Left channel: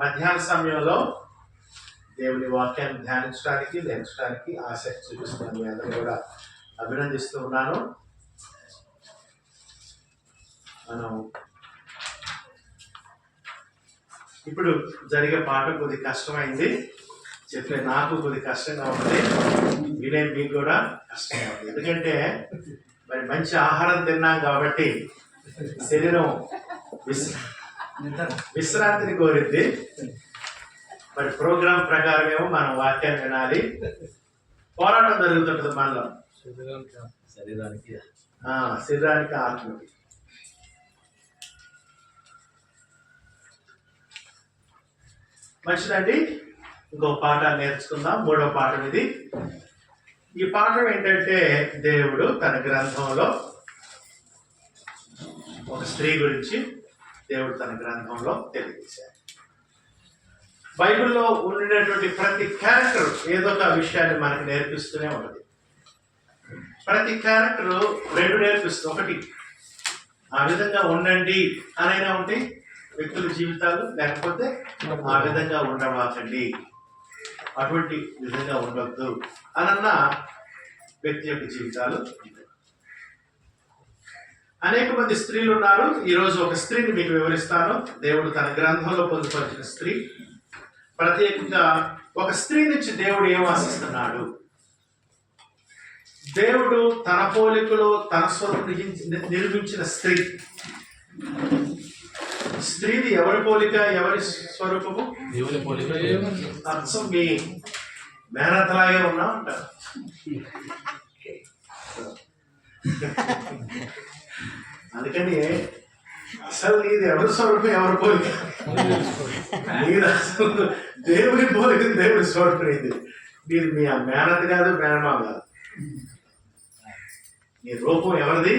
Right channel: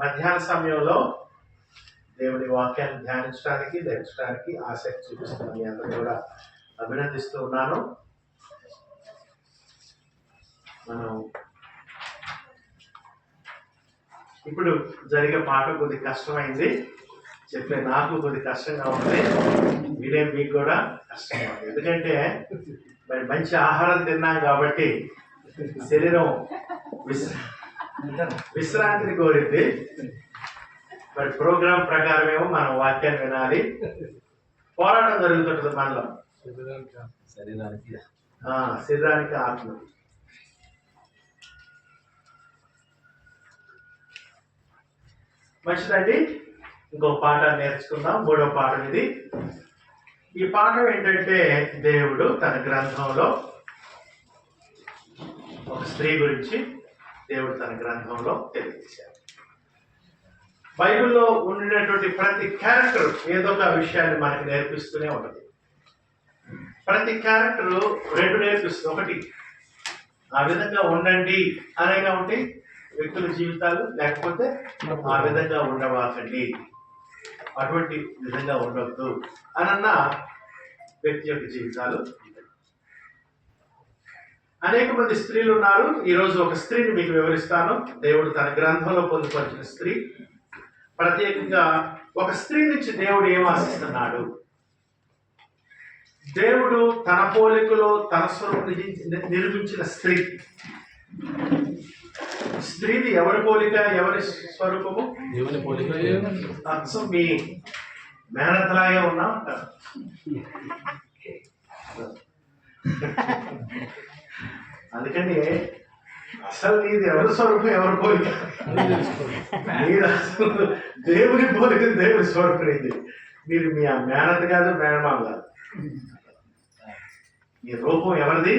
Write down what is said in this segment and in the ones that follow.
మధ్యాహ్న సమయంలో దేవుని వాక్యాన్ని ధ్యానించడానికి నేర్చడానికి ఆసక్తి చూపిస్తున్నాను. మీ అందరూ కూడా అభినందిస్తూ ఉన్నాను. మనం ఇప్పుడు జరిగే పాట కొద్ది కష్టమైంది, చెప్పే నాకు కొద్ది కష్టంగా ఉంది, వినే మీకు కూడా కష్టంగా ఉంది. ఎందుకంటే మరి మంచి ఆహారం తిన్నాం కాబట్టి శరీరం విశ్రాంతిని కోరింది. మరి ప్రోగ్రాం ప్రకారమేమో మనం వాక్యాన్ని వినాలి. పోరాటం జరుగుతుంటుంది మనలో, శరీరానికి ఆత్మకి. మంచిదండి, ఇంకో పాట నేర్చుకుందాం. మూడో పాఠం ఇది. ఈ పాఠం ఏంటంటే దేవుడు తన గ్రంథంలో ఒక స్త్రీ గురించి దేవుడు తన గ్రంథంలో తెలియజేశారు. బైబిల్లో ఉండినటువంటి ప్రతి క్యారెక్టర్ ఏదో ఒక విషయాన్ని మనకు నేర్పిస్తూనే ఉంటుంది. ప్రతి క్యారెక్టర్ రెండు నేర్పిస్తుంది. ఒకటి, ఆ విధంగా ఉండండి అనైనా ఉంటే వ్యక్తుల జీవితాలు, లేకపోతే ఆ విధంగా ఉండవాకండి, అటువంటి విధంగా ఉండవద్దు అనన్న వ్యక్తి యొక్క జీవితాలు. అనేక మంది స్త్రీలు ఉన్నారు. ఈరోజు ఒక స్త్రీని మీకు వివరిస్తాను. దేవుడు తన గ్రంథంలో పొందుపరిచిన స్త్రీ. ప్రత్యేకంగా ఒక స్త్రీ నుంచి దేవుడు ఏం ఆశిస్తున్నాడు, దేవుడు తన పోలికలో తన స్వరూపం నిర్మించిన స్త్రీ. స్త్రీది ఎవరి పోలిక, ఎవరి స్వరూపము? దేవుని పోలిక. అచ్చం మీ మేనతలాగే ఉన్నా ఉంటారు. అందుకని అసలు నీది ఎవరి స్వరూపం, ఎవరి పోలిక? మీరు అసలు దేవుని పోలిక, దేవుడి స్వరూపం ఇది. మీరు మీ మేనత కాదు, మేనమామ కాదు. నీ రూపం ఎవరిది?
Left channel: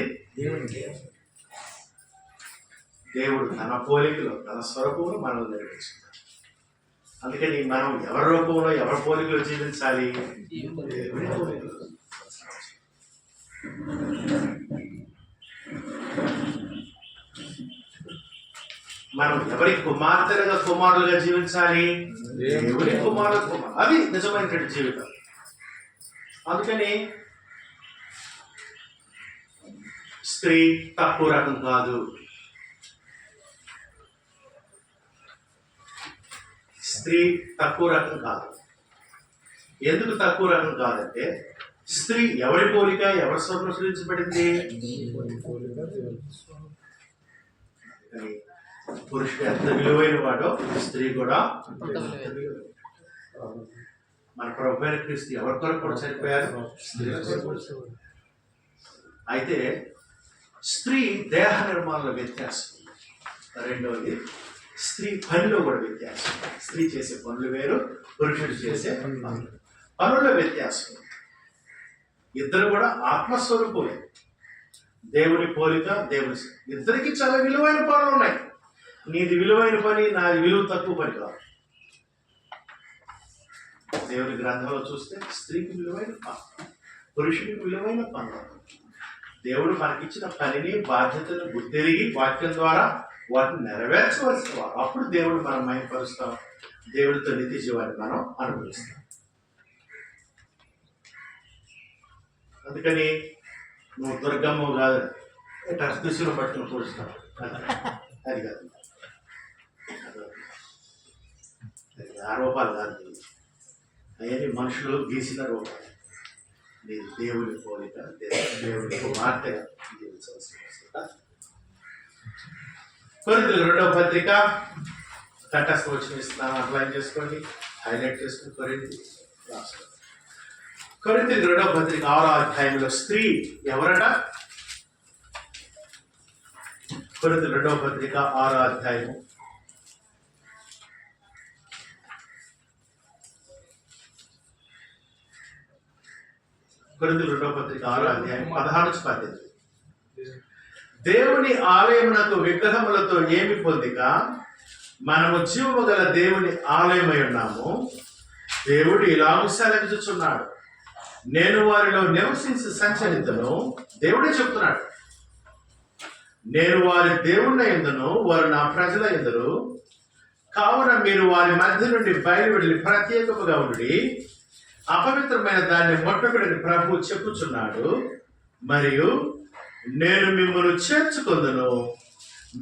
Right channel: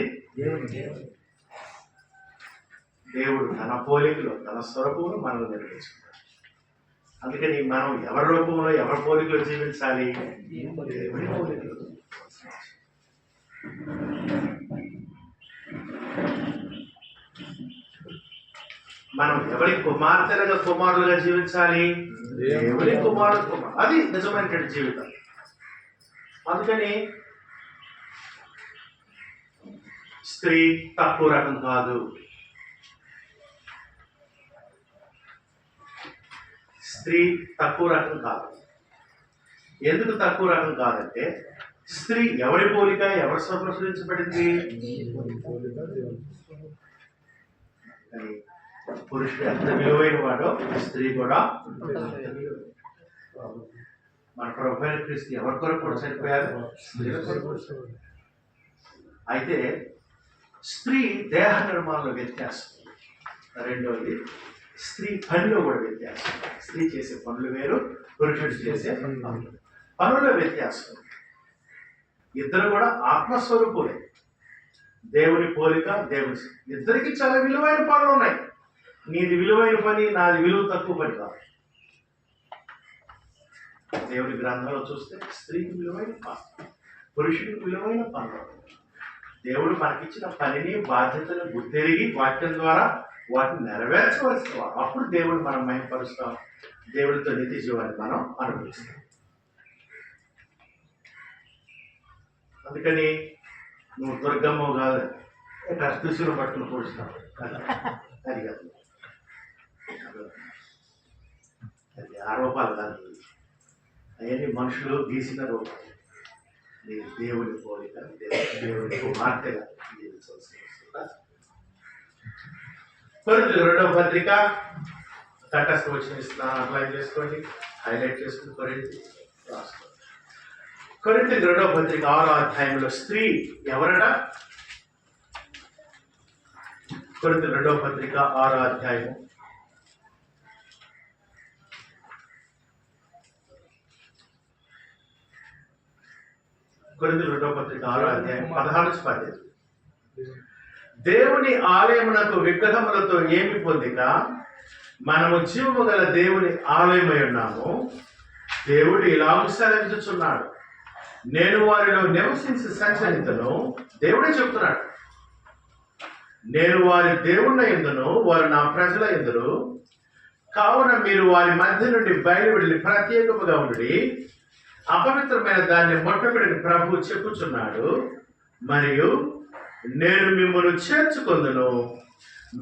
దేవుడు తన పోలికలో తన స్వరూపంలో మనల్ని నిర్మించుకుంటాడు. అందుకని మనం ఎవరి రూపంలో ఎవరి పోలికలో జీవించాలి? దేవుని పోలికలో. మనం ఎవరి కుమార్తెలుగా కుమారులుగా జీవించాలి? దేవుని కుమారుడు. అది నిజమైనటువంటి జీవితం. అందుకని స్త్రీ తక్కువ రకం కాదు. స్త్రీ తక్కువ రకం కాదు. ఎందుకు తక్కువ రకం కాదంటే, స్త్రీ ఎవరి పోలిక, ఎవరి స్వరూపం సృష్టించబడింది? పురుషుడు ఎంత విలువైన వాడో స్త్రీ కూడా. మన ప్రభు అయిన క్రీస్తు ఎవరి కొరకు కూడా చనిపోయారు? స్త్రీ కొరకు. అయితే స్త్రీ దేహ నిర్మాణంలో వ్యత్యాసం. రెండవది, స్త్రీ పనిలో కూడా వ్యత్యాసం. స్త్రీ చేసే పనులు వేరు, పురుషుడు చేసే పనుల్లో వ్యత్యాసం. ఇద్దరు కూడా ఆత్మస్వరూపులే, దేవుని పోలిక, దేవుని. ఇద్దరికి చాలా విలువైన పనులు ఉన్నాయి. నీది విలువైన పని, నాది విలువ తక్కువ పని కాదు. దేవుని గ్రంథంలో చూస్తే స్త్రీకి విలువైన పని, పురుషుడికి విలువైన పనులు. దేవుడు మనకిచ్చిన పనిని, బాధ్యతను గుర్తెరిగి వాక్యం ద్వారా వాటిని నెరవేర్చవలసిన వారు. అప్పుడు దేవుడు మనం మహిమపరుస్తాం, దేవుడితో నిత్య జీవాన్ని మనం అనుభవిస్తాం. అందుకని నువ్వు దుర్గమ్మ కాదు, దుస్తులు పట్టుకుని కూర్చున్నావు, అది కాదు. అది ఆ రూపాలు కాదు, అవన్నీ మనుషులు గీసిన రూపాలు. మీరు దేవుని పోలిక, దేవుని కుమార్తెగా జీవించవలసిన అవసరం. కొరింథీయుల 2వ పత్రిక తటస్థ వచనం ఇస్తున్నాను, అప్లై చేసుకోండి, హైలైట్ చేసుకుని కొరింథీయులు రాసుకోండి. కొరింథీయుల 2వ పత్రిక 6వ అధ్యాయంలో స్త్రీ ఎవరట? కొరింథీయుల 2వ పత్రిక 6వ అధ్యాయం కొరింథీయుల 2వ పత్రిక 6వ అధ్యాయం 16-18. దేవుని ఆలయమునకు విగ్రహములతో ఏమి పొందిక, మనము జీవము గల దేవుని ఆలయమై ఉన్నాము. దేవుడు ఇలాగూ సెలవిచ్చుచున్నాడు, నేను వారిలో నివసించి సంచరితను. దేవుడే చెప్తున్నాడు, నేను వారి దేవుళ్ళ యందును, వారు నా ప్రజల యందును. కావున మీరు వారి మధ్య నుండి బయలువెళ్ళి ప్రత్యేకముగా ఉండి అపవిత్రమైన దాన్ని ముట్టకుడని ప్రభు చెప్పుచున్నాడు. మరియు నేను మిమ్మల్ని చేర్చుకొందును,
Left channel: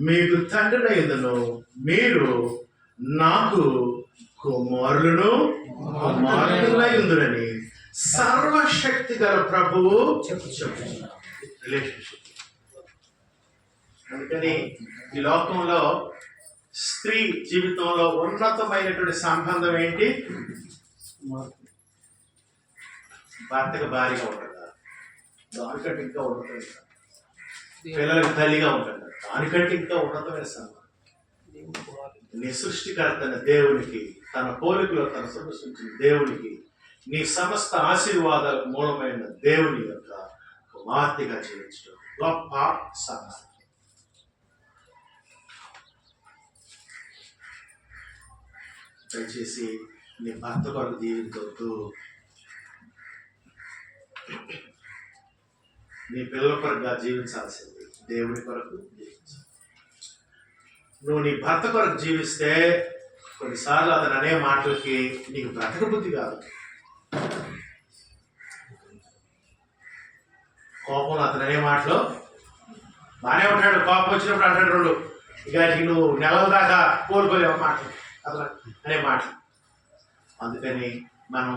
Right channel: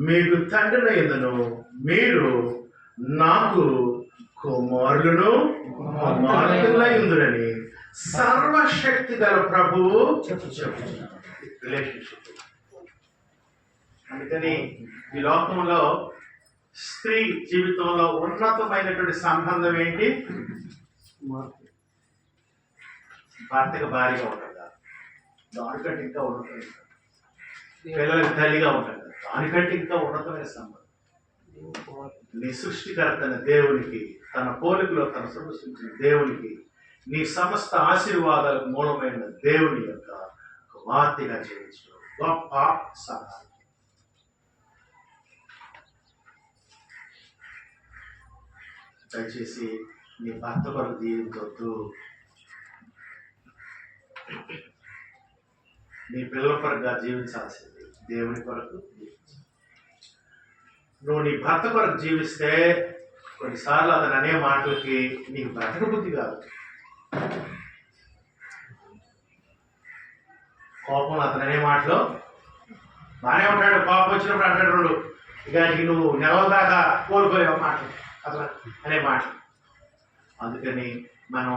మీకు తండ్రినయ్యుందును, మీరు నాకు కుమారులను కుమార్తెలయ్యుందురని సర్వశక్తి గల ప్రభువు చెప్పుచున్నాడు. రిలేషన్షిప్. అందుకని ఈ లోకంలో స్త్రీ జీవితంలో ఉన్నతమైనటువంటి సంబంధం ఏంటి? భర్తకు భార్యగా ఉంటుందా? దానికంటే ఇంకా ఉన్నతమైన పిల్లలకి తల్లిగా ఉంటుంది. దానికంటే ఇంకా ఉన్నతమైన సంబంధం. నీ సృష్టికర్తన దేవునికి, తన పోలికలో తన సృష్టించిన దేవునికి, నీ సమస్త ఆశీర్వాదాలకు మూలమైన దేవుని యొక్క కుమార్తెగా జీవించడం గొప్ప సహాయం. దయచేసి నీ భర్త కొరకు జీవించవద్దు, నీ పిల్లల కొరకుగా జీవించాల్సింది దేవుని కొరకు జీవించాలి. నువ్వు నీ భర్త కొరకు జీవిస్తే కొన్నిసార్లు అతను అనే మాటలకి నీకు బ్రతక బుద్ధి కాదు. కోపం అతను అనే మాటలు బాగానే ఉంటాడు, కోపం వచ్చినప్పుడు అంటాడు రెండు, ఇక నువ్వు నెలల దాకా కోలుకోలేవు మాటలు అతను అనే మాటలు. అందుకని మనం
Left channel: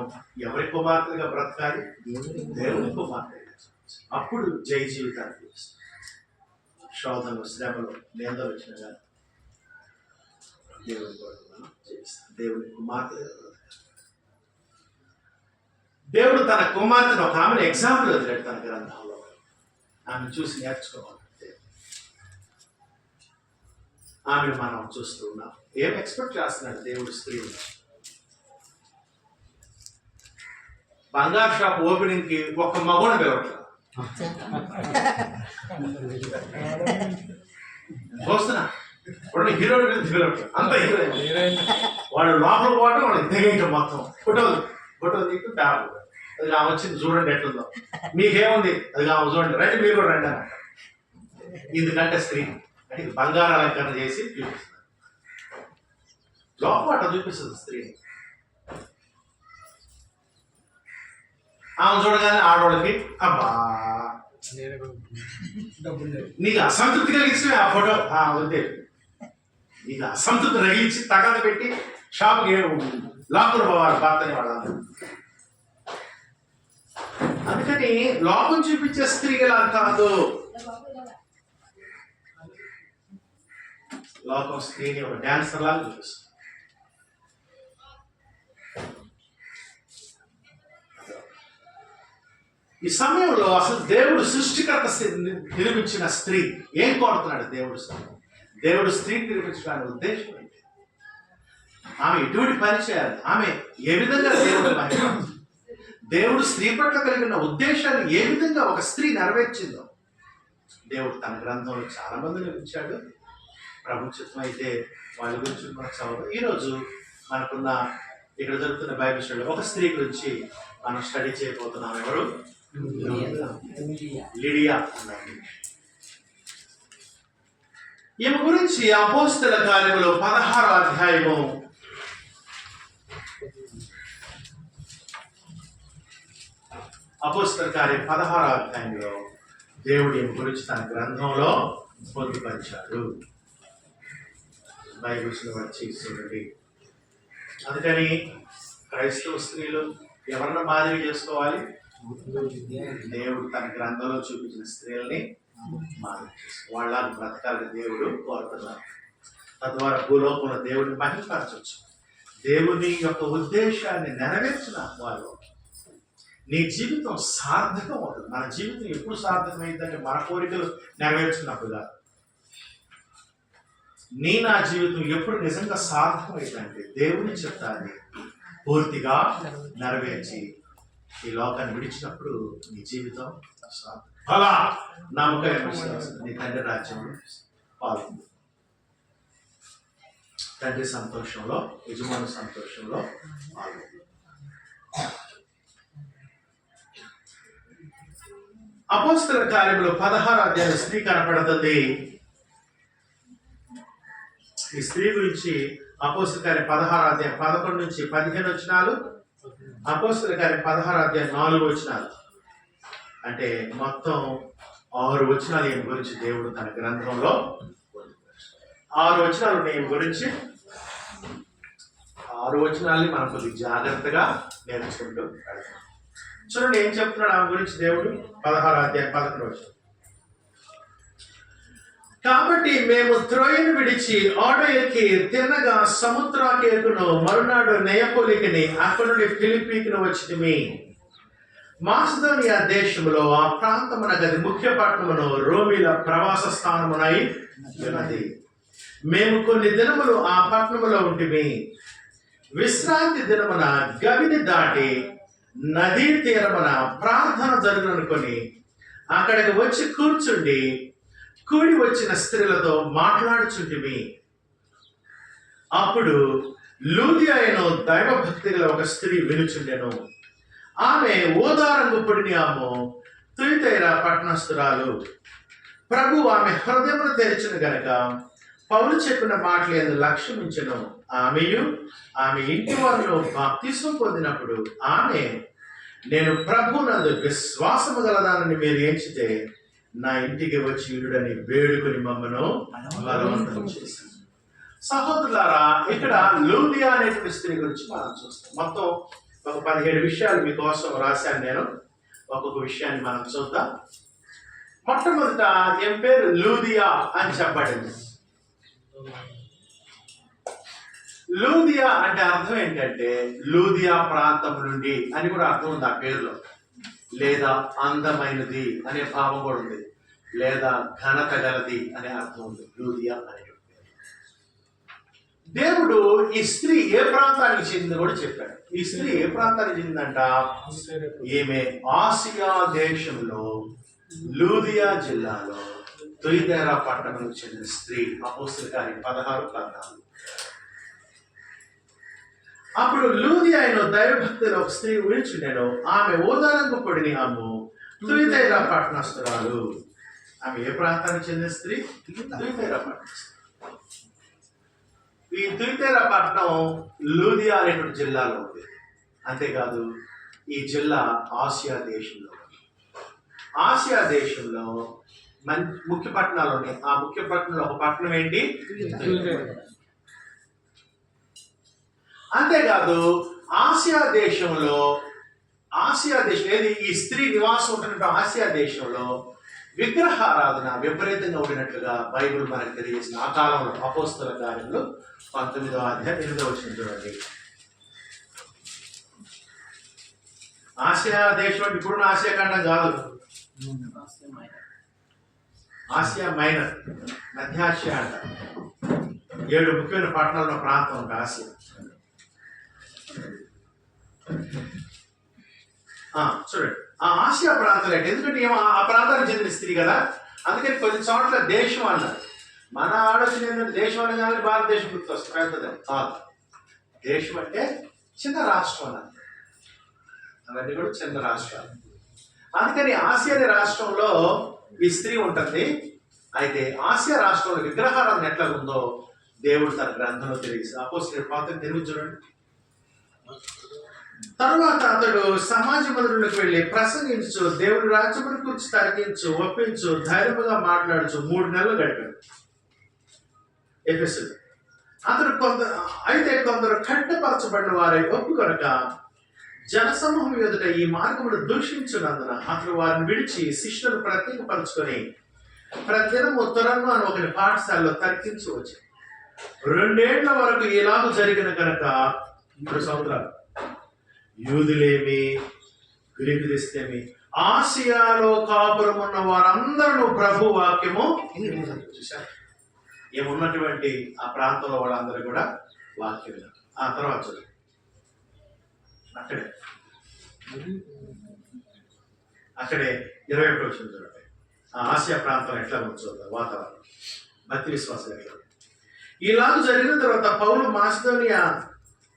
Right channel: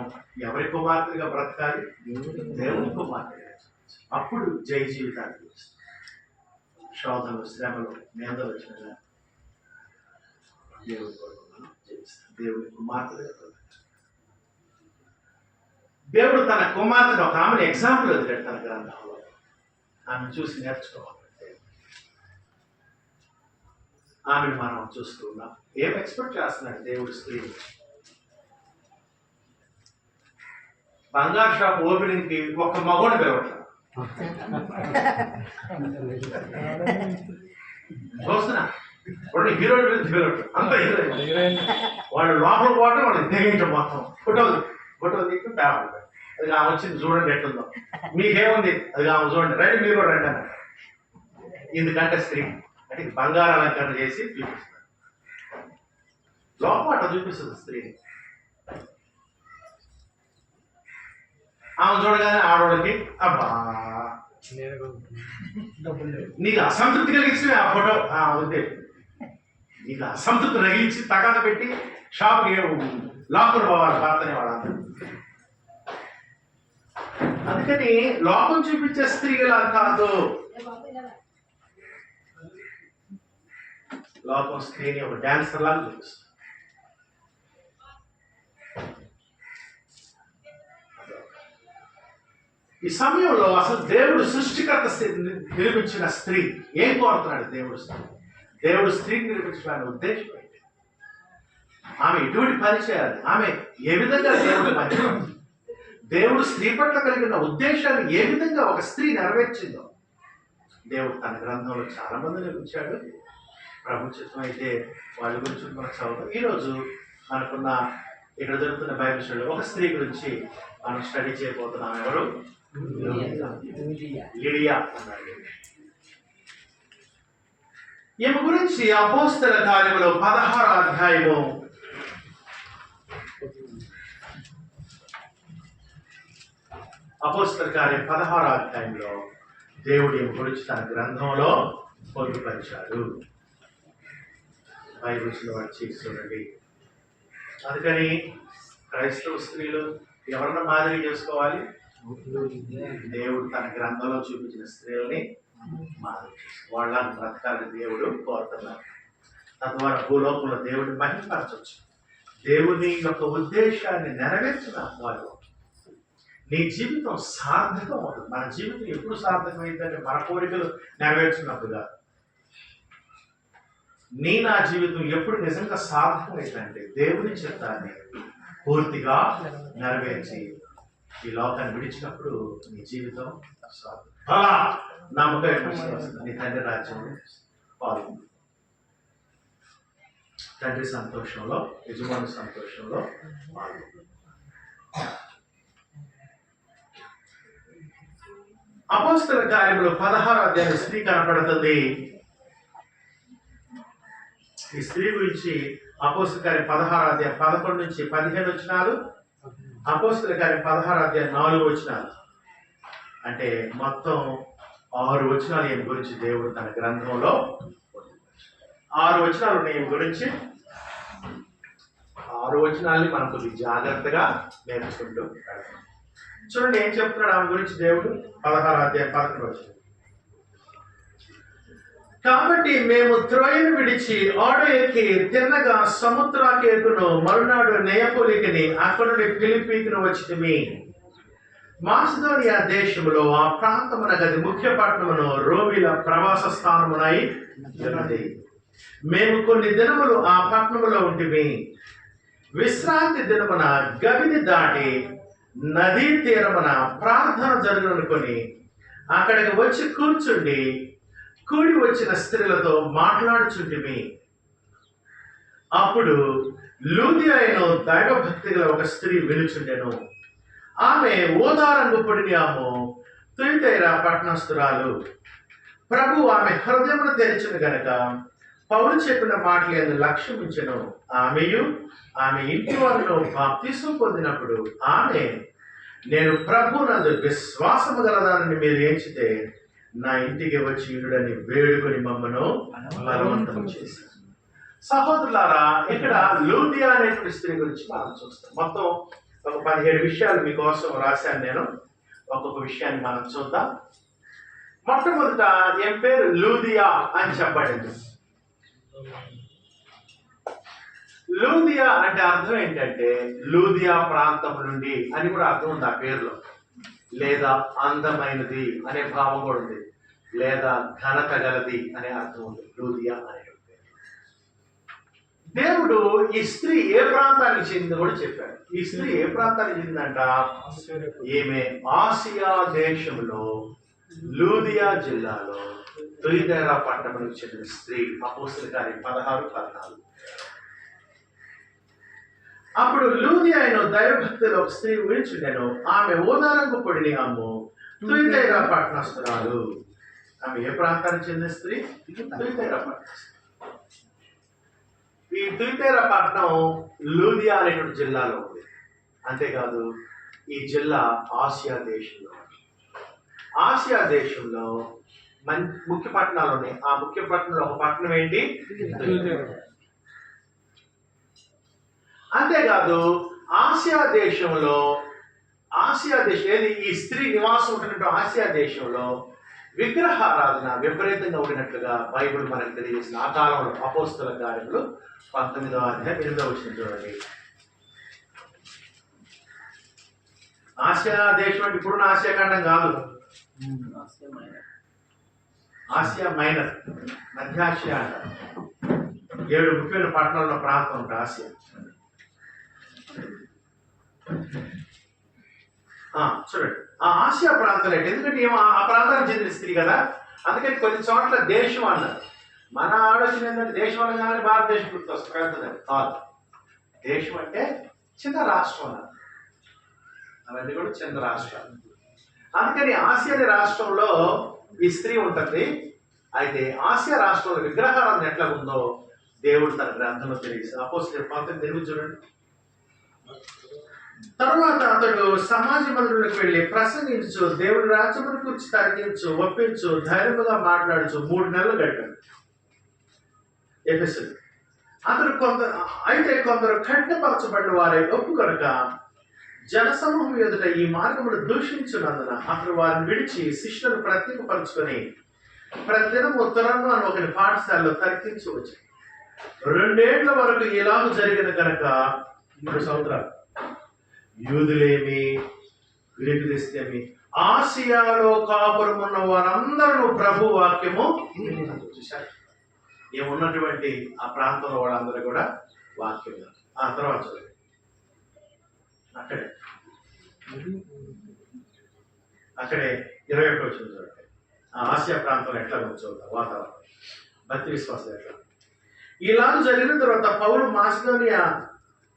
ఎవరి కుమార్తెగా బ్రతకాలి? దేవుని కుమార్తెగా. అప్పుడు జై జీవితాన్ని జీవిస్తాం. శోధనలు, శ్రమలు, నిందలు వచ్చిన కానీ దేవుని కొరకు మనం జీవిస్తాం. దేవుని కుమార్తెగా బ్రతకాలి. దేవుడు తన కుమార్తెను ఒక ఆమెను ఎగ్జాంపుల్ వదిలేడు తన గ్రంథంలో. ఆమెను చూసి నేర్చుకోవాలంటే ఆమెను మనం చూస్తున్నాం. ఏం ఎక్స్పెక్ట్ చేస్తున్నాడు దేవుడు స్త్రీని? బంగారు షాప్ ఓపెనింగ్ కి ఒక్క మగోడ వేవట్లా చూస్తున్నా. వాడు హీరోని మీద దిగలట్టు, అంత హీరోయిన్. వాళ్ళు లోపల పోవటం, వాళ్ళకి దిగేయటం మొత్తం. ఫోటోలు తీసి పేపర్ అది ఆమె వచ్చింది చూడండి ఎట్లుందో, మీకేముంది అది ఆమె చూడండి, రండి మీరు కూడా రండి అన్న. ఎందుకంటే స్త్రీ అంటే బంగారు అలంకరణ చేసి చూపిస్తుంది. లోపల చూపిస్తుంది స్త్రీని. ఆమె చూడగానే ఆడవాళ్ళకి అబ్బా నీకు అసంతృప్తి కలిగించే ఆ ఫోటో వద్దే, నీకు అసంతృప్తి రగిలించి తగద పెట్టి షాప్కి లాక్కుని పోవాలి భర్తని వాళ్ళందరూ. అందుకని లోకం చూపించే స్త్రీగా కాదు, లోకం స్త్రీని ఒక డాన్సర్ లాగా చూపిస్తుంది. ఈ సమయంలో అసలు దేవుడు సృష్టికర్త నిర్మించిన స్త్రీ ఏం కోరుతున్నాడు? దేవుడు స్త్రీని నిర్మించడానికి ఉద్దేశం ఏంటి? ఆమె ఎటువంటి పని చేయాలి? ఆమె ఏ విధంగా దేవుడు స్త్రీ పట్ల కలిగిన ఉద్దేశాన్ని ఏ విధంగా ఒక స్త్రీ నెరవేర్చిందో దేవుడు తన గ్రంథంలో చాలా మందిని ఉంచాడు. ప్రభు చిత్తం అయితే వాళ్ళ గురించి మనకు చదువు. ఈరోజు మనకున్న ఇక్కడ జరుగుతున్న బైబిల్ స్టడీ ఒక స్త్రీ గురించి మనం స్టడీ చేయబోతున్నాం. ఎవరు? లిడియా అన్నాడు. ఈమె గురించి అపోస్తల కార్యములో 16వ అధ్యాయము 16వ అధ్యాయంలో దేవుడు ఈమె గురించి తన గ్రంథంలో పొందుపరిచాడు. బైబిల్స్లో వచ్చి చూడండి. అందుకని క్రైస్తవ స్త్రీలు ఎవరన్నా మాదిరి చేసుకోవాలి? దేవుడు తన గ్రంథంలో చూపించిన స్త్రీలని మాదిరి చేసుకోవాలి. వాళ్ళ బ్రతకాలని దేవుడు కోరుతున్నారు. తద్వారా భూలోకంలో దేవుడిని మహిమపరచవచ్చు. దేవుని యొక్క ఉద్దేశాన్ని నెరవేర్చిన వారు నీ జీవితం సార్థకం అవుతుంది. మన జీవితం ఎప్పుడు సార్థకమైందంటే మన కోరికలు నెరవేర్చినప్పుడు కాదు. నా జీవితం ఎప్పుడు నిజంగా సార్థకమైందంటే దేవుని చిత్తాన్ని పూర్తిగా నెరవేర్చి ఈ లోకాన్ని విడిచినప్పుడు నీ జీవితం సార్థకం. అలా నమ్మకం నీ తండ్రి రాజ్యంలో పాల్గొంది. తండ్రి సంతోషంలో, యజమాని సంతోషంలో పాల్గొంది. అపోస్తల కార్యములో 16వ అధ్యాయం స్త్రీ కనపడుతుంది. ఈ స్త్రీ గురించి అపోస్తలుల కార్యం 16 అధ్యాయం 11 నుంచి 15 వచనాలు, అపోస్తలుల కార్యం 16 అధ్యాయం 4 వచనాలు. అంటే మొత్తం 6 వచనాలు ఈయన గురించి దేవుడు తన గ్రంథంలో 6 వచనాలు ఉన్నాయి ఈయన గురించి. 6 వచనాల్ని మనం కొద్దిగా జాగ్రత్తగా నేర్చుకుంటూ వెళ్తాం. చూడండి ఏం చెప్తున్నాడు ఆమె గురించి దేవుడు. 16 అధ్యాయం 11 వచనం. కాబట్టి మేము త్రోయను విడిచి ఓడ ఎక్కి తిన్నగా సముద్రాకేకును మరునాడు నెయపోలికిని అక్కడ నుండి ఫిలిప్పీకిని వచ్చితిమి. మాసిదోనియా దేశములో ఆ ప్రాంతమున గది ముఖ్య పట్టణమును రోమిల ప్రవాస స్థానమునై ఉన్నది. మేము కొన్ని దినములు ఆ పట్టణములో ఉంటిమి. విశ్రాంతి దినమున గవిని దాటి నదీ తీరమున ప్రార్థన జరుగుననుకొని అక్కడికి వచ్చి కూర్చుండి కూడి వచ్చిన స్త్రీలతో మాట్లాడుచుంటిమి. అప్పుడు లూదియా అయిన దైవభక్తి గల ఒక స్త్రీ వినుచుండెను. ఆమె ఓదారంగు పొడినియాము తుయితైరా పట్టణస్థురాలు. ప్రభు ఆమె హృదయమును తెరిచిన గనుక పౌలు చెప్పిన మాటలు లక్ష్యం ఉంచెను. ఆమెయు ఆమె ఇంటి వారిలో బాప్తిసం పొందినప్పుడు ఆమె, నేను ప్రభు నందు విశ్వాసము గలదానని మీరు ఎంచితే నా ఇంటికి వచ్చి ఇడుడని వేడుకొని మమ్మను బలవంతం చేశాను. సహోదరులారా, ఇక్కడ లూదియా అనేటువంటి స్త్రీ గురించి మనం చూస్తాం. మొత్తం ఒక 17 విషయాలు మీకోసం రాశాను నేను. ఒక్కొక్క విషయాన్ని మనం చూద్దాం. మొట్టమొదట ఏం పేరు లూదియా అని చెప్పబడింది. లూదియా అంటే అర్థం ఏంటంటే లూదియా ప్రాంతం నుండి అని కూడా అర్థం ఉంది ఆ పేరులో. లేదా అందమైనది అనే భావం కూడా ఉంది, లేదా ఘనత గలది అనే అర్థం ఉంది లూదియా అనే పేరు. దేవుడు ఈ స్త్రీ ఏ ప్రాంతానికి చెందింది కూడా చెప్పాడు. ఈ స్త్రీ ఏ ప్రాంతానికి చెందిందంట? ఈమె ఆసియా దేశంలో లూదియా జిల్లాలో తుయితైరా పట్టణానికి చెందిన స్త్రీ. అపోస్తలుల కార్యం 16-14. అప్పుడు లూదియా అయిన దైవభక్తులు ఒక స్త్రీ విడిచుండెను. ఆమె ఓదారంగు పొడిని అమ్ము తుయితైరా పట్టణస్థురాలు. ఆమె ఏ ప్రాంతానికి చెందిన స్త్రీ? తుయితైరా పట్టణస్థురాలు. ఈ తుయితైరా పట్టణం లూదియా అనేటువంటి జిల్లాలో ఉంది. అంతేకాదు ఈ జిల్లా ఆసియా దేశంలో. ఆసియా దేశంలో ముఖ్య పట్టణాలు ఉన్నాయి. ఆ ముఖ్య పట్టణంలో ఒక పట్టణం ఏంటి? అంతేకాదు ఆసియా దేశంలో ఏది ఈ స్త్రీ నివాసం ఉంటున్నట్టు ఆసియా దేశంలో విగ్రహారాధన విపరీతంగా ఉండినట్లుగా బైబిల్ మనకు తెలియజేసిన ఆ కాలంలో. అపోస్తలుల కార్యములు 19వ అధ్యాయం 8వ వచనం చూడండి. ఆసియా దేశం అంటే ఇప్పుడున్న ఆసియా ఖండం కాదు, ఆసియా మైనర్, మధ్య ఆసియా అంట. 7 ముఖ్యమైన పట్టణాల ప్రాంతం ఉంటుంది ఆసియా. చూడండి ఆ ఆసియా ప్రాంతాలు అంటే, ఎందుకంటే ఆ ప్రాంతానికి చెందిన స్త్రీ కదా, అందుకని కొన్ని చోట్ల దేశం అన్నారు. మన ఆలోచన ఏంటంటే దేశం అనగానే భారతదేశం గుర్తు వస్తుంది, పెద్దది కాదు. దేశం అంటే చిన్న రాష్ట్రం అన్నారు. అవన్నీ కూడా చిన్న రాష్ట్రాలు. అందుకని ఆసియా రాష్ట్రంలో ఈ స్త్రీ ఉంటుంది. అయితే ఆసియా రాష్ట్రంలో విగ్రహారాధన ఎట్లా ఉందో దేవుడు తన గ్రంథంలో తెలియజేస్తాడు. అపోస్తలుల 19 చూడండి. తర్వాత అతడు సమాజ మందిరంలోకి వెళ్ళి ప్రసంగించు, దేవుడి రాజ్యమును గురించి తర్కించు, ఒప్పించు, ధైర్యముగా మాట్లాడుచు 3 నెలలు గడిపాడు ఎఫెసులో. అతడు కొందరు కట్టపరచబడిన వారే ఒప్పుకొనక జనసమూహం ఎదుట ఈ మార్గమును దూషించున్నందున అతడు వారిని విడిచి శిష్యులను ప్రత్యేకపరుచుకొని ప్రతిదినము తురంగం అని ఒకరి పాఠశాలలో తర్కించవచ్చు. 2 ఏళ్ల వరకు ఇలాగ జరిగిన కనుక 3 సంవత్సరాలు యూదులేమి గ్రీకు దేశమేమి ఆసియాలో కాపురం ఉన్న వారందరూ ప్రభు వాక్యము చూశారు. ఏమున్నటువంటి ఆ ప్రాంతంలో వాళ్ళందరూ కూడా వాక్యం. ఆ తర్వాత చూడండి, అక్కడే 21వ వచనం చూడండి. ఆ ఆసియా ప్రాంతం ఎట్లా చూద్దాం వాతావరణం, భక్తి విశ్వాసం ఎట్లా. ఇలాగ జరిగిన తర్వాత పౌలు మాసిదోనియా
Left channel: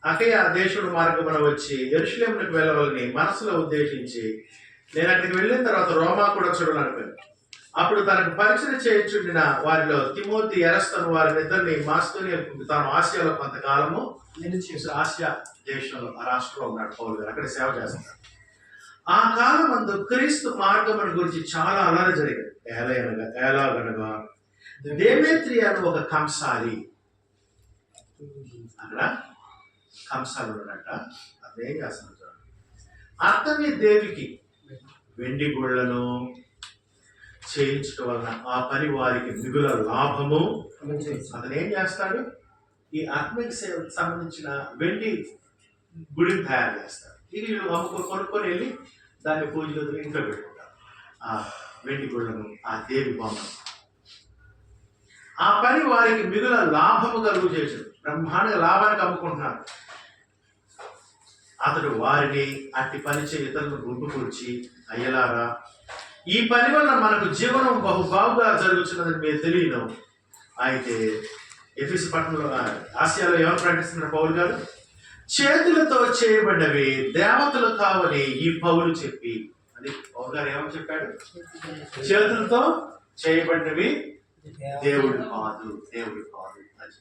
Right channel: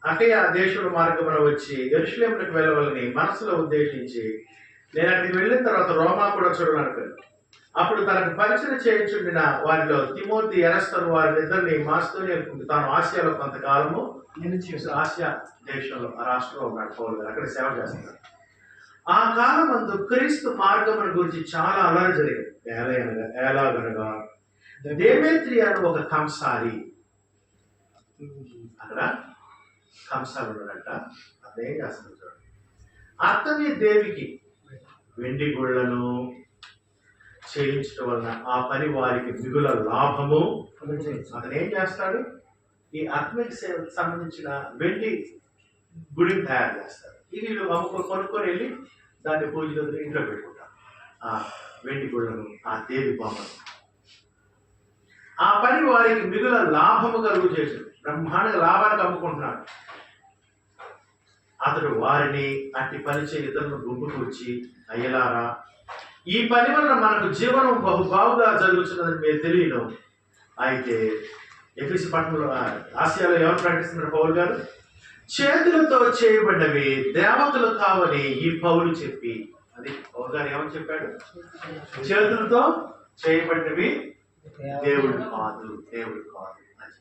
అకయ దేశుడు మార్గమున వచ్చి యెరూషలేమునకు వెళ్ళవాలని మనసులో ఉద్దేశించి, నేను అక్కడికి వెళ్ళిన తర్వాత రోమా కూడా చూడాలనుకున్నాను. అప్పుడు తనకు పరిచయం చేయించుండిన వారిలో తిమోతి ఎరస్తను వారిద్దరిని మాస్తోని తాను ఆసియాలో కొంతకాలము ఆసియా దేశంలో ఆ రాష్ట్రంలో ఉన్నాడు పౌలు గారు, అక్కడ సేవ చేస్తున్నాడు. ఆ కాలం మందు క్రీస్తు మార్గమును గురించి చాలా అలరి జరిగింది. ఎలాగనగా దేమేత్రి అని ఒక కంసాలి, అక్కడ కంసాలు ఉన్నాడంట. అదేం చేస్తున్నాడు చూడండి. అర్తమి దేవికి వెండి గుళ్ళను చేయించడం వలన ఆ పని వారికి మిగుల లాభము. అతను ఏం చేస్తాడు, ఈ ఆత్మిక సేవకు సంబంధించిన వెండి గుడిని తయారు చేస్తాడు. ఇది వీళ్ళు కొనుక్కొని వెళ్ళి దాన్ని పూజలో ఇంట్లో పెట్టుకుంటారు. ఆ వెండి గుళ్ళను, ఆ దేవి బొమ్మను. ఆ పని వారికి మిగుల లాభము కలుగు చేసాడు. బ్రహ్మాండ లాభానికి అమ్ముకుంటున్నాడు. అతడు వారిని అట్టి పని చే ఇతరులను గుంపుకూర్చి, అయ్యలారా, ఈ పని వల్ల మనకు జీవనం బాగుగా జరుగుతున్నదని మీరు తెలియను. అయితే ఎఫెసు పట్టణంలో ఆసియాలో ఎవరు ప్రకటిస్తున్నారు పౌలు గారు? చేతులతో చేయబడినవి దేవతలు కావని ఈ పౌలు చెప్పి, అది పౌలు గారు ఏమని చెప్పాడు? చేతులతో చేయబడినవి దేవుడు కాదు, దేవుడు కాదు అని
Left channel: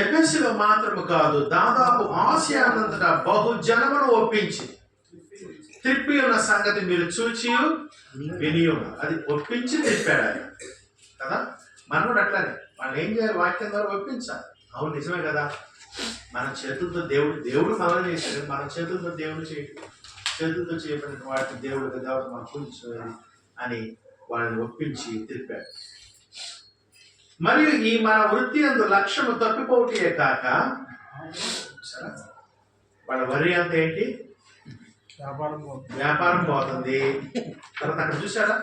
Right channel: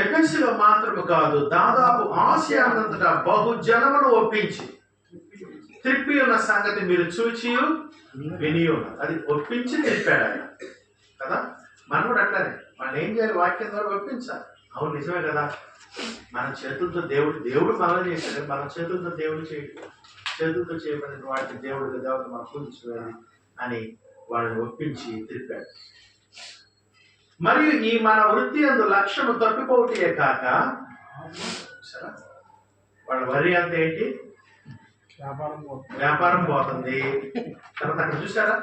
ఎఫెసులో మాత్రము కాదు, దాదాపు ఆసియానంతటా బహుజనమును ఒప్పించి త్రిప్పి ఉన్న సంగతి మీరు చూచి విని ఉన్నారు. అది ఒప్పించి త్రిప్పాడు ఆయన కదా. మనం కూడా అట్లానే వాళ్ళు ఏం చేయాలి? వాక్యం ద్వారా ఒప్పించాలి. అవును, నిజమే కదా. మన చేతులతో దేవుడు మనల్ని చేశాడు. మన చేతులతో దేవుడు చేతులతో చేయబడిన వాటిని దేవత మనం పూజించాలి అని వాళ్ళని ఒప్పించి త్రిప్పాడు. మరియు ఈ మన వృత్తి అందు లక్ష్యము తప్పిపోవటే కాక, వాళ్ళ వరి అంత ఏంటి? వ్యాపారం పోతుంది. తర్వాత అక్కడ చూసారా,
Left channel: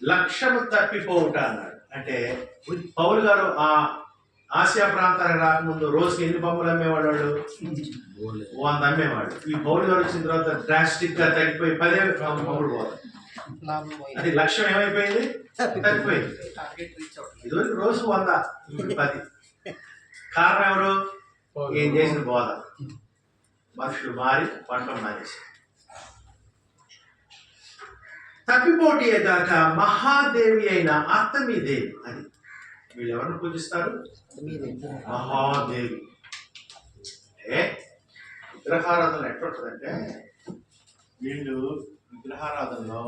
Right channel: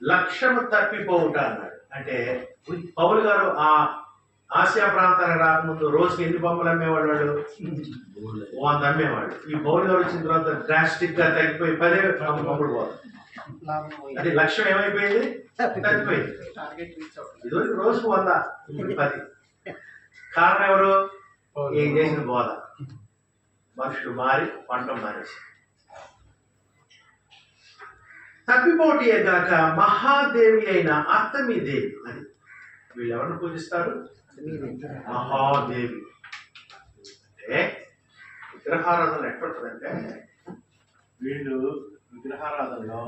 లక్ష్యము తప్పిపోవుట అన్నాడు. అంటే పౌలు గారు ఆ ఆసియా ప్రాంతానికి రాకముందు రోజుకి ఎన్ని బొమ్మలు అమ్మేవాడు? 100 అమ్మేవాడు. ఈ పౌలు గారు వచ్చిన తర్వాత డ్రాస్టిక్ గా తగ్గిపోయి 10 బొమ్మలు పోతుంది. అది లక్ష్యం ఏమైపోయింది? తగ్గిపోయింది. ఇదివరకు రోజు 100, ఇప్పుడు 10. కారణం ఎవరు? ఏం చేసిన బోధ. మనుషులు మారి పంట మారేసి తప్పిపోటీ గాక మహాదేవి అయిన అర్తమి దేవి అని వీళ్ళు ఎవరిని పూజిస్తారు? మహాదేవి. అంటే విగ్రహారాధన ఎట్లుంటుందంటే, వీళ్ళు విగ్రహారాధనలో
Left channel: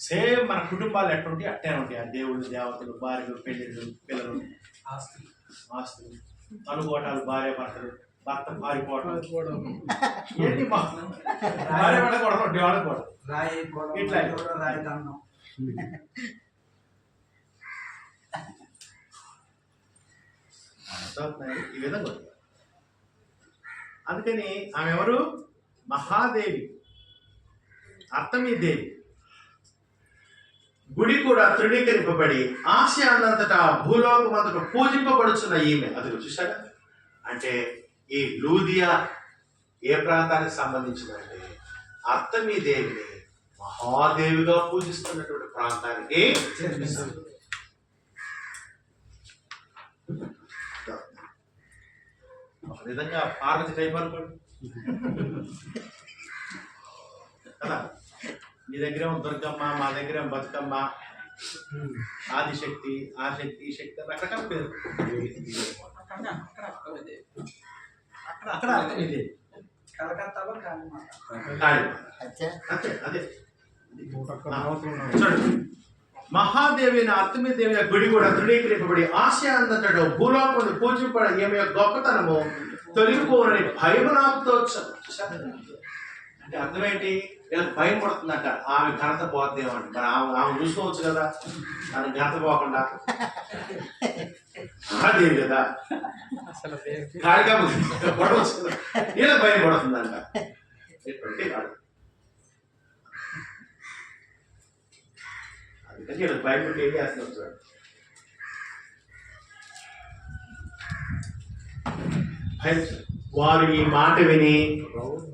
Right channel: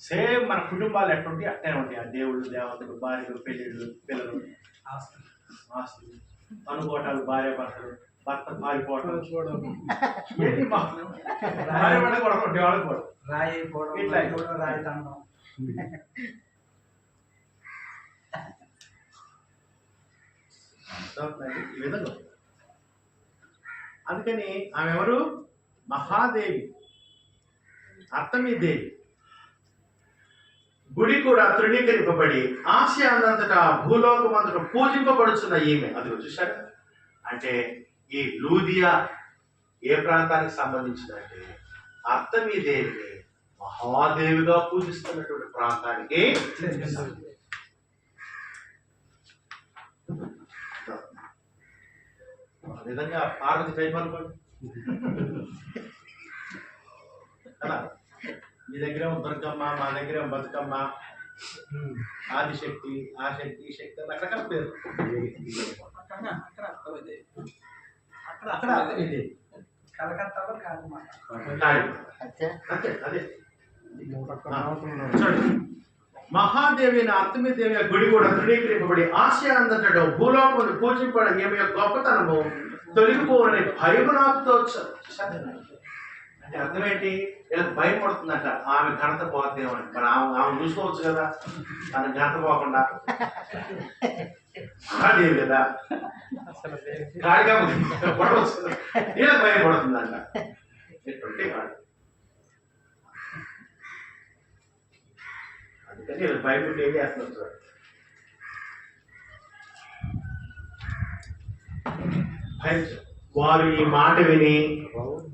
సేమ్ మన కుటుంబాలు ఎట్లుంటాయి అట్టే ఉంటాయి. ఆ దేవుళ్ళు, దేవతలు, భార్యలు, పెళ్ళిళ్ళు, పిల్లలు, ఆస్తులు, అనుకోవటాలు, భార్య భర్తలు, భర్త పారిపోవడం, భార్య పడకూడదు, డెవలప్ ఇట్లా రాయి దండం. ఈ విధంగా అందుకని ఆమె ఎవరు? మహాదేవి, అర్తమి దేవి. గుడి కూడా తృణీకరింపబడి ఆసియానంతటా భూలోకమంతటా పూజింపబడుచున్న ఈమె. అది చూసారా? అంటే ఈ లూదియా ఏ ప్రాంతానికి సంబంధించిందంటే, అర్తమి దేవిని మహాదేవిగా పూజిస్తున్నటువంటి ప్రాంతానికి. విధంగా పార్వతి టైప్ అనుకోండి కదా. మీ దగ్గర దుర్గమ్మ, మా దగ్గర బతుకమ్మ, ఆదిశక్తి, ఆ శక్తి, ఈ శక్తి రకరకాల పేరు. మహాదేవి అర్తమి దేవి గుడి కూడా తృణీకరింపబడి ఆసియా అంతటా భూలోకమును పూజింపడ ఈమె గొప్పతనము తొలగిపోవని భయమునాతో. అంటే అర్థం ఏంటి? వీళ్ళకి భయం పడుతుందంట, ఆమె ఘనత పోద్దేమని. మరి ఆమె చూసుకోవచ్చు కదా, తన ఘనత పోకుండా. మహాదేవి కదా, కాడిగా పడవచ్చు కదా, వీళ్ళకి భయం పడుతుందంట. అందుకని వీళ్ళకి భయపడి ఏం చేస్తున్నారు చూడండి. వారు ఈ మాట విని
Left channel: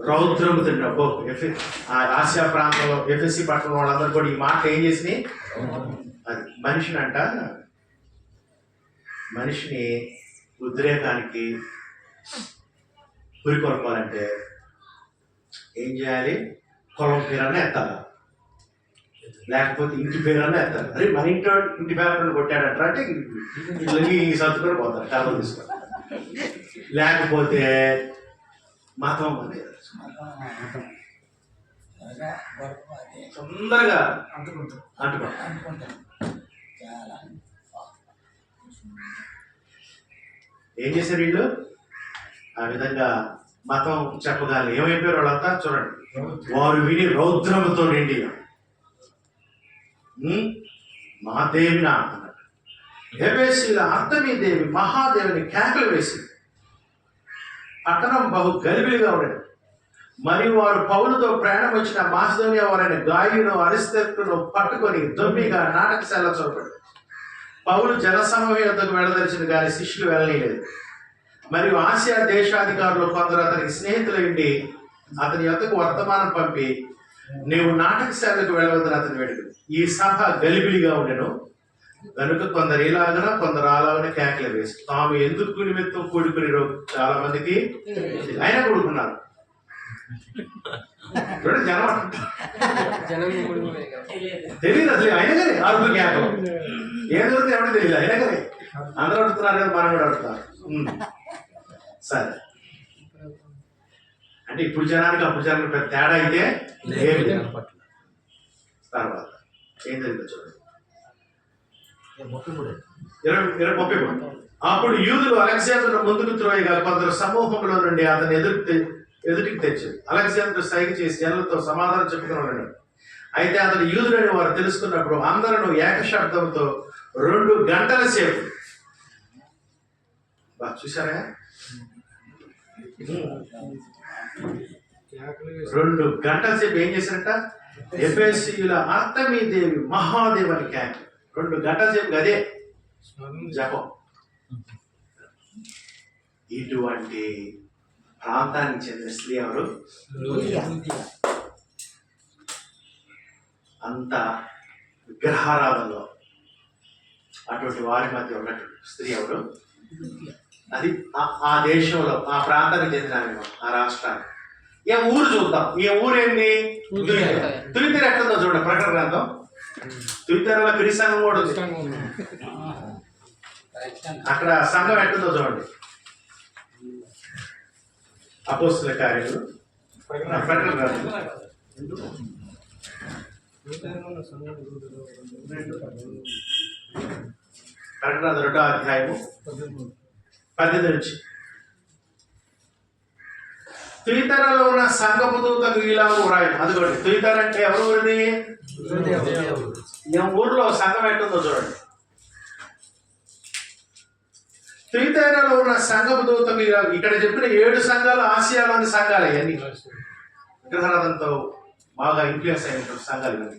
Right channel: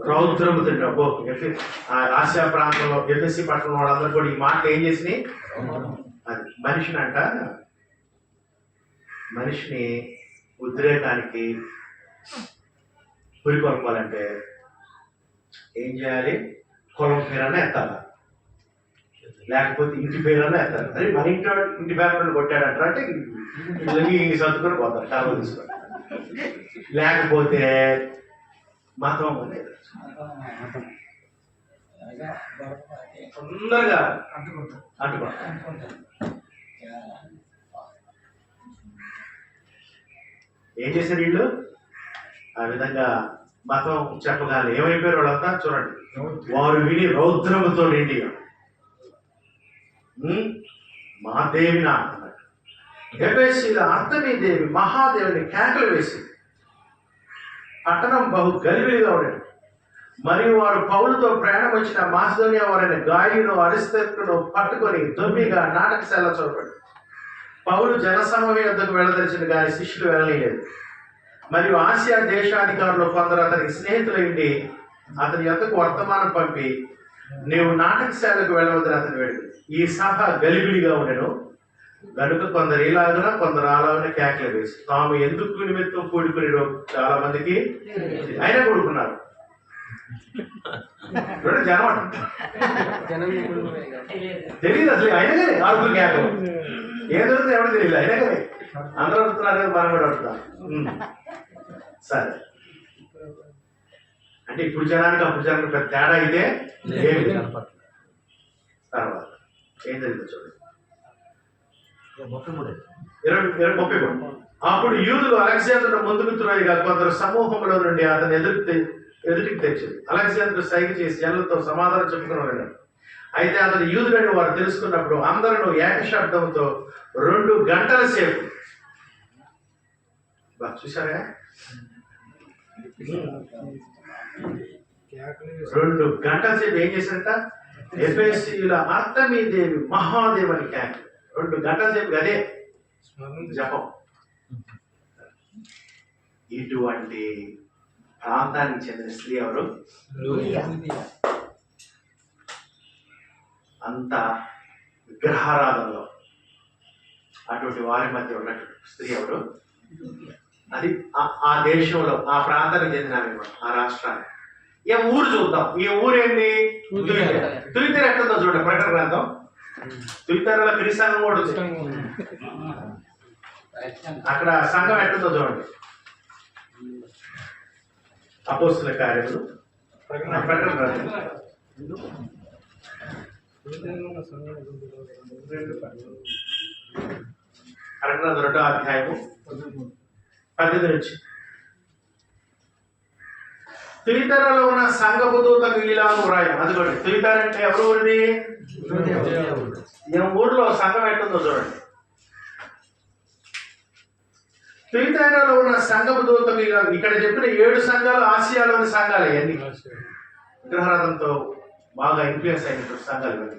రౌద్రము తింటారు. ఆసియా ప్రాంతంలో ఎఫ్ఎస్సి పట్టణం వాళ్ళందరూ కూడా ఈ మాట ఏం చేసినాయి? అది మనిషిని ఉద్రేకానికి పురికొల్పాలంటే ఏం చేయాలి? పొలం పేరన్నా ఎత్తాలి, లేకపోతే ఇంటి పేరన్నా ఎత్తాలి. అరే మన ఇంటి పేరు కొట్టాడంటారా అంటే సర్దుకొని పోతారు, కాలం తీసుకొని. లేకపోతే మతం అనేది తొందరగా అంటుకుంటారు. ఏం చేశారు వీళ్ళు? ఆ విధంగా మతం చెప్పగానే ఏమైపోయారు వాళ్ళంతా? చూడండి, వారు విని రౌద్రముతో నిండి మా దేవిన అన్నట్టు ఎఫెసీయుల అర్థమీ దేవి మహాదేవిని కేకలు వేసి పట్టణం బహు గలిబిలిగా ఉండేది. మరియు వారు పౌలుతో ప్రయాణం వచ్చిన మాసిదోనియా వారైన గాయును అరిస్తర్కును పట్టుకొని దొమ్మిగా నాటకశాల చూపడి పౌలు జనసమూహం యొద్దకు వెళ్ళదలిచిన గారి శిష్యులు వెళ్ళలేదు. మరియు ఆసియా దేశాధికారులు కొందరు అతనికి స్నేహితులైండి అతని యొద్దకు వర్తమానం పంపి నీవు నాటకశాలకు వెళ్ళవద్దని అతను వేడుకు. ఈ సభ గలిబిలిగా ఉండెను కనుక కొందరు ఇలాగన కొందరు అలాగనే కేకలు వేసి తాము ఎందుకు నిమిత్తం కూడుకుని చాలా మందికి అయినా కూడుకున్నారు. జనం తెలియదు అసలు, అయినా కానీ అరుపు కేక ఏం దొరుకుతుంది ఎవరికి తెలియదు, అయినా కానీ అందరూ అడుగుతున్నారు కదా, మనం కూడా అడుగుతాం. సరే, అంటే ఇప్పుడు జనానికి అప్పుడు జనానికి పెద్ద తేడా అయితే తర్వాత ఏం జరిగిందో చూడండి. 33. అప్పుడు యూదులు అలెగ్జాండర్ ముందుకు త్రోయగా కొందరు సమూహంలో నుండి అతను ఎదుటికి తెచ్చారు. అలెగ్జాండర్ సైగ చేసి జనులతో సమాధానం చెప్పుకుని ఉన్నాడు. అయితే అతను యూదుడని వారు తెలుసుకున్నప్పుడు అందరూ ఏకశబ్దంతో 2 గంటల సేపు చూసారా 2 గంటల సేపు ఏం చేశారంట? ఎఫెసీయుల అర్థమీ దేవి మహాదేవని కేక. 2 గంటల సేపు అదే జపం. ఇటువంటి ప్రాంతానికి చెందిన స్త్రీ ఎవరు? అంత విగ్రహారాధనలో అటువంటి వారి మధ్య ఉన్నటువంటి స్త్రీ ఎవరు? అది ఆ దేశంలో ఆ ప్రాంతానికి చెందిన ఆ రాష్ట్రానికి. ఏ ఊరు చూద్దాం. ఈ ఊరేంటి? తులితెర ఎట్లుందో చూడండి. ప్రకటన గ్రంథం తులితెరలో క్రీస్తు కూడా ఉంది. అక్కడ సంఘం ఎట్లుందో చూడండి. అపోస్తుల కార్యములు ప్రకటన గ్రంథం 2వ అధ్యాయము 18 నుంచి. తుయితెరలో ఉన్న సంఘపు దూతకు ఇలాగ రాయం. అదిగోండి, తుయితెర అంటే ఎవరు ఊరిది? ఈ ఊర్లో సంఘం ఎట్టుందో చూడండి. తుయితెరలో ఉన్న సంఘపు దూతకు ఇక్కడ చెప్పిన 7 సంఘాలు ఆసియాలోని సంఘాలు. ఇవన్నీ విగ్రహారాధనతో బాగా ఇన్ఫ్లుయెన్స్ అయినటువంటి సంఘాలు ఇవన్నీ.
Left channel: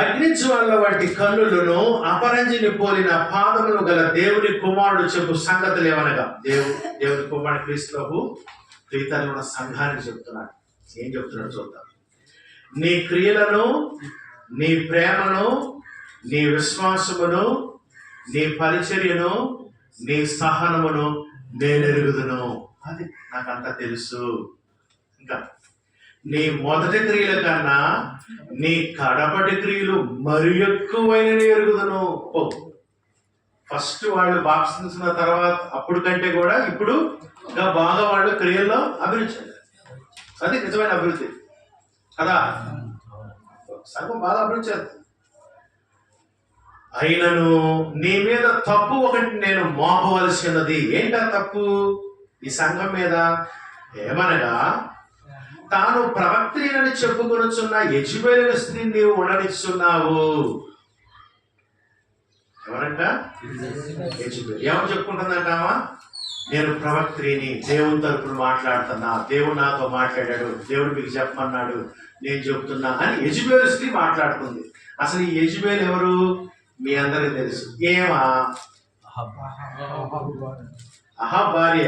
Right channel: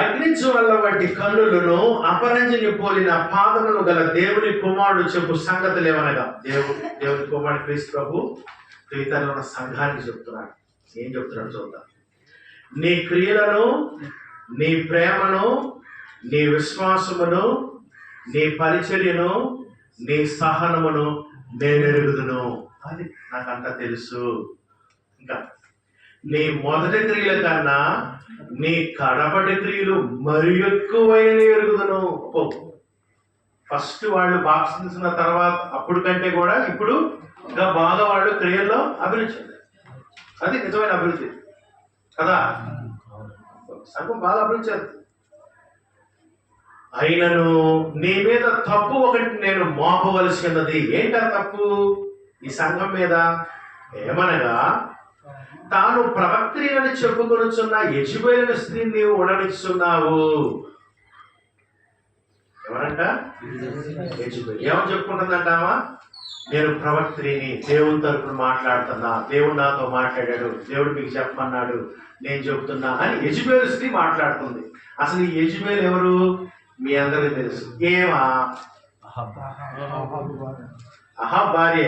అగ్నిజ్వాల వంటి కన్నులను అపరంజిని పోలిన పాదములు గల దేవుని కుమారుడు చెప్పు సంగతులు ఏమనగా దేవుని కుమారుడు క్రీస్తు ప్రభు తుయితెరలో ఉన్న సంఘానికి చెప్తున్నాడు. ఏం చెప్తున్నాడు చూద్దాం. నీ క్రియలను, నీ ప్రేమను, నీ విశ్వాసమును, నీ పరిచర్యను, నీ సహనమును నేను ఎరుగుదును. అది నాకంతా తెలుసు. ఇంకా నీ మొదటి క్రియల కన్నా నీ కడపటి క్రియలు మరి ఎక్కువైన ఎరుగుదును. ఫస్ట్ వాళ్ళు బాప్తిస్మ తర్వాత అప్పుడు కంటే కూడా ఇప్పుడు ఇంకా బాగా వాళ్ళు క్రియల్లో అభివృద్ధి చెందారు. అది నిజమైన అభివృద్ధి కదా. సంఘం బాగా అభివృద్ధి చెందుతుంది. అయినను నీ మీద తప్పు ఒకటి నేను మోపవలసి ఉన్నది. ఏంటా తప్పు ఈ సంఘం మీద? ఏమనగా తాను ప్రవక్త్రిని చెప్పుకొనుచున్న యెజబెలు స్త్రీని నీవు ఉండనిస్తున్నావు. ఎవరంట? యెజబెలు. ఏమని చెప్పుకుంటుందంటామా? నేను ప్రవక్త్రిని, దేవుని తరపున మాట్లాడుతున్నా, దేవుడు నాతో మాట్లాడాడు, దేవుడు మీకు చెప్పమన్నాడు, నేను చెప్తున్నా అని యెజబెలు స్త్రీ మాట్లాడుతుంది. అసలు ఈ యెజబెలు ఎవరు? మీ అందరికీ తెలుసు. అహాబ్ భార్య.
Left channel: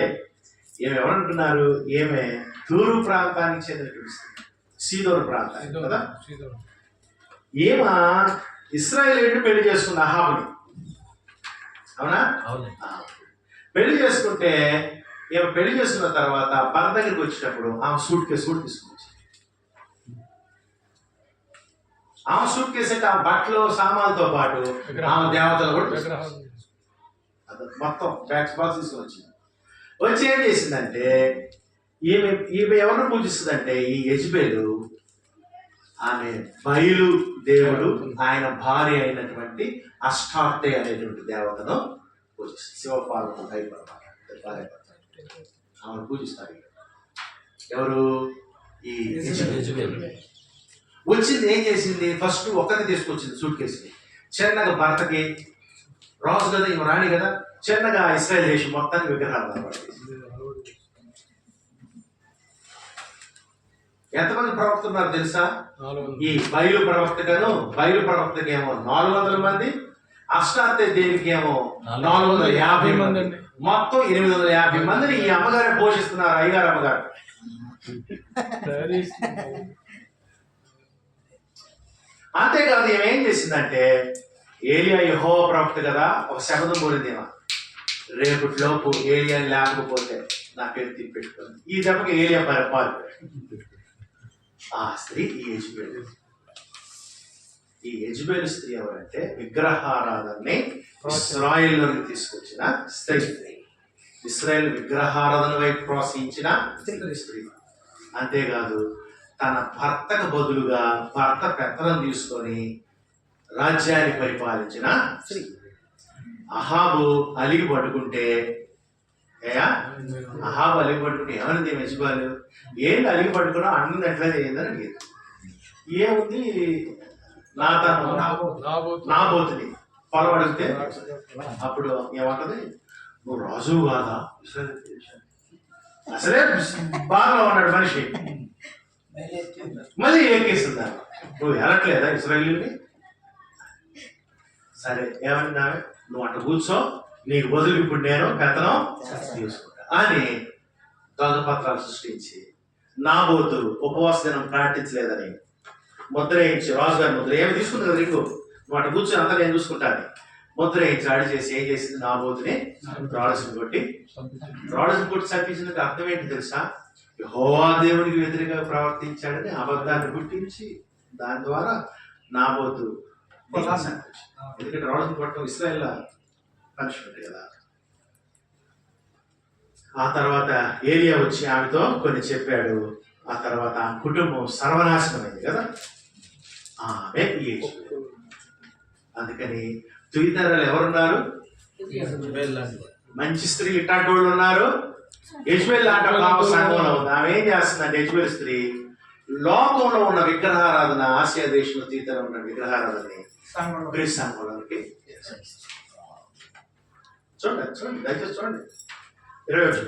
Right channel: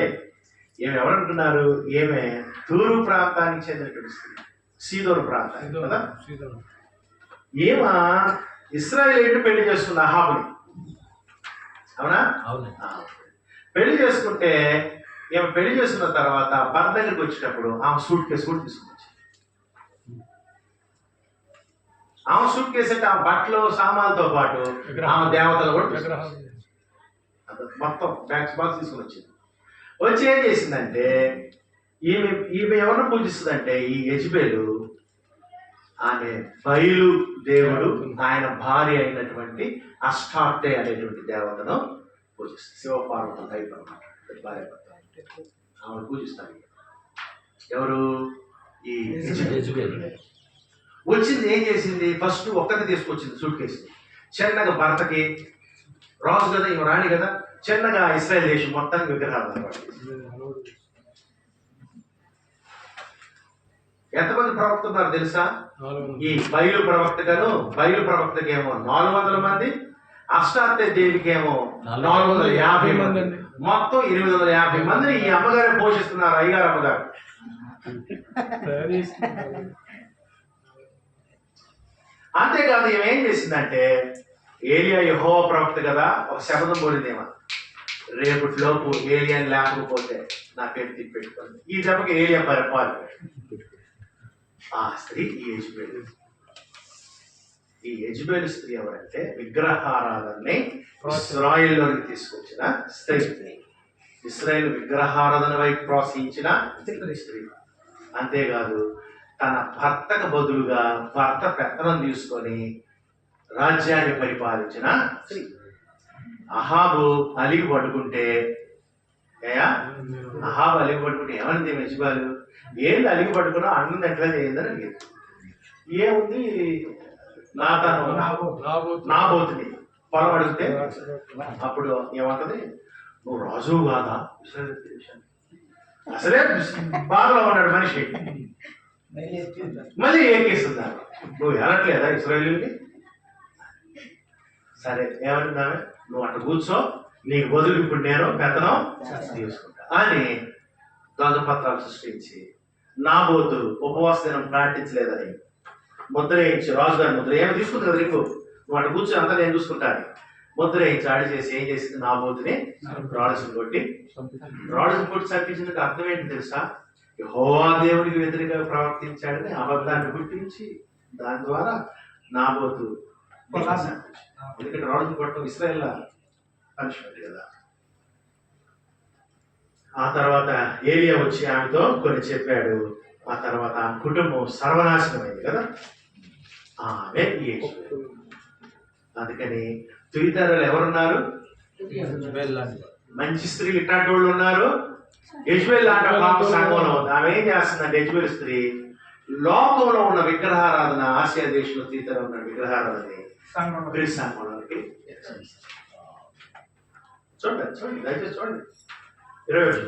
ఏమి ఎవరంటున్నారు? ఏమే తూరు ప్రాంతానికి చెందినటువంటి స్త్రీ, సీదోను ప్రాంతానికి కదా. ఏమా ఇశ్రాయేలీయుడిని పెళ్లి చేసుకుంది అహాబుని. అవునా? పెళ్లి చేసుకుంటే ఈమె పెళ్లి చేసుకున్న తర్వాత భర్త దగ్గరికి వచ్చేటప్పుడు ఆమె సూట్ కేసు కూడా తీసుకుని వచ్చింది. ఆమె సూట్ కేసు అంటే ఆమె బట్టలు సామాన్లతో పాటు ఆమె దేవతలు కూడా తీసుకొచ్చింది. మొత్తం బ్యాగ్స్ బాక్స్ తీసుకుని వచ్చింది. వచ్చి ఏం చేసిందంటే ఈమె ఈమె ఎవరిని పూజిస్తుందంటే ఈ యెజబెలు ఆమె బయలు దేవుడు ఆయన భార్య అయినటువంటి అష్టార్తే అనేటువంటి దేవతను పూజిస్తుంది. శివపార్వతుల టైప్ అనమాట, భార్య భర్త ఆమెను పూజిస్తారు. ఎవరు? ఈ యెజబెల్. వచ్చింది ఏం చేసింది? ఫస్ట్ ఒక్కటి తీసుకొచ్చింది సూట్ కేసుని. చిన్నగా భర్తకి రాజు కదా, ఇంకో రాణి కదా, చిన్నగా ఇస్రాయేల్ దేశం మొత్తానికి విగ్రహాలు అనమాట. ఎంతమంది ప్రవక్తలు ఉన్నారు తెలుసా? ఈ బయలు ప్రవక్తకేమో 400 మంది, అష్టార్తే దేవికేమో 450 మంది, మొత్తం 850 మందిని ఈ అమ్మగారే పోషిస్తున్నారు. అయ్యగారు అమ్మగారు. అంతేకాదు ఈమె ఏం చేసిందంటే, ఏలియా యెహోవా ప్రవక్త కదా, ఒక శబ్దం పోలిందేమో, రేపటిలోపు ఏలియాని లేకపోతే నా పేరు తిప్పెట్టుకోండి. ఈ దెబ్బకి ఏలియా పరిపాలి. ఆ స్త్రీ ఈ యెజబెలు స్త్రీ ఎవరంటే విగ్రహారాధనని ఇశ్రాయేలులోకి తీసుకొచ్చిన స్త్రీ. ఇశ్రాయేలు విగ్రహారాధన వైపు ప్రోత్సహించిన స్త్రీ. అంతేకాదు తన భర్తకు బదులుగా భర్త పెత్తనం తీసుకొని రాజ్యాన్ని పరిపాలించిన స్త్రీ. అహాబు అలిగి పట్టుకుంటే ఏమనింది యెజబెలు? ఏంటి అలిగి పట్టుకున్నావు, అన్నం ఎట్లా చేయిందని అడిగింది. ఏముంది, నాబోతుని పొలం అడిగితే అప్పుడు ఏమంటది, నువ్వు రాజువు కాదా? అసలే బాధలో ఉన్నాడు మనిషి, మళ్ళీ ఎక్కిస్తుందా? నువ్వు వెళ్ళట్లేదా ఇశ్రాయేలుని? సరే ఏమన్నావే, నువ్వు అట్లా కూర్చో, నీకు బదులు ఇప్పుడు నేను పెత్తనం తీసుకుంటా అని దొంగపత్రాలు సృష్టించి నాబోతు ఉపవాస దినం ప్రార్థించలేదని ముద్ర వేయించి, రాజుగారి ముద్ర ఏమి తీసుకుంటుంది కదా రింగు, నువ్వు అటు కూర్చొని అంతా నేను చూసుకుంటాను ముద్ర వేయించి ఆడి చేసి ఏం చేసింది, నాబోతుని రాజుని కొట్టి చంపించినందుకు అర్థం ఏంటి తెలుసా? యెహోవా దేవునికి వ్యతిరేకంగా ప్రవర్తించాడని అబద్ధాన్ని గుర్తించి దాని ద్వారా నాబోతు ఎందుకంటే రాజుని కొట్టడం ఇశ్రాయేల్ పనిష్మెంట్ కదా. ఆ తర్వాత ఏలియా వచ్చి ఆమెతో కొన్ని చెప్పాడు. ఆ తర్వాత ఆమె కుటుంబం సర్వనాశనమైంది కదా. ఆమె అందుకని తుయితరాలు ఎవరున్నారు? మంచి స్త్రీలు ఇట్లాంటి వాళ్ళు ఉన్నారు. యెజబెల్ లాంటి సంఘంలో ఉంది. ఆమె ఏం చేస్తుందంటే యెజబెల్ స్త్రీ లోకంలో ఉన్న విగ్రహారాధన, ఆసియా దేశంలో తుయితర ఉన్న విగ్రహారాధనని గ్రీస్ సంఘంలోకి చూడండి దయచేసి చూడండి. 20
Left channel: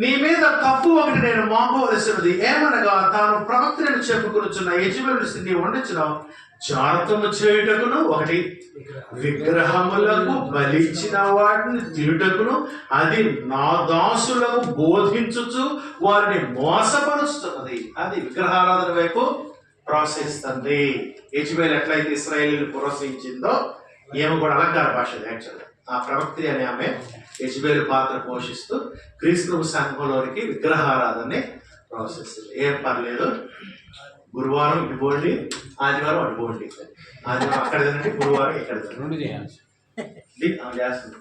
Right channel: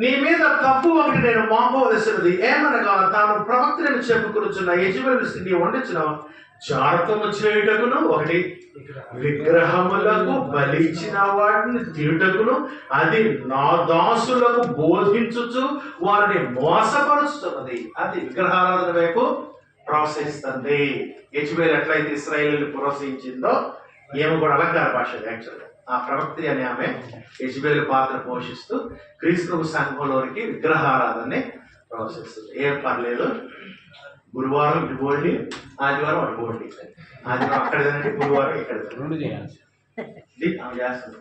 నీ మీద తప్పు ఒకటి నేను మోపవలసినది ఏమనగా, తాను ప్రవక్తను చెప్పుకొనుచున్న యెజబెలు స్థితి వండించిన జాతము చేయుటకును, ఒకటి విగ్రహములకు బలిచ్చిన వాటిని తిరుటకును, అది నా దాసులకు బోధించుచు వారిని మోసపరుస్తున్నది. అది విగ్రహారాధన వైపు ప్రోత్సహిస్తుంది. యెజబెలు ఎట్లయితే ఇశ్రాయేలుని ప్రోత్సహించిందో ఏమో కూడా అలంకార భాష యాక్చువల్గా ఆ ప్రవక్తి అనే ఆమె యెజబెలు పాత్ర పోషిస్తూ క్రీస్తు సంఘంలోనికి విగ్రహారాధనని ప్రోత్సహిస్తుంది. ఏం పర్లేదు, గురువారం ఇటు పోండి, ఆదివారం అటు పోండి, ఆదివారం అక్కడ తినండి, గురువారం ఇక్కడ చేస్తుంది.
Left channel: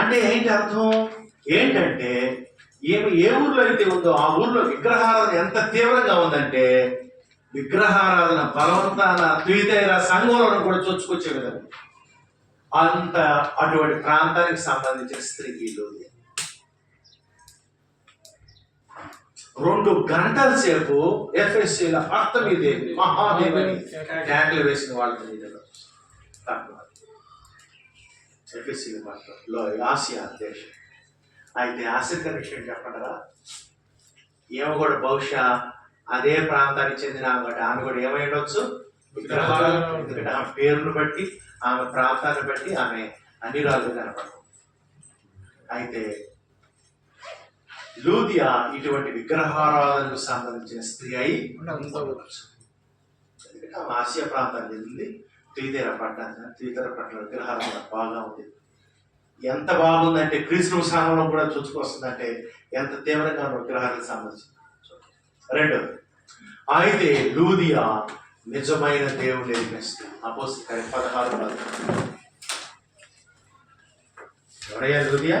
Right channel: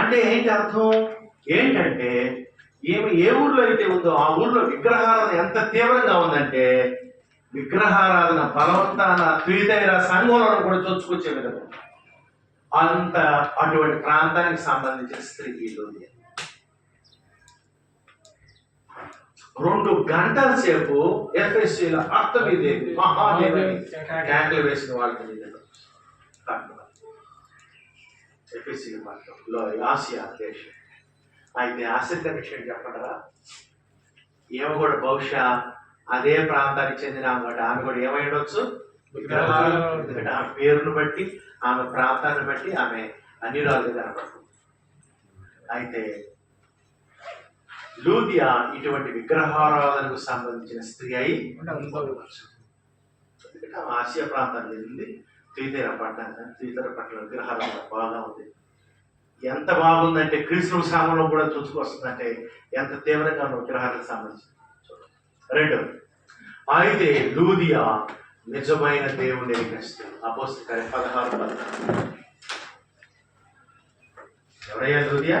అంటే ఏంటి అర్థం? ఏంటంటే ఏమి ఏ ఊర్లో అయితే ఉందో ఆ ఊర్లో విగ్రహారాధన ఎంత తీవ్రంగా ఉందంటే విగ్రహారాధన బలవంతాన తుయితైర సంఘంలో కూడా చొచ్చుకొచ్చే విధంగా అంత అటువంటి ప్రాంతానికి సంబంధించిన స్త్రీకి లోది 2 గంటల సేపు ఎఫ్ఎస్సీల అర్థమీదేవి మహాదేవిని ట్యాంకులు వేసిన వాళ్ళకి ఎఫ్ఎస్సీ మాత్రంలో ఆసియా దేశం. అయితే ఆసక్తికర విషయం చెప్పంటారా, ఏమో కూడా బహుశా అదే ప్రాంతానికి చెందిన ఆమె కూడా ఏమై ఉండొచ్చు, విగ్రహాలు. ఎందుకంటే ఆమె పేరును బట్టి, ఆమె ప్రాంతాన్ని బట్టి ఆమె అన్ని రాళ్ళు కనపడుతుంది. అయితే లూదియా ఇటువంటి విగ్రహారాధనకు సంబంధించిన స్త్రీ అయి ఉండవచ్చు. ఎందుకంటే ఆమె ఆసియా ప్రాంతానికి చెందింది. తుయితెర పట్టణం, తుయితెర పట్టణ విగ్రహారాధన బాగా ఉంది. ఎంత బాగుందంటే క్రీస్తు సామాన్యం కూడా చూసుకొస్తుందంటే ఎంత తీవ్రంగా విగ్రహాలకు సంబంధించి. రెండోది, అయితే లూదియా నిజమైన దేవుని ఎరిగిస్తుంది. అపోస్తలుల 16 ఎవరయ్యా లూదియా?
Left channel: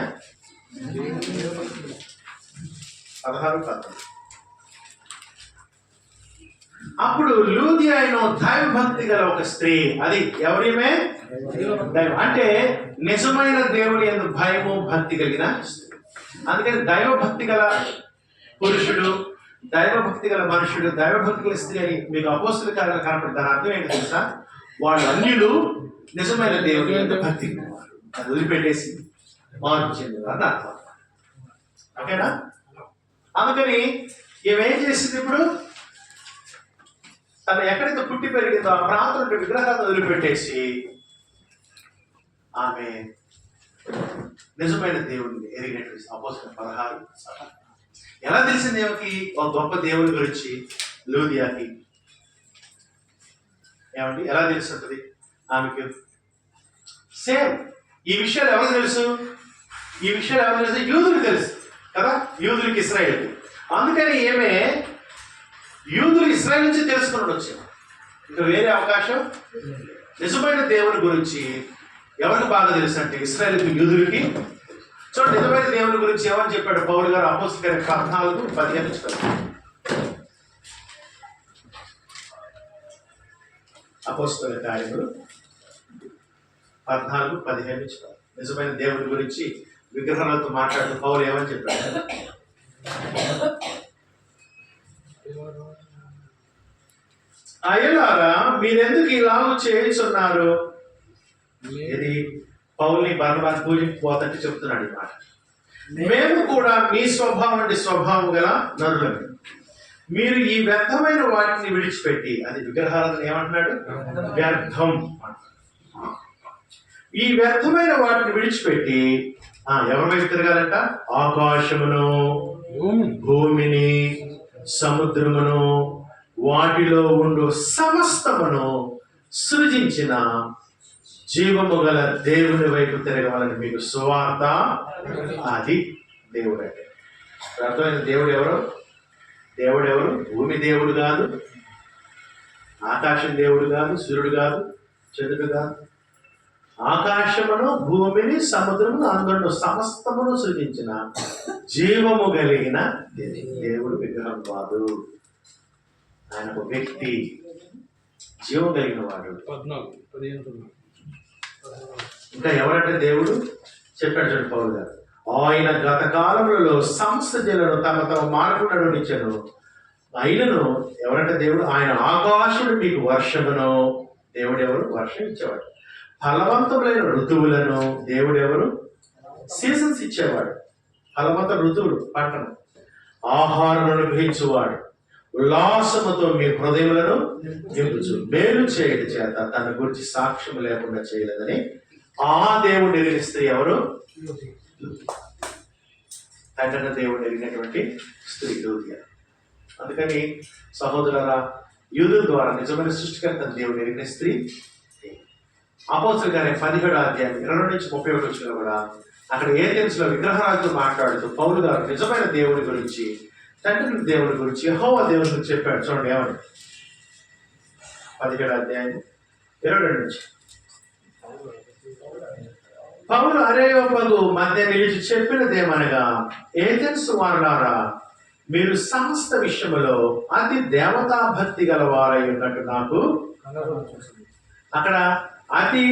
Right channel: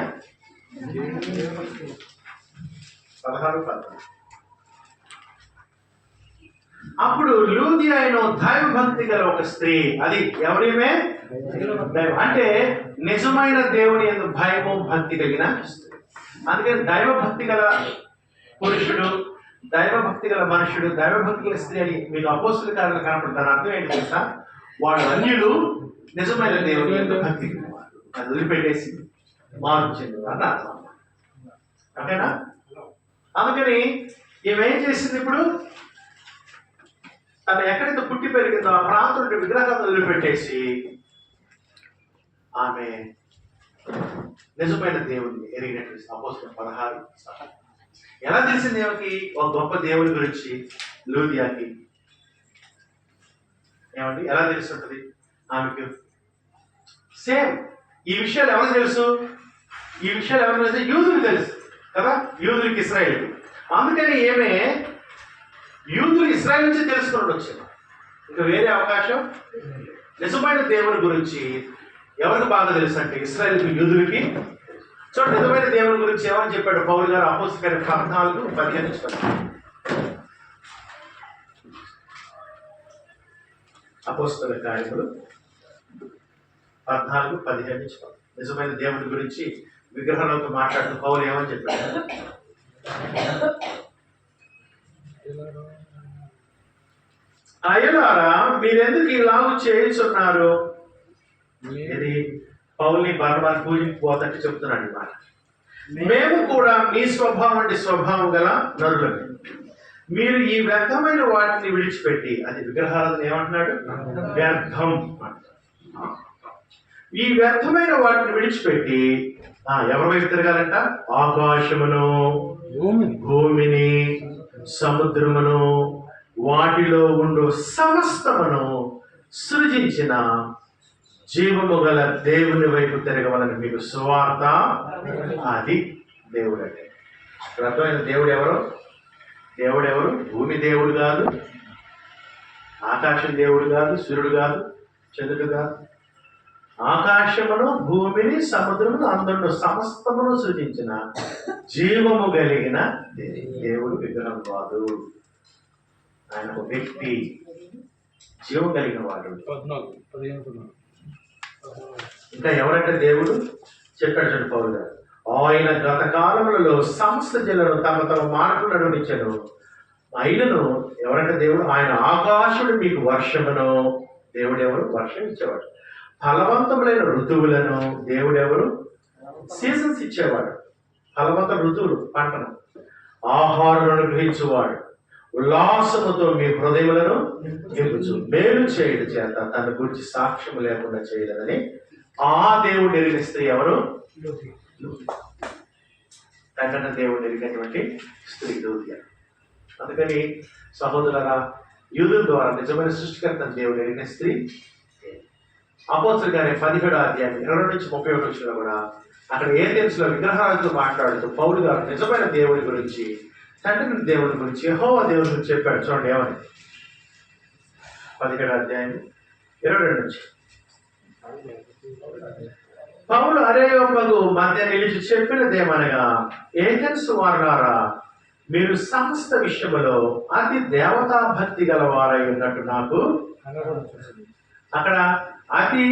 16. అప్పుడు లూదియా దైవభక్తి గల ఒక స్త్రీ. అది ఎవరిమే? అంటే నిజమైన దేవుని యందు భయము భక్తి కలిగిన స్త్రీ. అందుకని దైవభక్తి గల పురుషుడు, దైవభక్తి గల మనుషుడు, దైవభక్తి గల స్త్రీ అని మీకు అపోస్తలుల కార్యాలు కనపడుతుంది. దాని అర్థం ఏంటి తెలుసా? వాళ్ళు అన్యులు నిజమైన దేవుని యందు భక్తి వారు. అది వదిలిపెట్టేసి మార్పు చెందారు అని అర్థం. ఓకేనా? అందుకని ఏమేం చేసింది? ఇప్పుడు తను ఎక్కడైతే పుట్టి పెరిగిందో ఆ ప్రాంతం విగ్రహాలను వదిలిపెట్టేసి ఆమె నిజమైన దేవుడిని ఎరిగినట్టు. అపోస్తలుల 16. ఎలా తెలిసింది ఏమకి? ఒక గొప్ప దేవుడి గురించి లూదియాకి ఏమండి ఎలా తెలిసి ఉంటుంది ఆమెకు? సేమ్ ఈ విషయాలు ఎవరికి తెలుసు? ఈ విషయాలు ఎవరికి తెలుసు? యూదులకు తెలుసు కదా, యూదులకి, ఇశ్రాయేలుకి. అందుకని ఏమే యూదులు ఇశ్రాయేల్ నుంచి తెలుసుకున్నాడు వచ్చాడు. ఇంకా వేరే అవకాశం. నిజమైన దేవుని గురించి ఎవరికి బాగా తెలుసు అంటే ఇశ్రాయేలుకి, యూదులకి. చూడండి, నిజమైన దేవుని గురించి ఏమని చెప్పాడు పౌలు గారు? అపోస్తలుల కార్యాలు 14:15. అపోస్తలుల కార్యములు 14:15. నిజమైన దేవుని గురించి విగ్రహాలతో మాట్లాడుతూ పౌలు ఏమని చెప్పాడు? అయ్యలారా, మీరెందుకు ఇలాగ చేయించున్నారు? ఇది పౌల్ని బర్నబాను పూజించిపోతుంటే చెప్తున్నాడు ఈ మాట. మేము కూడా మీ స్వభావం అంటే స్వభావం గల నరులమే. మీరు ఈ వ్యర్థమైన వాటిని విడిచిపెట్టి, అది విగ్రహాలను ఏమంటున్నాడు? వ్యర్థం. ఈ వ్యర్థమైన వాటిని విడిచిపెట్టి ఎవరి వైపు తిరగాలంట? ఆకాశమును, భూమిని, సముద్రమును, వాటిలో ఉండు సమస్తమును సృజించిన జీవము గల దేవుని వైపు తిరగవాలని మీకు సువార్త. అది దేవుడు అంటే. అర్థమైన దేవుడు ఎవరు? దేవుడు ఎవరు? భూమి దేవుడు కాదు, ఆకాశం దేవుడు కాదు, సూర్యుడు కాదు, చంద్రుడు కాదు. ఆకాశమును, భూమిని, సముద్రమును, అందులో సమస్తమును సృజించిన జీవము కలిగిన దేవుడు విగ్రహం కాదు. ఆయన ఒక వ్యక్తి, జీవం కలిగిన వాడు. ఇంకా ఎవరంటే దేవుడు చెప్పాడు చూడండి పౌలు గారు. ఆయన గత కాలములలో సమస్త జనులను తమ తమ మార్పు నడునిచ్చాను. అయినను ఎవరంటే దేవుడు? ఆయన ఆకాశుడు మీకు వర్షమును. దేవుడు ఎవరు? వర్షం ఇచ్చేవాడు. ఫలవంతములైన ఋతువులను. దేవుడు ఎవరు? సీజన్స్ ఇచ్చేవాడు. ఫలవంత ఋతువులు, పంటను. ఆహారం అనుగ్రహించువాడు. ఉల్లాసముతో మీ హృదయములను నింపుచు మేలు చేయడం చేత తన గురించి సాక్ష్యం లేకుండా చేయలేదని ఆ దేవుడు ఎరిగిన స్త్రీ ఎవరు? తండ్రిన దేవుడు ఎరిగినటువంటి స్త్రీ లూదియా. అందుకని సహోదరులారా, యూదుల ద్వారా నిజమైన సృష్టికర్త దేవుడు ఎరిగిన స్త్రీ. అపోస్తలుల కార్యం 17:22-31 కూడా అక్కడ ఏథెన్స్‌లో విగ్రహాలతో మాట్లాడుతూ పౌలు గారు నిజమైన దేవుడి గురించి, తండ్రి దేవుడి గురించి, యెహోవా దేవుడి గురించి చెప్పాడు. చూడండి ఏమని? 17:22. పౌలు అరేయోపగు మధ్య నిలిచి చెప్పినదేమనగా, ఏథెన్స్ వారులారా, మీరు సమస్త విషయములో అతి దేవతా భక్తి గలవారై ఉన్నట్టు నాకు. అక్కడ అతి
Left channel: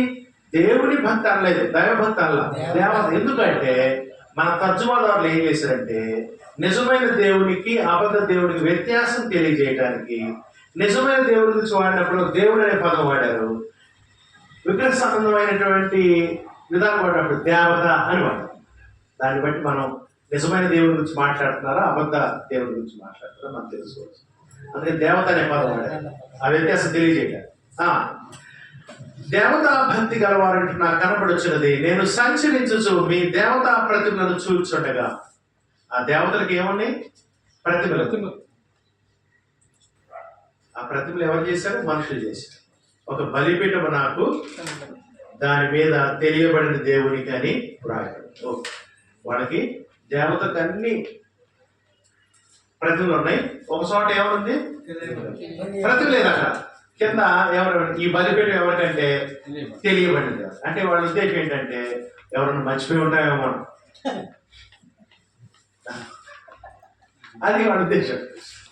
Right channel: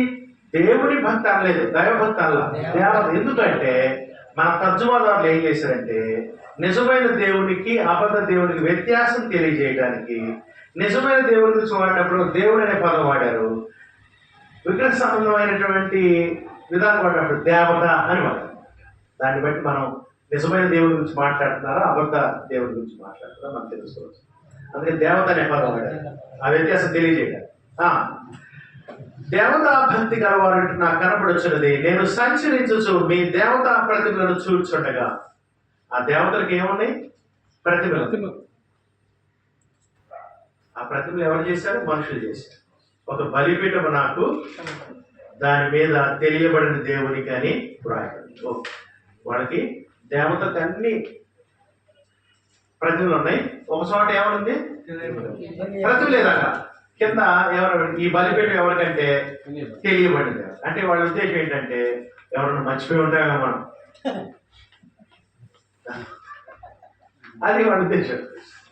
దేవుని భక్తి అనలేదు, దైవభక్తి అనలా, దేవత. ఎందుకంటే మన తర్జుమాదారులు ఏం చేశారంటే నిజమైన దేవునికి అబద్ధ దేవునికి వ్యత్యాసం తెలియజేయడానికి నిజమైన దేవుడి గురించి వాడినప్పుడు దేవుడు అనే పదం వాడారు, విగ్రహ సంబంధమైనటువంటి విధానం వాడినప్పుడు దేవత అని వాడారు. దాన్ని బట్టి మనం నిజమైన దేవుడి గురించి మాట్లాడుతున్నారా అబద్ధ దేవుడి గురించి మాట్లాడుతున్నారా మనం తెలుసుకోవచ్చు. అందుకే దేవత అనే పదం వాడారు, ఆ వ్యత్యాసం తెలియజేయడానికి. దేవతా భక్తి గలవారంటే నాకు కనపడొచ్చినది, నేను సంచరించు మీ దేవతా ప్రతిమలను చూచుండగా. ఆ దేవతలకు ఏమున్నాయి? ప్రతిమలు. ఆ ప్రతిమలు ఎవరు చేశారు? మనుషులు చేశారు. ఒక బలిపీఠము నాకు దాని మీద తెలియబడిన దేవునికి అని వ్రాయబడింది. ఓకే, వాళ్ళకి దేవతకు అన్ని ప్రతిమలు ఉన్నాయి. ఒక చోట ఏమనుంది? ప్రతిమ లేదు అక్కడ. కింద ఎవరు ఈ బలిపీఠం ఎవరికంటే తెలియబడింది. అంటే వాళ్ళ ఉద్దేశం ఏంటంటే ఎవరన్నా మర్చిపోయి ఉంటామో మనం, అది వాళ్ళ ఉద్దేశం.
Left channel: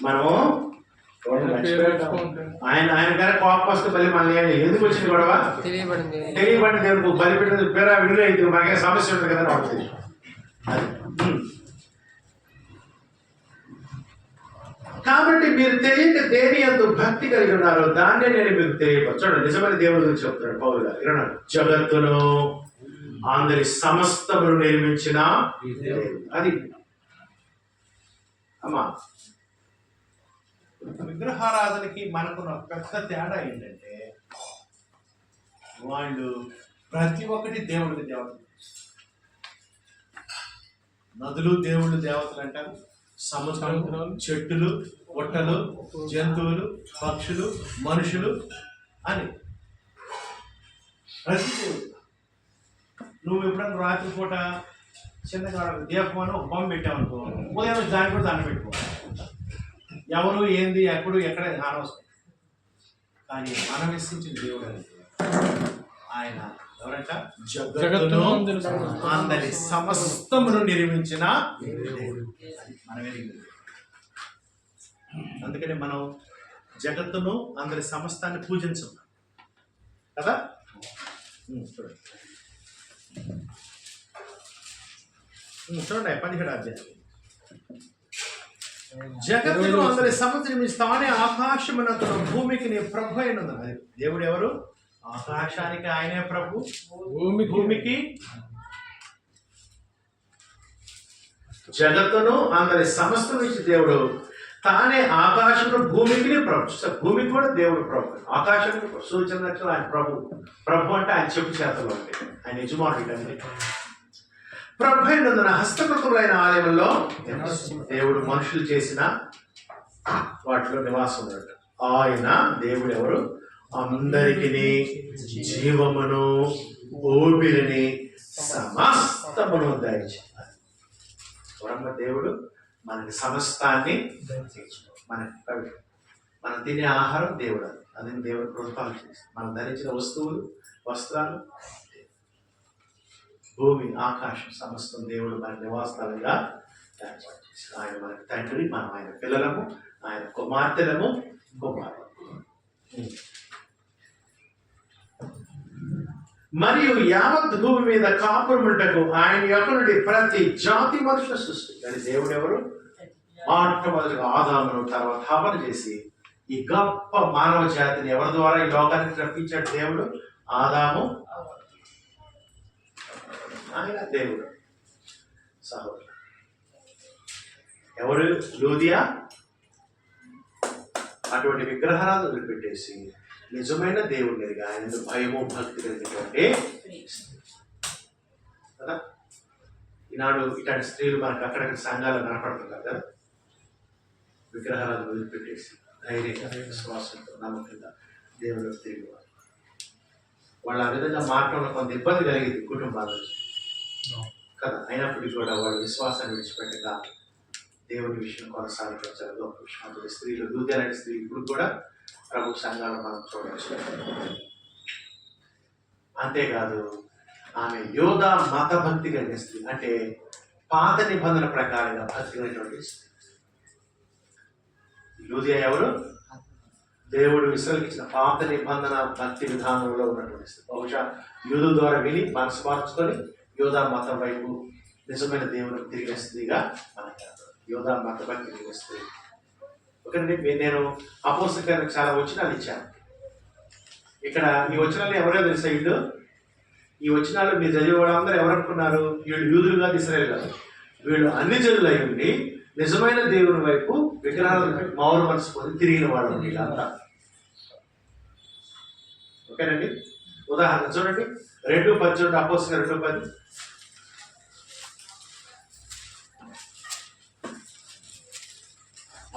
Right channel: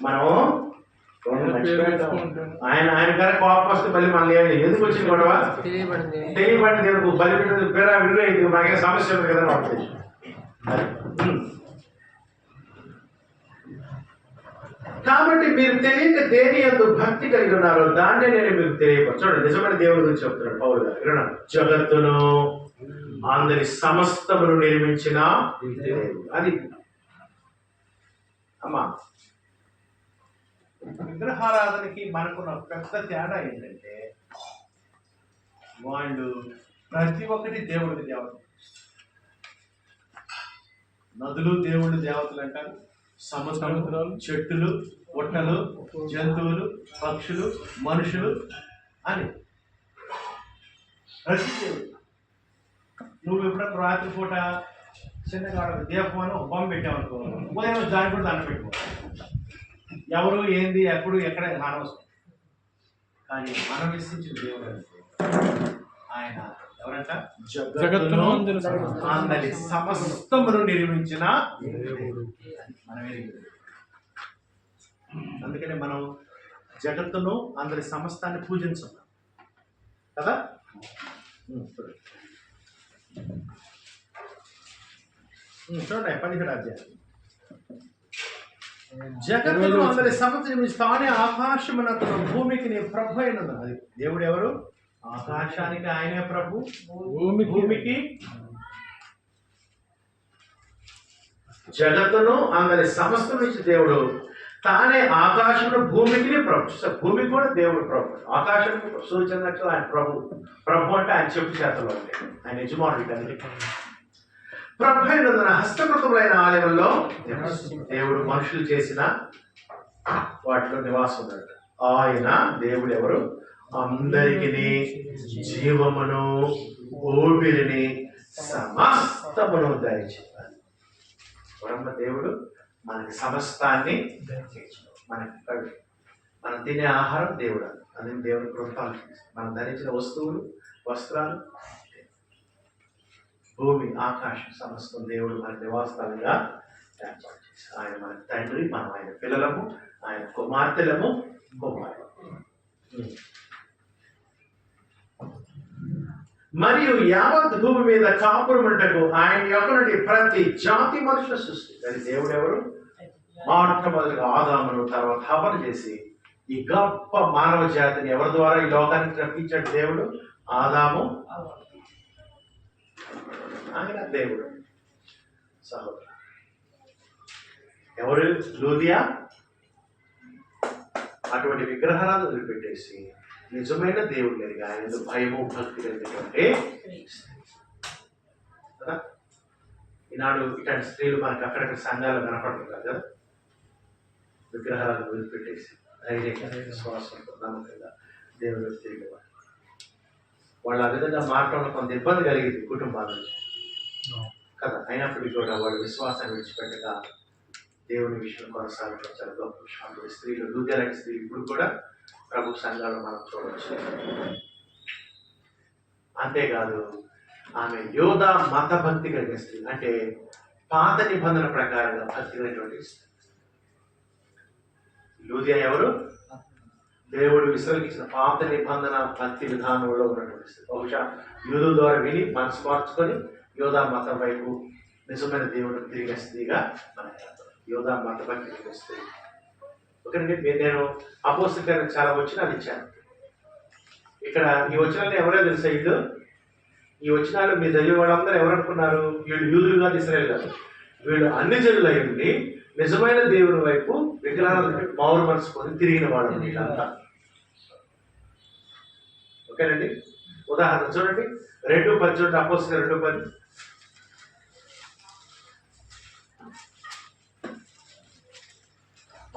మనం ఆయన గారి కోపం వస్తే బలి మళ్ళీ ఎందుకు వచ్చింది గొడవ? తెలియబడింది దేవుడు బలిపీఠం పేరా విడుదల అయితే మాకే సమస్య ఉంది కదా నా ఉద్దేశం. కాబట్టి మీరు తెలియక దేని యందు భక్తి కలిగి ఉన్నారో దాన్నే నేను మీకు తెలియపరచండి. నిజమైన దేవుడి గురించి చెప్తున్నాడు పౌలు గారు. వినండి, జగత్తును అందరి సమస్తమును నిర్మించిన అది అమ్మా. విగ్రహారాధనకి మనకున్న పెద్ద తేడా ఏంటంటే వాళ్ళు ప్రతి ఒక్కటి దేవుడి దేవత. నదులు దేవుడి దేవతలు అంటారు, సముద్రాలు, చెట్టులు, పుట్టలు, జంతువులు, పక్షులు, మనుషులు అని ప్రతి దేవుడు. నువ్వు ఎప్పుడన్నా రాత్రిపూట చిన్నగా దీపం ఒక బొమ్మ పెట్టావనుకో, ఉదయం దాన్ని కూడా దండ పెట్టుకో. ఎవరు ఏంది ఎప్పుడు ఎక్కడ అనవసరం. కానీ మనం విశ్వసించిన దేవుడు అంటే ఆయన ఎవరంట? జగత్తును అందరి సమస్తమును నిర్మించిన దేవుడు. మనమే. అందుకనే మనం జగత్తును అందరి సమస్తాన్ని పూజించాం కదా. చూడండి 17వ అధ్యాయం. జగత్తును అందరి సమస్త నిర్మించి తానే ఆకాశమునకును భూమికి నీ ప్రభు అయినది. అది దేవుడు ఎవరు? ఆకాశానికి ఆయనే ప్రభు, భూమికి. జగత్తును అందరి సమస్త నుంచి దేవుడు తానే ఆకాశమును భూమికి ప్రభు. భూమికి కూడా దేవుడు ప్రభు. ఆకాశానికి సూచన ఆయన ప్రభు. ప్రభు అంటే ఆయన చెప్పు చేతలో ఉంటాయి, ఆయన యజమానుడు. అంటే ప్రభు అయినందున హస్తకృతములైన ఆలయంలో దేవుడు మనుషులు చేసిన వాటిలో నివాసం ఉన్నాడు. ఆయన దేవుడు ఎవరు? అందరికి జీవమును ఊపిరిని సమస్తమును దయచేయాలి. వరమ్మ దేవుడు మనకి సమస్తాన్ని మనం తినే ఆహారం దేవుడు. అది దేవుడు కృపాలు చేసి మనం ధరించిన వస్తువులు, వస్త్రాలు, భూమి, ఆకాశం సమస్తం దేవుడు మనకి నివాసాలుగా ఏర్పాటు చేశారు. ఆయన మనకి తండ్రి, మనం ఆయన పిల్లలము, ఆయన కుమార్తెలము, కుమారులు. మరియు యావత్ భూమి మీద కాపురముటకు ఆయన యొక్క నుండి ప్రతి జాతి మనుషుల సృష్టి. అది దేవుడు ఎవరు? మొట్టమొదటిగా ఆదామును, తర్వాత హవ్వను చేసి ఈ గొప్ప మానవ జాతిని ఎవరి ద్వారా ఈ లోకానికి రప్పించాడు? దేవుడు. ఆదాము, ఆయన దేవుడు. సహోదరు ఎవరు? లూదియా. అటువంటి విగ్రహాలను వదిలిపెట్టేసి నిజమైన దేవుడి మీదుగా ఆయన భయము, భక్తి కలిగినటువంటి కదా. ఈనాడు ఇట్లాంటి స్త్రీలు మనకి అక్కడక్కడ సంఘాలు కనపడుతున్నారు కదా. విగ్రహాలను వదిలిపెట్టేసి ధైర్యంగా, విశ్వాసంతో, నమ్మకంగా దేవుడు తిరిగి వాళ్ళు ఆ విధంగా మారటంలో కొంత ఇబ్బంది కలిగింది కుటుంబాల నుంచి కదా. అయినప్పటికీ కూడా వాళ్ళు విశ్వాసాన్ని విడిచిపెట్టక దేవుని విషయం కొనసాగించారు. గొప్ప విషయం. స్త్రీలు, లూథియన్ స్త్రీలు ఇప్పుడు కూడా ప్రభు సంఘాలు మనం చూడవచ్చు. అంతేకాదు ఆమె యోధ మత భక్తి కలిగిన స్త్రీ, అంటే పాత నిబంధన ప్రకారంగా భక్తి కలిగినటువంటి స్త్రీ. లూథియా ఎవరు? దేవుడు ఇశ్రాయేలుకి పాత నిబంధన భక్తి విధానంలో ఉన్నటువంటి స్త్రీ. బహుశా యూదు ద్వారా విని మనసు మార్చుకొని యోధా మతం వైపు నిజమైన దేవుడు తిరిగిన స్త్రీగా మనకి యోధా మత భక్తి కలిగిన స్త్రీ. ఓకేనండి. నేను అపోస్తలుల గారికి చాలా వచనాలు ఇచ్చాను. ఇక్కడ ఈ వచనాలు ఎవరో తెలుసా? వీళ్ళు ఈ వచనాలు మీరు చదివే వాళ్ళందరూ ఎవరనుకున్నారు? వీళ్ళు యూదులు కాదు, ఇశ్రాయేలు కాదు. వీళ్ళు అన్ని జనులై ఉండి నిజమైన దేవుని వైపు విగ్రహాలను మారు మనసు పొంది తిరిగిన వాళ్ళు వీళ్ళంతా. ఓకేనండి. ఉదాహరణ చూడండి, 2:10 అపోస్తలుల 2:10.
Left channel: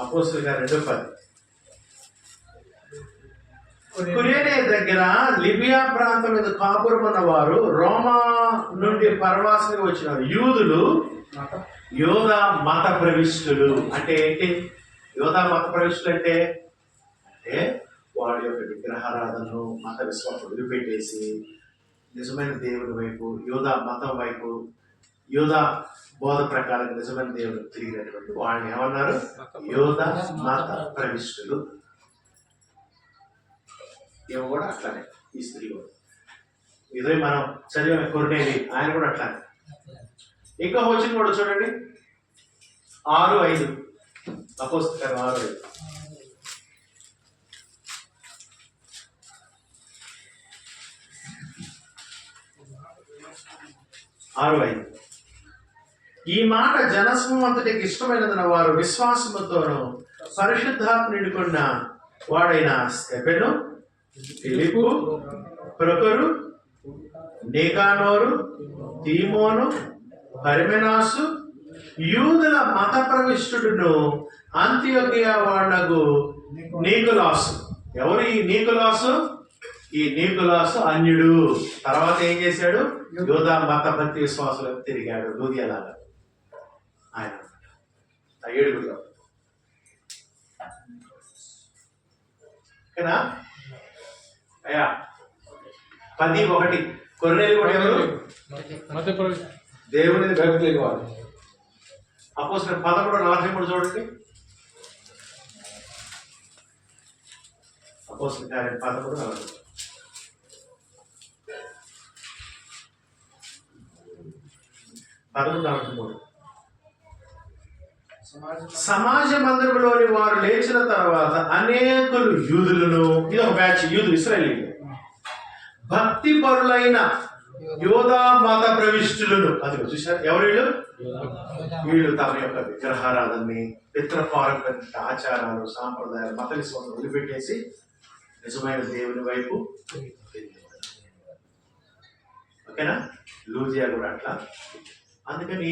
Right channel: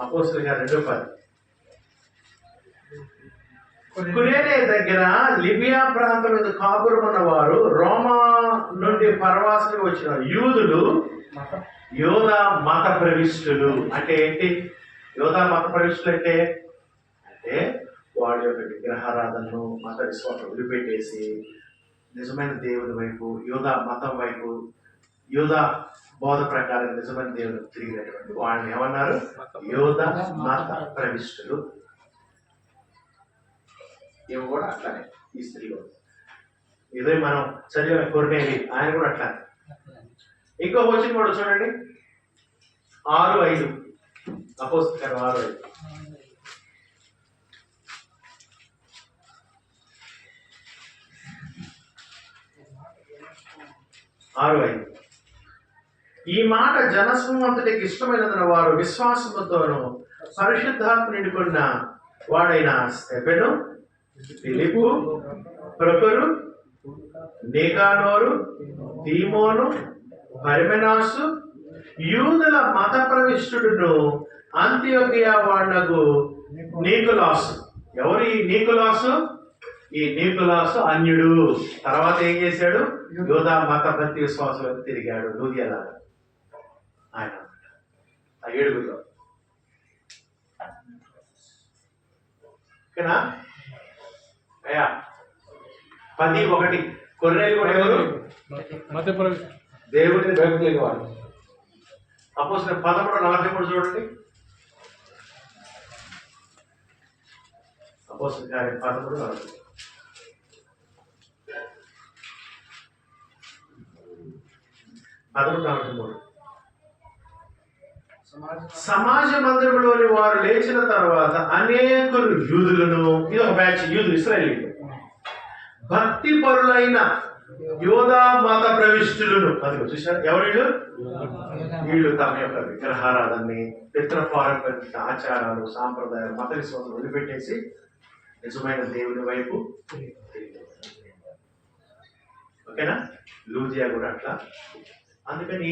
అపోస్తలుల 2:10. కురేనే దగ్గర లిబియా ప్రాంతం మీద కాపురమున్న వారు, రోమా నుండి పరవాసులకు వచ్చిన యూదులు, యోధా మత ప్రవిష్టులు. అంటే ఏంటి యోధా మత ప్రవిష్టులు అంటే? అంటే వాడి యొక్క విగ్రహారాధనను, మత విశ్వాసం వదిలిపెట్టేసి నిజమైన దేవుని వైపు, యోధా మతం వైపు, యోధా బోధ ప్రకారం నిజమైన దేవుడు తిరిగినటువంటి వాళ్ళని ఏమన్నారు? యోధా మత ప్రవిష్టులు. ఏమో కూడా అట్లానే ఈ స్త్రీ కూడా. ఇదే మనం చదివిన కొర్నేలి, ఆయన కూడా అట్లానే. ఇంకో వచ్చిన కూడా చూడండి 6:5 అపోస్తలుల 6:5. 6:5 ఈ మాట జనసమూహంతటికి ఇష్టమైనదన్న వారు విశ్వాసముతోను పరిశుద్ధాత్మ నిండుకున్న వాడైన స్టెఫెను, ఫిలిప్పు, ప్రొకరు, నికానోరు, తీమోను, పర్మెనాసు, యూదుల మత ప్రవిష్టుడును అంతియోకియా వాడగు నీకులాసు. ఎవరు ఈ నీకులాసు? ఈ నీకులాసు అన్యుడు. తర్వాత ఏం చేశాడు? యోధా మత భక్తి విశ్వాసాలకు తిరిగాడు, లూదియాలాగా. ఆయన అన్నమాట ఆ 7గురిలో. ఓకేనా అయ్యా? 10:1 కొర్నేలి కూడా ఎవరు? దేవుని భక్తి వాడు. అపోస్తలుల 11:43 చూడండి. అపోస్తలుల కార్యం 11:43. సమాజ మందిరంలోని వారు లేచిన తర్వాత అనేకులు యూదులను, ఇది ఒక బ్యాచ్, యూదులు ఇశ్రాయేలీయులు, భక్తి పరులైన యోధా మత ప్రవిష్టులను. అది చూసారు ఎవరు వీళ్ళు? వీళ్ళు తమ యొక్క విగ్రహారాధనని, పితృపారంపర్య ఆచారాలు, సాంప్రదాయాలు, మత విశ్వాసం వదిలిపెట్టేసి నిజమైన దేవుని వైపు. ఓకేనా? లూదియా కూడా అట్లా. అందుకని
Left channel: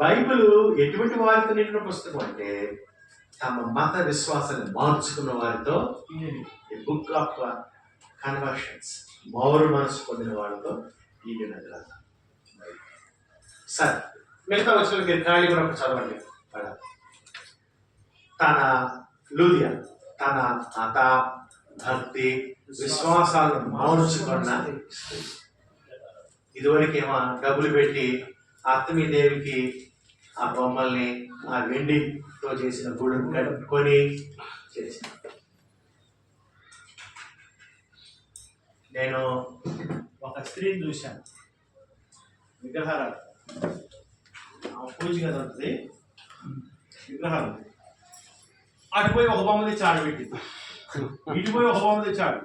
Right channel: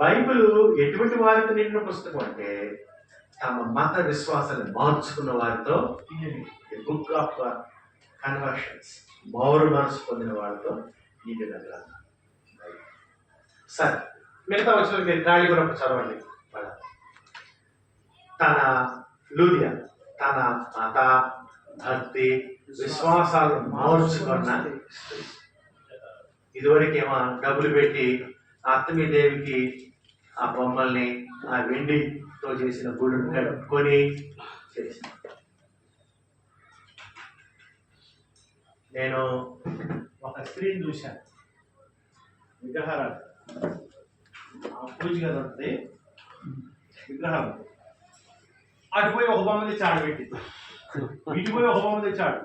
బైబిల్ ఎటువంటి వారితో నిండిన పుస్తకం అంటే తమ మత విశ్వాసాన్ని మార్చుకున్న వారితో, బుక్ ఆఫ్ కన్వర్షన్స్, మారు మనసు పొందిన వాళ్ళతో నిండిన గ్రంథం. సరే, మిగతా వచ్చిన మీరు ఖాళీ కూడా చదవండి. తన లూదియా తన మత భక్తి విశ్వాసాలను మార్చుకున్న, ఇదివరకేమో డబ్బులు పెట్టి అత్తమీదేవికి ఆ బొమ్మల్ని, ఆ వెండితో చేసిన గుడిని కట్టుకొని చేసిన. నేను ఒక స్త్రీని చూశాను, విగ్రహారాలు, ఆ పూజ గది ఉంటుంది, విగ్రహాలు. అటుపోయి ఒక బొమ్మ తెచ్చి ఆడబెట్టింది, ఇటుపోయి ఒక బొమ్మ తెచ్చి ఆడు.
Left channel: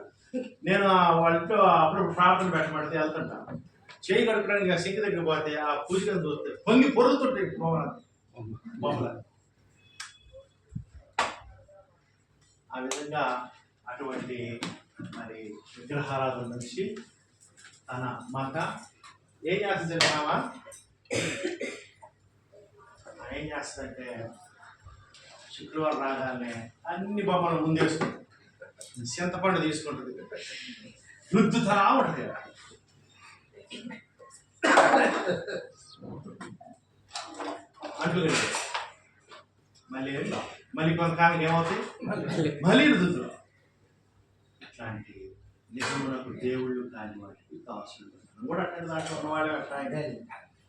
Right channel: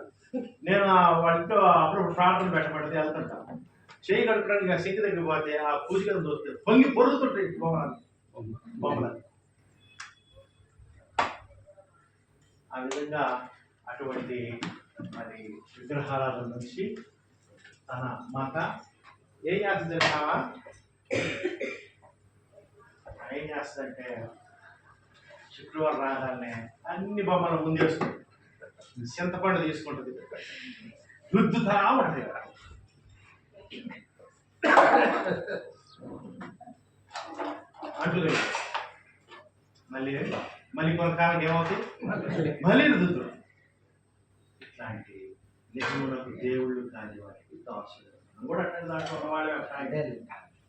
నేను వాళ్ళతో అప్పుడప్పుడు ప్రార్థన పెట్టబడితే వెళ్తుంటాను. చేయి కడుక్కోవడానికి ఆ సింక్ దగ్గర పోతే ఆ పూజ గది చూస్తే పొంగి పొరుగుతుంటాయి బొమ్మలు. ఆ విధంగా అటువంటి మరి విగ్రహారాధన నుంచి తన మత ఏం చేస్తుంది తెలుసావా? ఏం చేస్తుందంటే శుక్రవారం రాగానే అన్ని బొమ్మలు ముందేసుకుంటుంది, చింతపండు తీసుకుంటుంది, రుద్దుతా ఉంటుంది. అంటుగా మళ్ళీ కొంతకాలం ఏమవుతుంది, మళ్ళీ రుద్దుతుంది. ఇట్లాంటి నిజములకు దేవుళ్ళు కాని వాటికి దాసులు కూడా అక్కడ దాంట్లో ఉన్నవాళ్ళే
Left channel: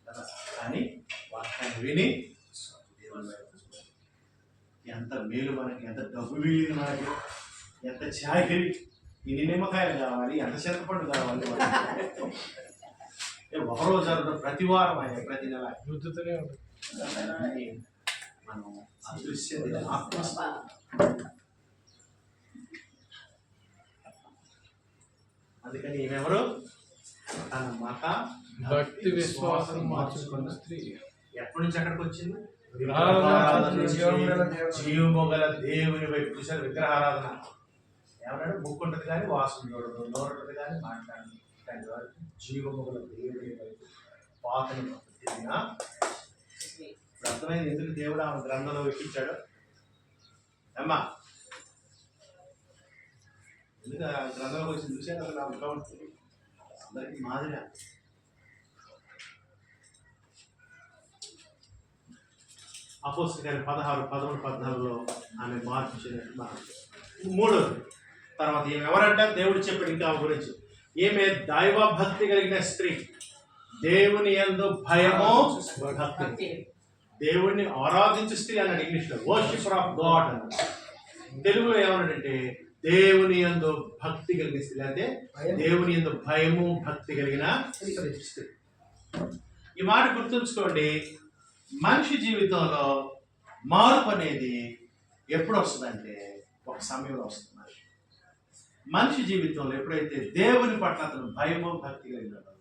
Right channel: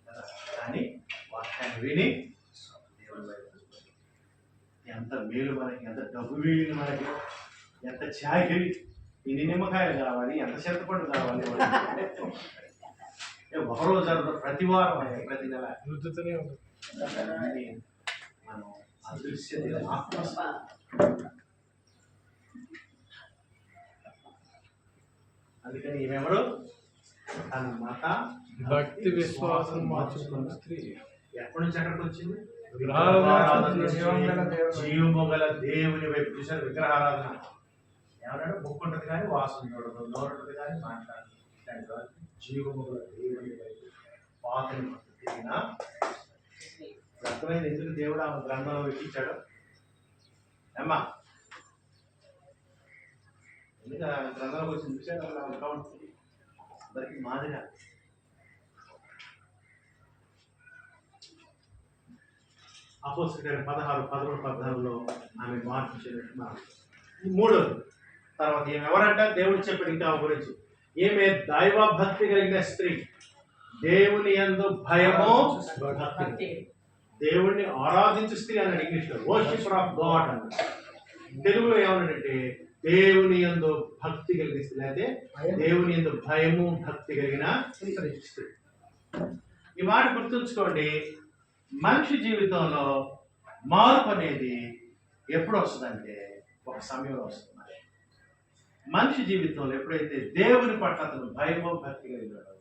కదా. కానీ వాక్యాన్ని విని దేవుని ఎంత మేలు మనకి, ఎంత డబ్బు వీలింది మనకి, ఎంత చాకిరి, ఇన్ని నిమ్మకాయలు కావాలి, ఎంత చింతపండు కావాలి. ఒకరోజు జరుగుతుంది, ప్రతి వారం అయ్యా, ప్రతి నెల రుద్దుతూనే ఉంటుంది. మనం అదృశ్య అందుకని ఈమెవరు? తన మత భక్తి విశ్వాసం మార్చుకున్న స్త్రీ. ఎక్కడి నుంచి ఎక్కడికి వచ్చింది? జీవముగల దేవుని వైపు. చూసారు విగ్రహారాధన ఏమన్నాడు? ముక్కు ఉంటుంది కానీ వాసన చూడదు, నోరు ఉంటుంది కానీ మాట్లాడదు. జీవముగల దేవుని వైపు పాతని తిరిగిన. ఇప్పుడు అర్థమైంది ఎందుకు దేవుడు ఆమె గ్రంథంలో ఎక్కించాడు అమ్మా. గ్రంథంలో వచ్చిన విషయాలు అలా ఉంటా ఉంటుంది. అందరికి మాదిరిగా అపోస్తలుల కార్యం 16, 13, 14లో ఆమె మార్పు చెందినట్టు. మూడోది తర్వాత ఈమె ఎవరంట? దేవుడు చెప్పాడు ఇంకా ఆమె గురించి, ఈమె దైవ భక్తి కలిగిన స్త్రీ, దేవుని యందు భయము భక్తి, దేవుణ్ణి ఆరాధించు స్త్రీ అన్నాడు ఇంగ్లీష్లో, వర్షిపర్ ఆఫ్ గాడ్ అన్నాడు. తెలుగులో ఏమన్నాడంటే దేవుని యందు భక్తి కలిగిన స్త్రీ, అంటే దేవుని యందు భయము భక్తి కలిగిన స్త్రీ. ఈ మాట గుర్తుంచుకోండి. మనిషి జీవితంలో మార్పు అనేది ఎప్పుడు వస్తుందంటే ఒక సమయంలో వస్తుంది. మనిషి జీవితంలో ఎప్పుడైతే దేవుని పట్ల అతను భయము భక్తి కలిగినాడో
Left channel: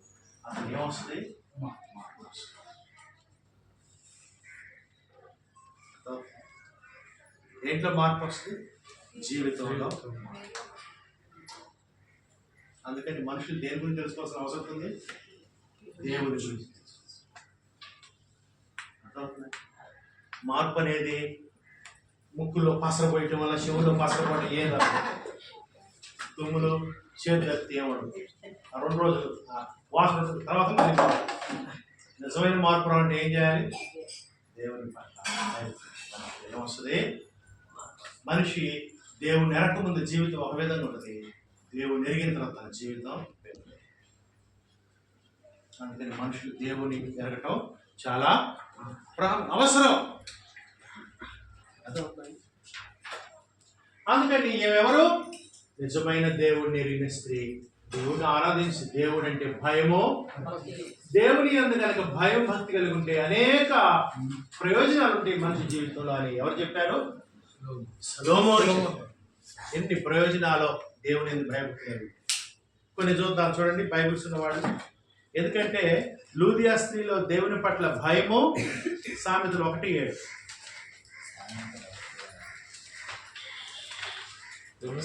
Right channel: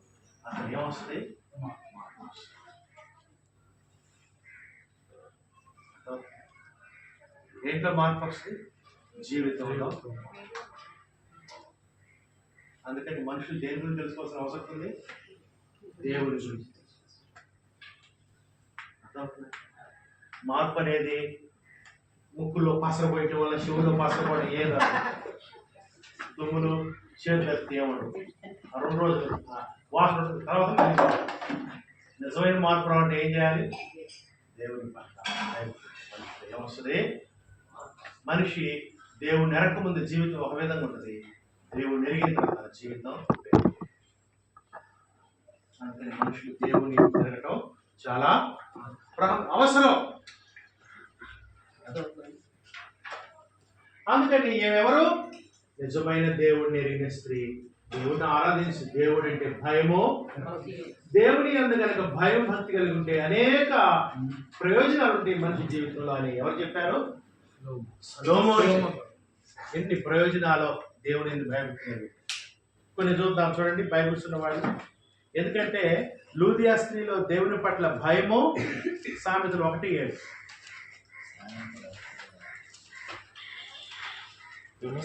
అతను ఏమొస్తుంది? ఏంట్లో మార్పు వస్తుంది? జీవితంలో. అందుకని మనుషులు దేని గురించి తెలుసుకోవాల్సిన అవసరం ఉంది? దేవుని గురించి. మార్పు అనేది ముక్కులో పసర పోయటం వల్ల, శివులో పసర పోవడం ఏం కాదు. తుమ్ములు చేతులు ఎత్తి ఏమంటారు 2 రోజులు వాసన తర్వాత మళ్ళీ. నిజమైన మార్పు రావాలంటే ఏం చేయాలి? దేవుని పట్ల ఏమొస్తుంది? మనిషి దేవుని ఎరక ముందు జీవితం ఒక విధంగా ఉంటుంది, దేవుని ఎరిగిన తర్వాత జీవితం. అందుకని మనుషులు దేవుని ఎరగటం చాలా అవసరం. అందుకని ఏమెవరు? నిజమైన దేవుడిని ఎరిగిన స్త్రీ, దేవుడిని ఆరాధించి, దేవుడు అంటే భయము, దేవుని యందు కనుక భయం భక్తి కలిగి ఉంటే అనేక ప్రయోజనాలు ఉంటాయి మనిషి జీవితంలో అని ఎవరు చెప్పారు? సొలొమోను. ఎన్ని ప్రయోజనాలు దేవుని యందు భయభక్తి కలిగి. కొన్ని చూద్దాం చూడండి బైబిల్స్ ఉన్నవాళ్ళు. ఎందుకంటే లూదియా స్త్రీలో దేవుని పట్ల భయము, సామెతలు 1:7.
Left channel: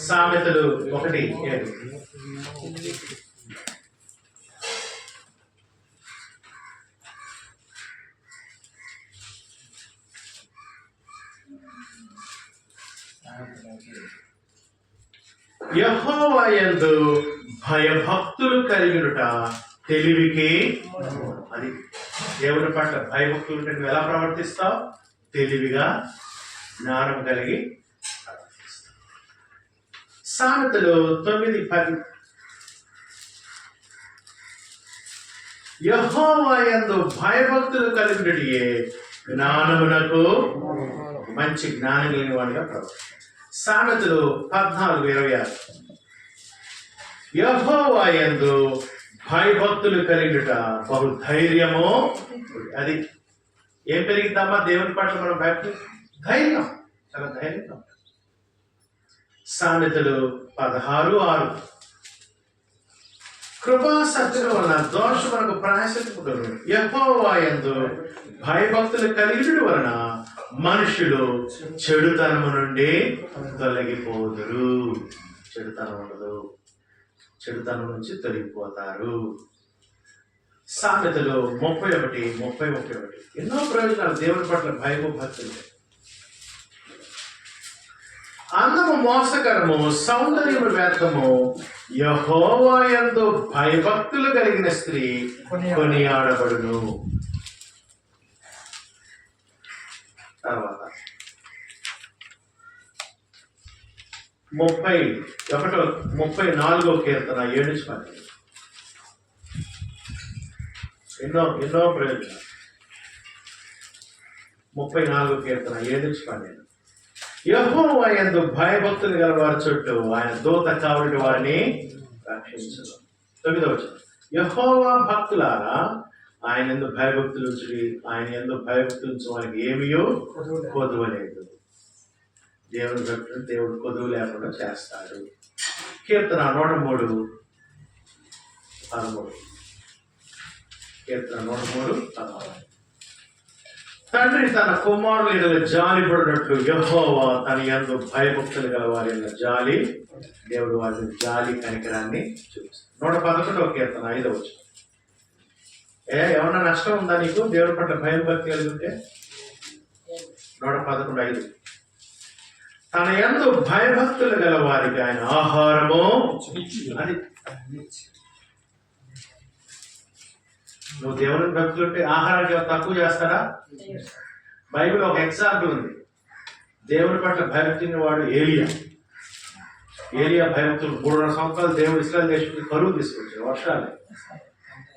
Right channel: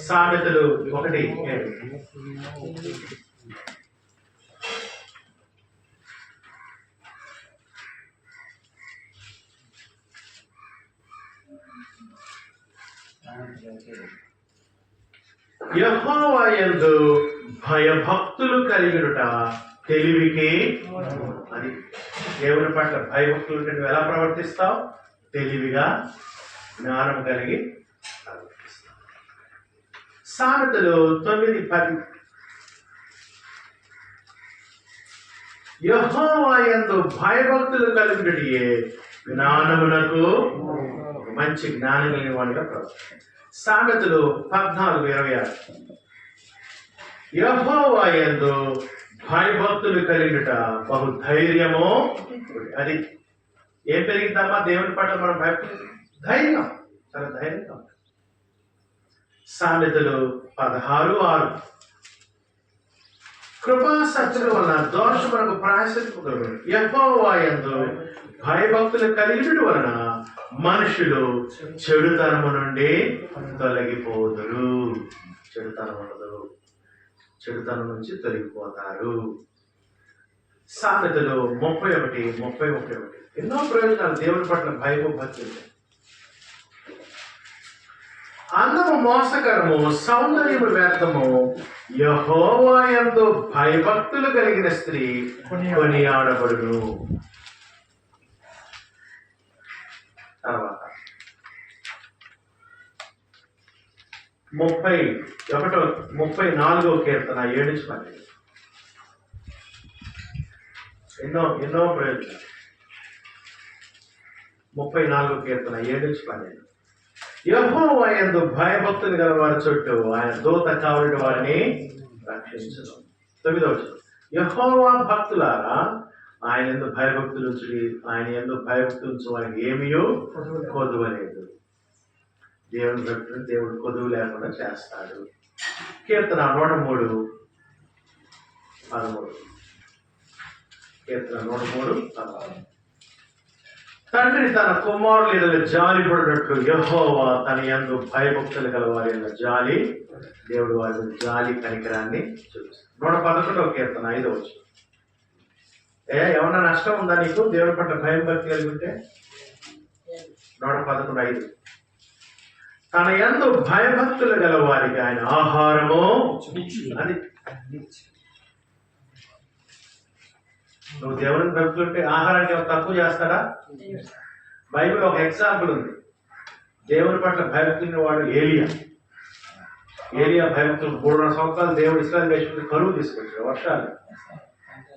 సామెతలు 1:7. యెహోవా యందు భయభక్తులు కలిగినట తెలివికి. అది దేవుని పట్ల భయభక్తులు ఉంటే నువ్వు ఎలా ప్రవర్తిస్తావు? తెలివిగా, జ్ఞానం కలిగి ప్రవర్తిస్తావు. సామెతలు 9:10. యెహోవా యందు భయభక్తులు కలిగినటియే జ్ఞానమునకు, మంచి జ్ఞానం లేని వాడిగా ప్రవర్తిస్తావు. సామెతలు 14:26. యెహోవా యందు భయభక్తులు కలిగిట బహు ధైర్యము. అది ఏం పెరిగిద్దామా? దేవుని పట్ల మనం భక్తి, ధైర్యం, చాలా ధైర్యంగా. సామెతలు 16:6. కృపా సత్యుల వలన దోషమునకు ప్రాయశ్చిత్తము. యెహోవా యందు భయభక్తులు కలిగిన వలన మనుషులు చెడుతనము నుండి తొలగిపోదురు. చెడుతనం ఉండదు, చెడుతనం నుంచి తొలగిపోతారు. సామెతలు 30:31. ఎన్నో ప్రయోజనాలు దేవుని పట్ల భయము భక్తి. అందము మోసకరము, సౌందర్యము వ్యర్థము, యెహోవా యందు భయభక్తులు కలిగిన స్త్రీ కొనియాడబడును. తర్వాత 34వ కీర్తన 7-12. ఎన్నో ప్రయోజనాలు. 34వ కీర్తన 7-12. యెహోవా యందు భయభక్తులు గల వారి చుట్టూ ఆయన దూత కావలి వారిని రక్షించును. 9వ వచనం. యెహోవా భక్తులారా ఆయన యందు భయభక్తులు ఉంచుడి, ఆయన యందు భయభక్తులు ఉంచు వారికి ఏమీయో కొదువలేదు. దేవుని భక్తులు దేవుడు కొదువు లేకుండా చేస్తాడు. కీర్తన 103:13. కీర్తన 103:13. తండ్రి తన కుమారుల ఎడల జాలి పడినట్లు యెహోవా తన యందు భయభక్తులు గల వారి యొక్క జాలి, దేవుడు వారి జాలి కనికరాన్ని చూపిస్తాడు. 111వ కీర్తన 5వ వచనం. ఏమన్నా నష్టం ఉందా నీకు దేవుని పట్ల భయం భక్తి కలిగి ఉంటే? 111:5. తన యందు భయభక్తులు గల వారికి ఆయన ఆహారము అది. నువ్వు దేవునికి భక్తులుంటే ఆహారానికి ఏమైనా తక్కువ చేస్తాడా? బైబిల్ ఒక ఎగ్జాంపుల్ ఉంది. దేవుని పట్ల భయభక్తి వాడు ఏలియా. భయభక్తులు 3.5 సంవత్సరాలు దేవుడు ఇస్రాయల్ దేశం కరువు తీసుకొచ్చాడు, వర్షాలు.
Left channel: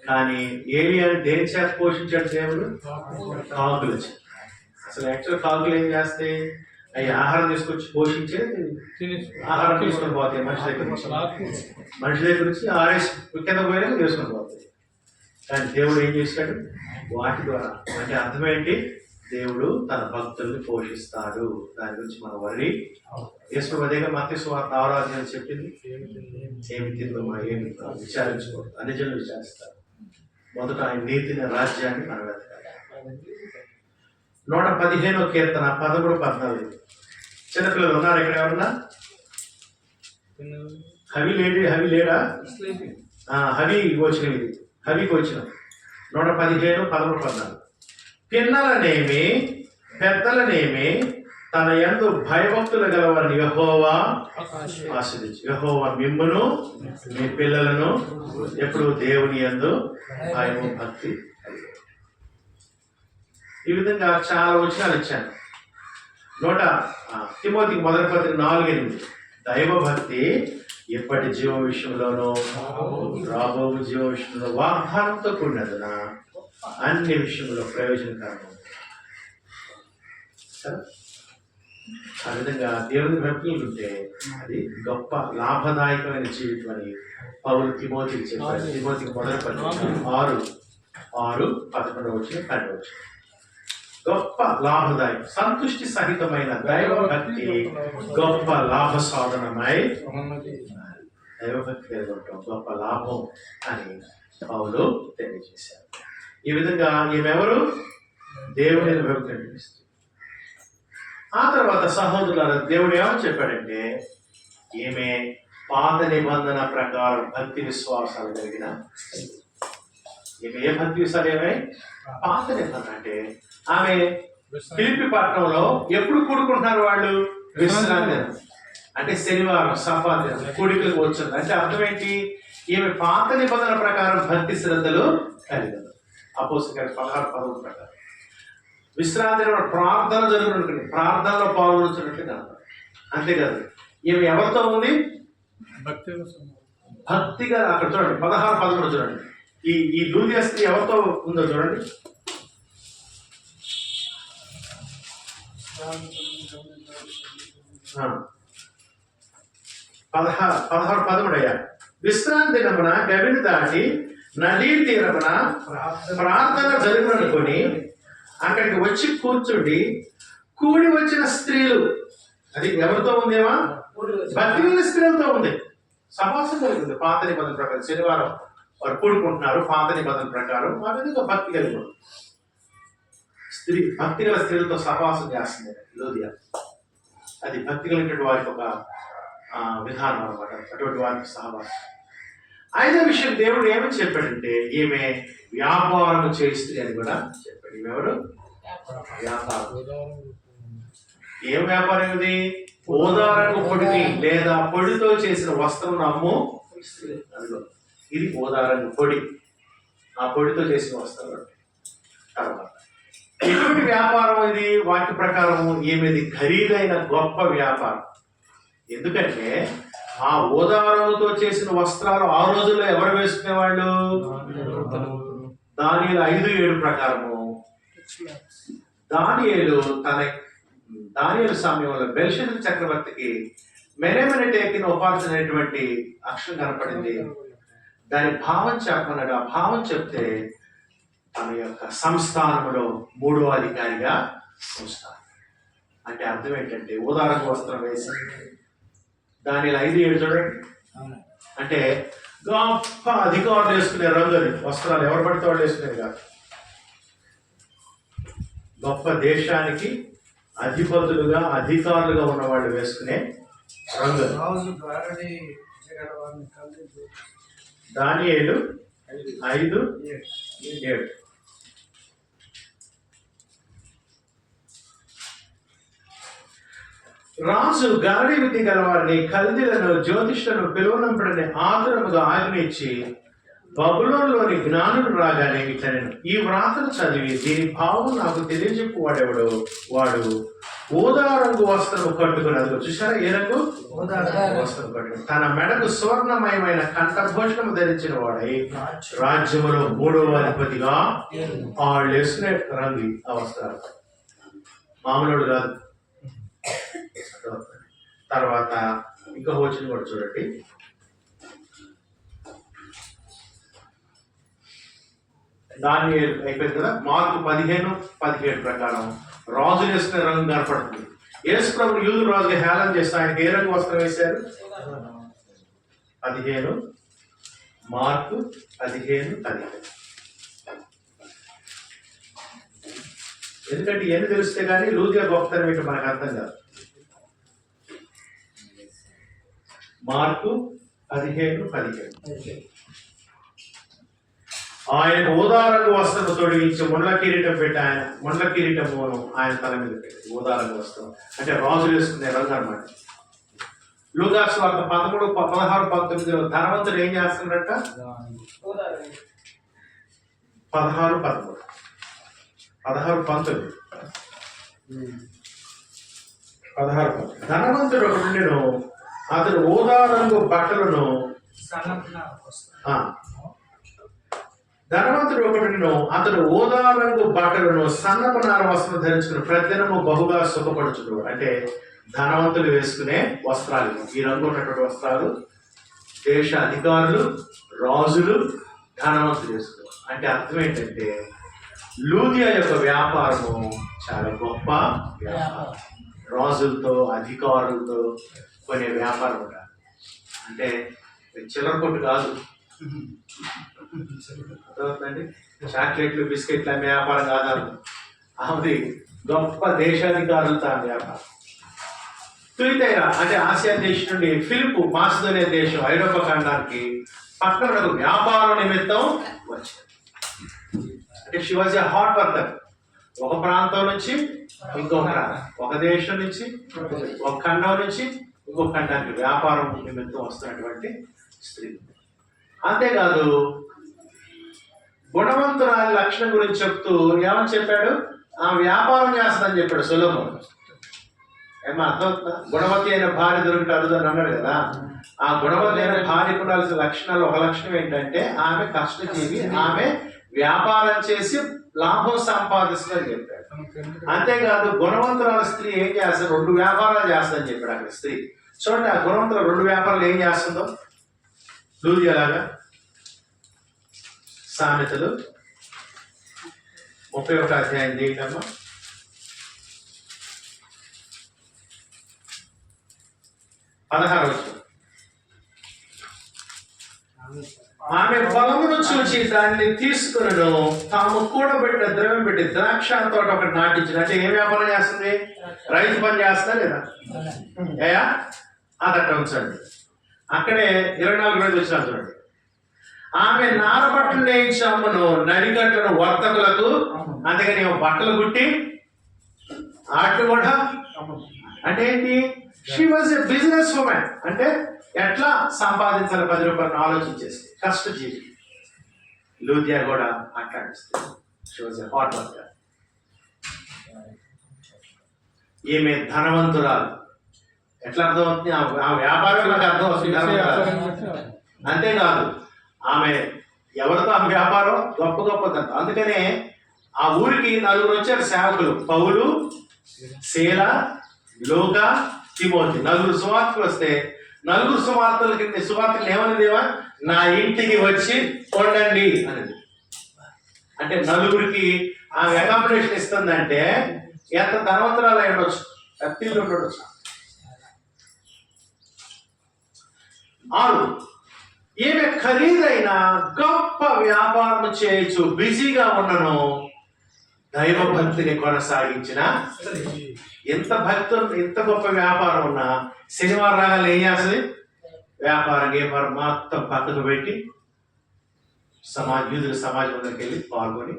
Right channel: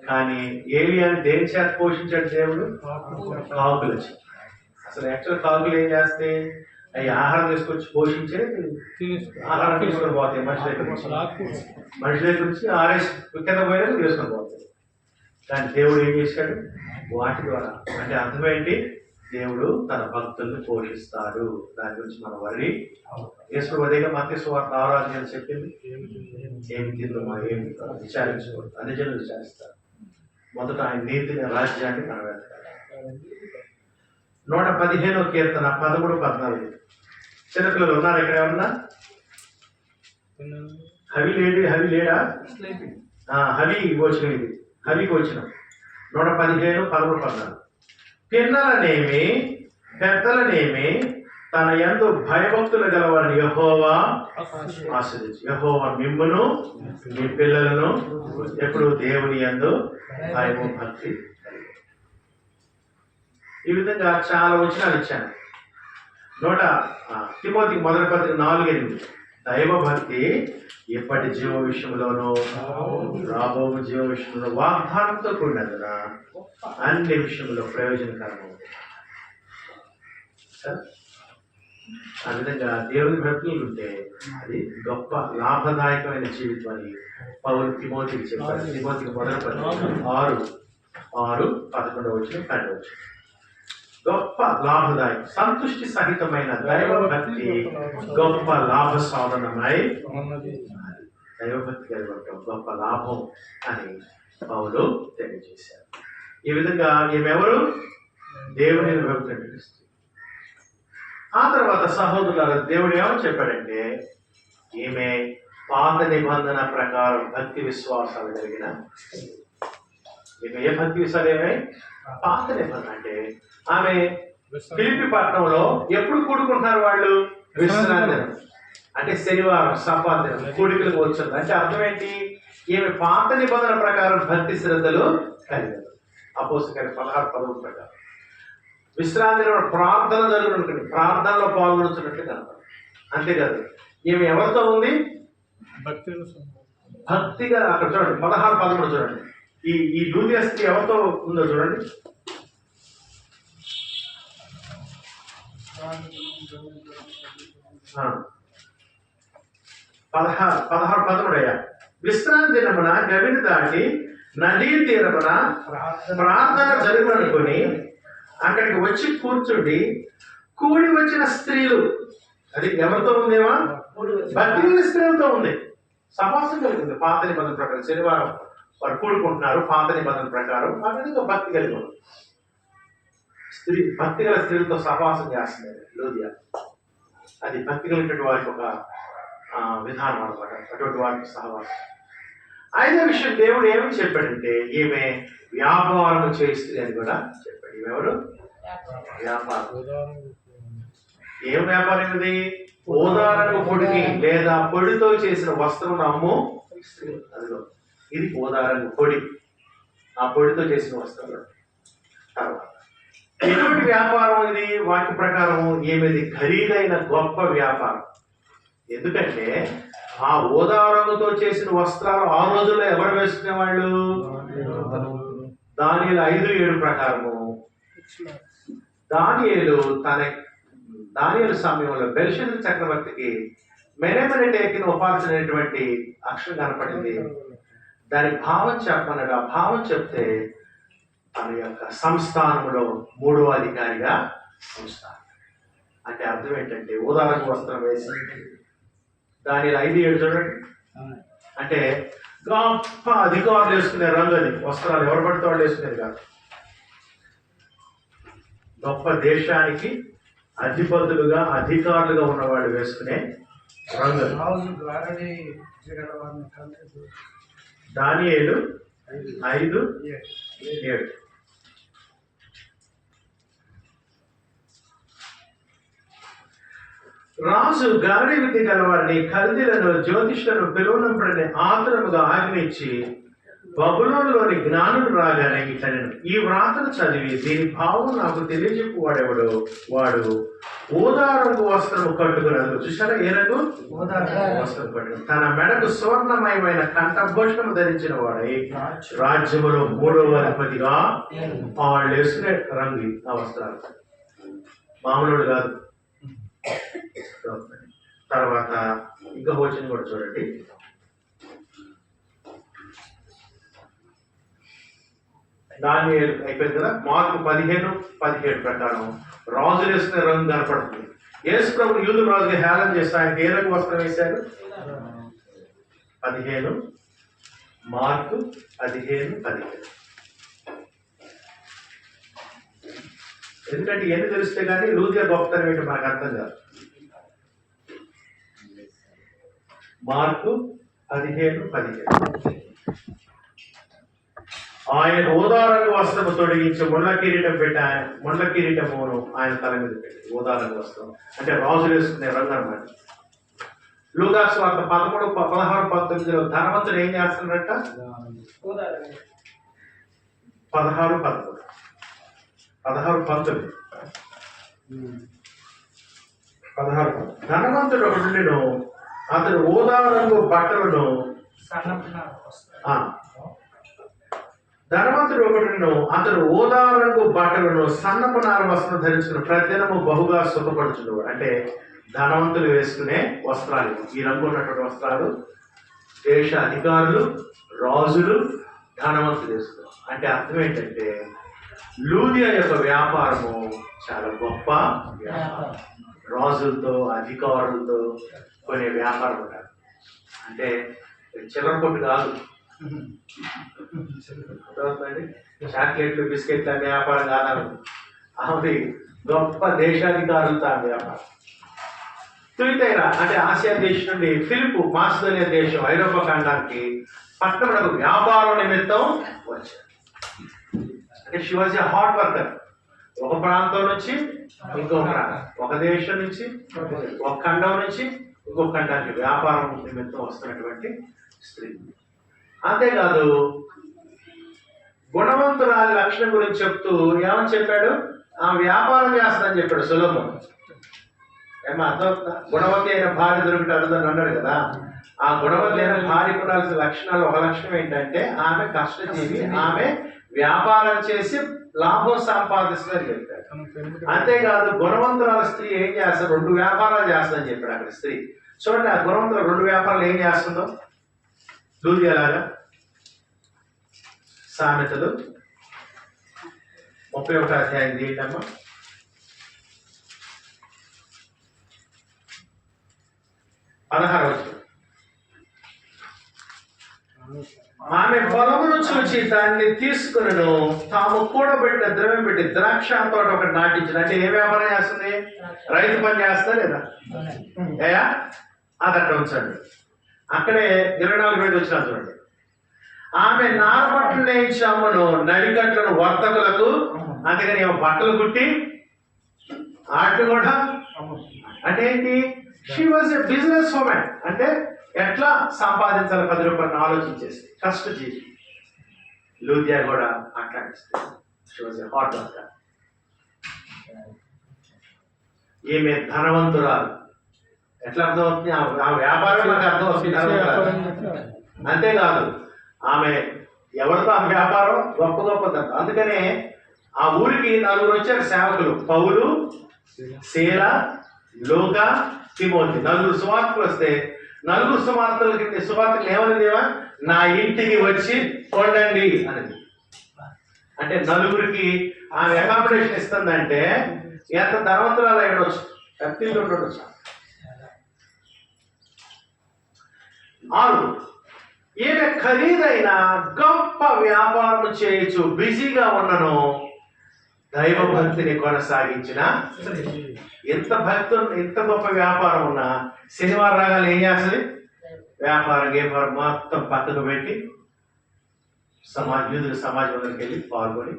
కానీ ఏలియాని దేని చేత పోషించాడు దేవుడు? కాకులు వచ్చి. అసలు యాక్చువల్ కాకులు ఏం చేస్తాయి? అవి ఆహారం తీసుకొచ్చి పోషించే ఆహారం తీసుకొని పోతాయి మనిషి దగ్గర నుంచి ఆరేసి కింద పోయినా తీసుకొని పోతాయి. కానీ దేవుడు ఏం చేశాడు? వాటి ద్వారా. అంటే అర్థమేంటి? దేవుడు తన భక్తుల్ని పోషిస్తాడు. దాని గురించి మనం వర్రి యేసు అదేగా మత్తయి సువార్త 6వ అధ్యాయం చెప్పింది. ఏమి తిందుమా ఏమి విచారించకూడదు, అన్ని జనులు విచారిస్తారు. మొదట ఆయన నీతిని, రాజ్యాన్ని మనం వెతకాలి. 115వ కీర్తన 13, 14. చిన్నపిల్లలు ఉన్నారు ఇక్కడ ఎవరన్నా? హవి లేడా? హవి వచ్చిన ఇది హవికి వచ్చిన 115, 13, 14. పిన్నలనేమి పెద్దలనేమి తన యందు భయభక్తులు గలవారిని యెహోవా ఆశీర్వదించు. యెహోవా మిమ్మును మీ పిల్లలను ఎప్పుడు దేవుని యందు భయము భక్తి. ఈ విధంగా చాలా వచనాలు ఇచ్చాను. తిమోతికి 1 పత్రిక 4:8. దైవ భక్తి ఎప్పటి జీవ విషయంలోనూ రాబో జీవ విషయంలో వాగ్దానంతో కూడినందున అన్ని విషయంలో ప్రయోజనకరము. ఆ విధంగా దేవుని భక్తులు ఉంటే అది గొప్ప లాభదాయకమైన జీవితం అని పౌలు తిమోతికి చెప్పారు. తిమోతికి 1 పత్రిక 6:11 గొప్ప లాభదాయకం, సంతుష్టి సహితమైన దైవ భక్తి గొప్ప లాభ సాధనమై దైవభక్తి కలిగి ఉండటం గొప్ప లాభం అని పౌలు తెలియజేశారు. ఈ విధంగా ఈమెవరు? దేవుని భక్తి అనిపిస్తుంది. ఆ తర్వాత సహోదరుల దేవుడు ఏమని చెప్పాడంటే, ఈమె పాత నిబంధన ప్రకారం భక్తి విశ్వాసాలు కలిగిన. ఈమె ఏ భక్తి విశ్వాసాలు? ఏమై పాత నిబంధన. అంటే ఆమె ఫిలిప్పి పట్టణంలో ఎప్పుడు కూడుకుంటున్నారు వాళ్ళు? విశ్రాంతి దినం, అంటే శనివారం, సబ్బాత్ దినం కూడికలకు వచ్చింది. అంటే అర్థం ఏంటి? ఈమె పాత నిబంధన ప్రకారం భక్తి శ్రద్ధలు కలిగదు. అపోస్తలుల 16:11 ప్రకారం విశ్రాంతి ప్రార్థన జరుగుతుంది, ప్రార్థనలో పాల్గొనుతున్నట్లు కనపడదు. అంతేకాదు ఈమె ఎవరితో ఉంది? భక్తిగా. అక్కడ చూడండి 16:13 చూడండి. ఈ లూదియా స్త్రీ ఎవరితో ఉందో చూడండి. 16:13 విశ్రాంతి దినమున గవిని దాటి నదీ తీరమున ప్రార్థన జరుగుననుకొని అక్కడికి వచ్చి కూర్చుండి కూడి వచ్చిన స్త్రీలు. అది ఎవరితో ఉందేమా? భక్తి కలిగిన స్త్రీలతో ఉంది. సమాసం కలిగింది. పాత నిబంధన ప్రకారం శనివారం వారు కూడుకుంటున్నారు పాత నిబంధన ప్రకారం. ఆ విధంగా భక్తి కలిగి ఉంది. భక్తి గల స్త్రీలతో సహవాసం చేస్తుంది లూదియా. అది భక్తి కలిగినటువంటి వారికి ఒక విధానం అనమాట, అటువంటి వారికి సహవాసం. 5వ విషయం దేవుడు ఏమని చెప్పాడంటే, ఈమె వ్యాపారం చేస్తుంది అని కూడా చెప్పాడు. ఈమెవరు? వ్యాపారం. ఏం వ్యాపారం ఇది? ఓదారపు పొడిని లేదా పొడితో చేసిన వస్త్రం అమ్ము. అదిగో ఇది ఓదారపు పొడి, ఆ పొడితో చేసిన వస్త్రం. తర్వాత ఎటువంటి వ్యాపారం ఇది? వాక్య ప్రకారం ఈమెది ఖరీదైన గొప్ప వ్యాపారం. ఎందుకంటే ఆ ఓదారంతో చేసిన వస్త్రాలు ఆ రోజుల్లో ఎవరు వేసుకునేవాళ్ళు? దానియేలు 5:7 ప్రకారము దానియేలు సమయంలో బెల్షస్సరు చక్రవర్తికి మెనెమెనెటెకిన ఉపార్జనటువంటి అక్షరం కనపడింది. దాని భావం చెప్పమన్నాడు. ఆ భావం చెప్తే తన యొక్క సంస్థానంలో 3వ అధికారిగా సంస్థానం. అంటే అర్థం ఏంటంటే ఉదాహరణ వస్త్రం వేసి దానిలో 5:7 చూడండి. అంటే గొప్ప అధికారులు వేసుకునే రంగు అది. వస్త్రాలు ఎవరు పడితే వాళ్ళు వేసుకునేది కాదు. గొప్ప దేశానికి అధిపతులుగా అధికారులుగా ఉన్నవాళ్ళు వేసుకునే రంగు. దానియేలు 5:7. రాజు గాడి విద్య గలవారిని కల్దీలను జ్యోతిష్లను పిలువనంపడని ఆతురముగా ఆజ్ఞయించి బబులోనులోని జ్ఞానులు రాగానే ఇట్లనెను, ఈ వ్రాతను చదివి దీని భావం నాకు తెలియజెప్పు వాడెవడో వాడు ఊదా రంగు వస్త్రము కట్టుకున్నది. చూసారా, ఏ రంగు? వస్త్రం కట్టుకుని తన మెడకు సువర్ణమయమైన కంఠభూషణము ధరించిన వాడై రాజ్యములో 3వ అధిపతిగా వాళ్ళు వేసుకునే రంగు ఆ వస్త్రాలు మామూలుడు కాదు. తర్వాత ఇంకా వచ్చిన కూడా చూడండి, దాన్ని అయిపోయింది కదా. మార్కు 15:17 ప్రకారం రాజులు వేసుకునే రంగు కనపడుతుంది. యేసు ప్రభు యూదు రాజుగా హేళన చేస్తే ఆయనకి ఏ రంగు వస్త్రం వేశారు? 15 మార్కు 15:17. ఎందుకంటే ఇవన్నీ తెలిస్తే కానీ లూదియా గొప్పతనం ఏంటో మనకు అర్థం కాదు. మార్కు 15:17. ఆయన ఊదారంగు వస్త్రము తొడిగించి ముండ్ల కిరీటం పెట్టి ముండ్ల కిరీటమును ఆయన తల మీద పెట్టి ఊదారంగు వస్త్రం అంటే రాజులు వేసుకునే రంగు అన్నమాట. లూకా సువార్త 13:16-19 ధనవంతుడు ఏం చేస్తున్నారట? 16-19 ధనవంతుడు ఒకడుండెను, అతడు ఊదారంగు బట్టలను ధనవంతుడు ఒకడును అతడు ఊదా రంగు బట్టలను సన్నపు నార వస్త్రం ధరించుకుని ప్రతిదినము బహుగా సుఖపడుచుడు. అంటే ధనవంతులు వేసుకునే వస్త్రాలు ఈ రంగు ఉన్నటువంటి వస్త్రాలు దేశ అధికారులు, రాజులు, ధనవంతులు వేసుకున్నారు. అంటే అర్థం ఏంటంటే లూదియా యొక్క వ్యాపారము చాలా గొప్ప వ్యాపారం. రాజులతో అధికారులతో కొనే వ్యాపారం కాదు, అంటే చిల్లర కొట్టు కాదు. అర్థమవుతుందండి? చాక్లెట్లు బిస్కెట్లు అనే వ్యాపారం కాదు, అది గొప్ప దేశాధికారులతో ఆ వ్యాపారం. తుయితైరా అంటే ఆసియా దేశం నుండి ఫిలిప్ మాసిదోనియా దేశం ఐరోపా ఖండానికి పట్టణంలో వ్యాపారం నిమిత్తం వచ్చారు. అంటే she was a hard worker. ఒక ప్రాంతం నుంచి ఇంకో ప్రాంతం, ఒక దేశం నుంచి ఒక ఖండం నుంచి ఇంకొక ఖండానికి వ్యాపారం నిమిత్తం వస్తున్నటువంటి స్త్రీ. అంతేకాదు గుణవంతురాలి లక్షణం గురించి చెప్తూ ఏమని చెప్పాడు? ఆ వ్యాపారం చేస్తుందని చెప్పాడు సొలొమోను. ఏమో అర్థమవుతుందా? గుణవతి అయిన భార్య దొరికితే అడుగుదని అన్నాడు కదా. ఆ గుణవతి అయిన భార్యకు ఉండాల్సిన లక్షణాలు ఒక లక్షణం ఏంటంటే ఆమె కష్టజీవి, ఆమె వ్యాపారం చేసి లాభం సంపాదిస్తుందని చెప్పాడు. అంతేకాదు గుణవంతురాల స్త్రీ ఏం చేస్తారు? 2 వ్యాపారాలు చేస్తుందని చెప్పాడు అక్కడ స్త్రీ. చూడండి, ఆ గుణవంతుల 2 వ్యాపారాలు ఏం చేస్తుందో లూదియాలాగా. సామెతలు 31వ అధ్యాయం తీయటమ్మా. 16వ వచనం. ఆమె పొలమును చూచి దాన్ని తీసుకుని తాము కూడబెట్టిన ద్రవ్యం పెట్టి ద్రాక్ష తోట ఒకటి నాటించిన. అంటే ఏ వ్యాపారం చేస్తుంది? రైతు పని చేస్తా లేదా? ఏయా అదట్ట ఉంచండి. అక్కడే 24 వచ్చిన చూడండి. ఆమె నారబట్టలు నేయించి అమ్మను నడిగట్లను వర్తకులకు, అందుకని బట్టలు కుట్టి ఆటలు కూడా. అంటే ఏంటి? She was a business woman. అంటే ఎట్లా సంపాదించాలి 10 రూపాయలను ఆలోచించేసి కష్టజీవి. లూదియా కూడా అట్లాడిస్తుంది. She was a hard worker. ఈమె ధనవంతురాలు. ఎట్లా అర్థమవుతుంది? ఆ వ్యాపారం అర్థమవుతుంది. అంతేకాదు ఆమె ఎవరితో ఆమె వ్యాపారం గొప్ప గొప్పదంత. అందుకనే ఆ ఊరికి 4 వచ్చారు సేవకులు, పౌలు, శీల, లూకా, తిమోతి. 4 సువార్తలు వస్తే 4 సువార్తలకి సువార్తలు ఏమనిదేవా? నా ఇంటికి వచ్చి చూడండి అనేది. అంటే 4కి ఆమె అకామిడేషన్ ఇస్తుందంటే ఎంత ధనవంతురాలు అయి ఉండొచ్చు, కత్తిలు ఉండొచ్చు. 6 ఈమె ఖరీదైన గొప్ప వ్యాపారం చేయొచ్చు, బిజీగా ఉన్నను దైవభక్తిని కొనసాగించిన. ఎంత భక్తు, ఎంత గొప్ప వ్యాపారం ఉన్నా శనివారం రాగానే ఏం చేస్తుంది? వ్యాపారం మొత్తం పక్కకు పెట్టి యూదుల సమాజం దగ్గరికి వెళ్ళి పాల్గొని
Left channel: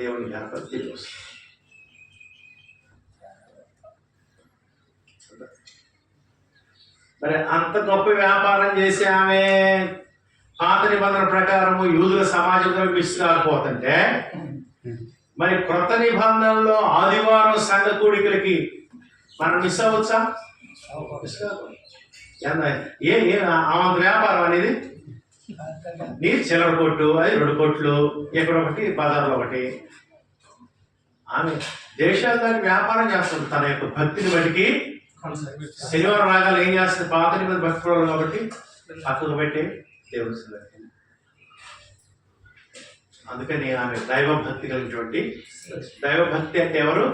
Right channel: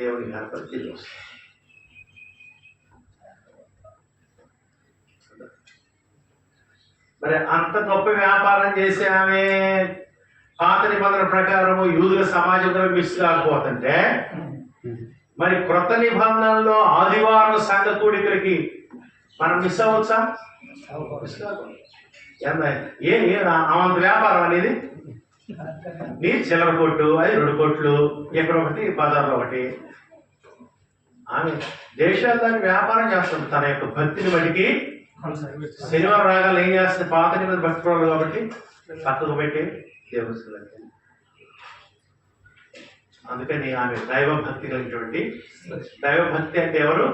దేవుని కనపడి తిరిగి వస్తుంది. మరి అంత గొప్ప వ్యాపారం చేసి ఆమె పాత నిబంధన ప్రకారము యూదుల సమాజంలో మిస్ కాకపోతుంటే మరి క్రొత్త నిబంధనలో ఆదివారం సంఘ కూడికలకి మనం మిస్ అవ్వచ్చా? మిస్ కాకూడదు. ఆమె వ్యాపారం అనేది నీ చిల్లర కొట్టు, అది 2 కొట్లు, ఎక్కడ ఒకటి బజార్లో ఒకటి. ఆమె దేశాలు దాన్ని వ్యాపారం చేస్తుంది తన యొక్క భక్తిని బట్టికి. శనివారం రాగాలు ఏం చేస్తుంది? పాత నిబంధన భక్తి పరులు కాబట్టి పక్కకు పెట్టి దేవుడు. అందుకని ఆమె దైవభక్తి కలిగినటువంటి, దైవభక్తి అంటే ఎవరు?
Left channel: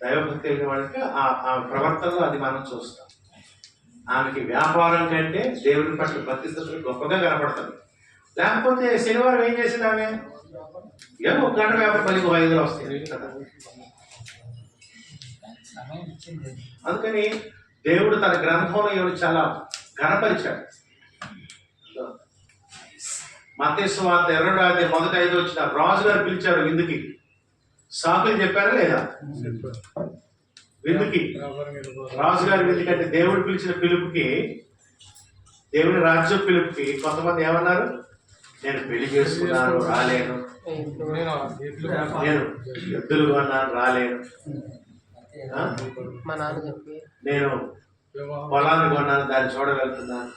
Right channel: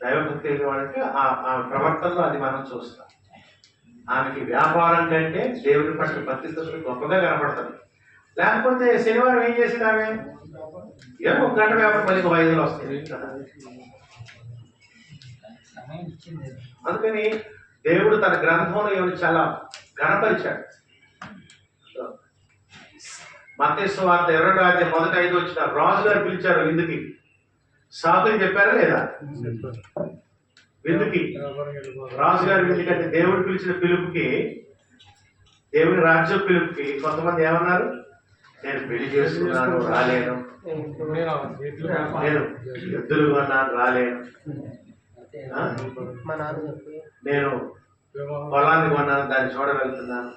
దైవభక్తి కలిగిన వాళ్ళకి ఆ ప్రవర్తనలో అది మనం చూస్తాం. ఆమెకి వ్యాపారం కంటే దేవుడి పట్ల భక్తి స్థితులు గొప్పగా కనపడుతుంది. లేకపోతే శనివారం ఏం చేసింది ఆమె? ఏమో 1 గంట వ్యాపారం 10 వస్తుంది కదా. అందుకని దేవుడు తన గ్రంథంలో ఎవరు చాలా ఘనపరిచాడు. మత్తయి సువార్త 2:1-5 వచ్చిన రాజుగారు పిలిచారు విందుకి. సాకులు చెప్పారా లేదా? విందుకి, రాజుగారి విందుకి అంటే దేవుడు పిలిచిన పిలుపుకి, దేవుడి రాజ్యం పిలుపుకి కొంతమంది ఏమన్నారు? నేను పెళ్లి చేసుకున్నాను రాలేను, నేను ఎద్దులు కొన్నాను రాలేను, నేను పొలాన్ని కొన్నాను దాన్ని చూడగలుగుతున్నాను.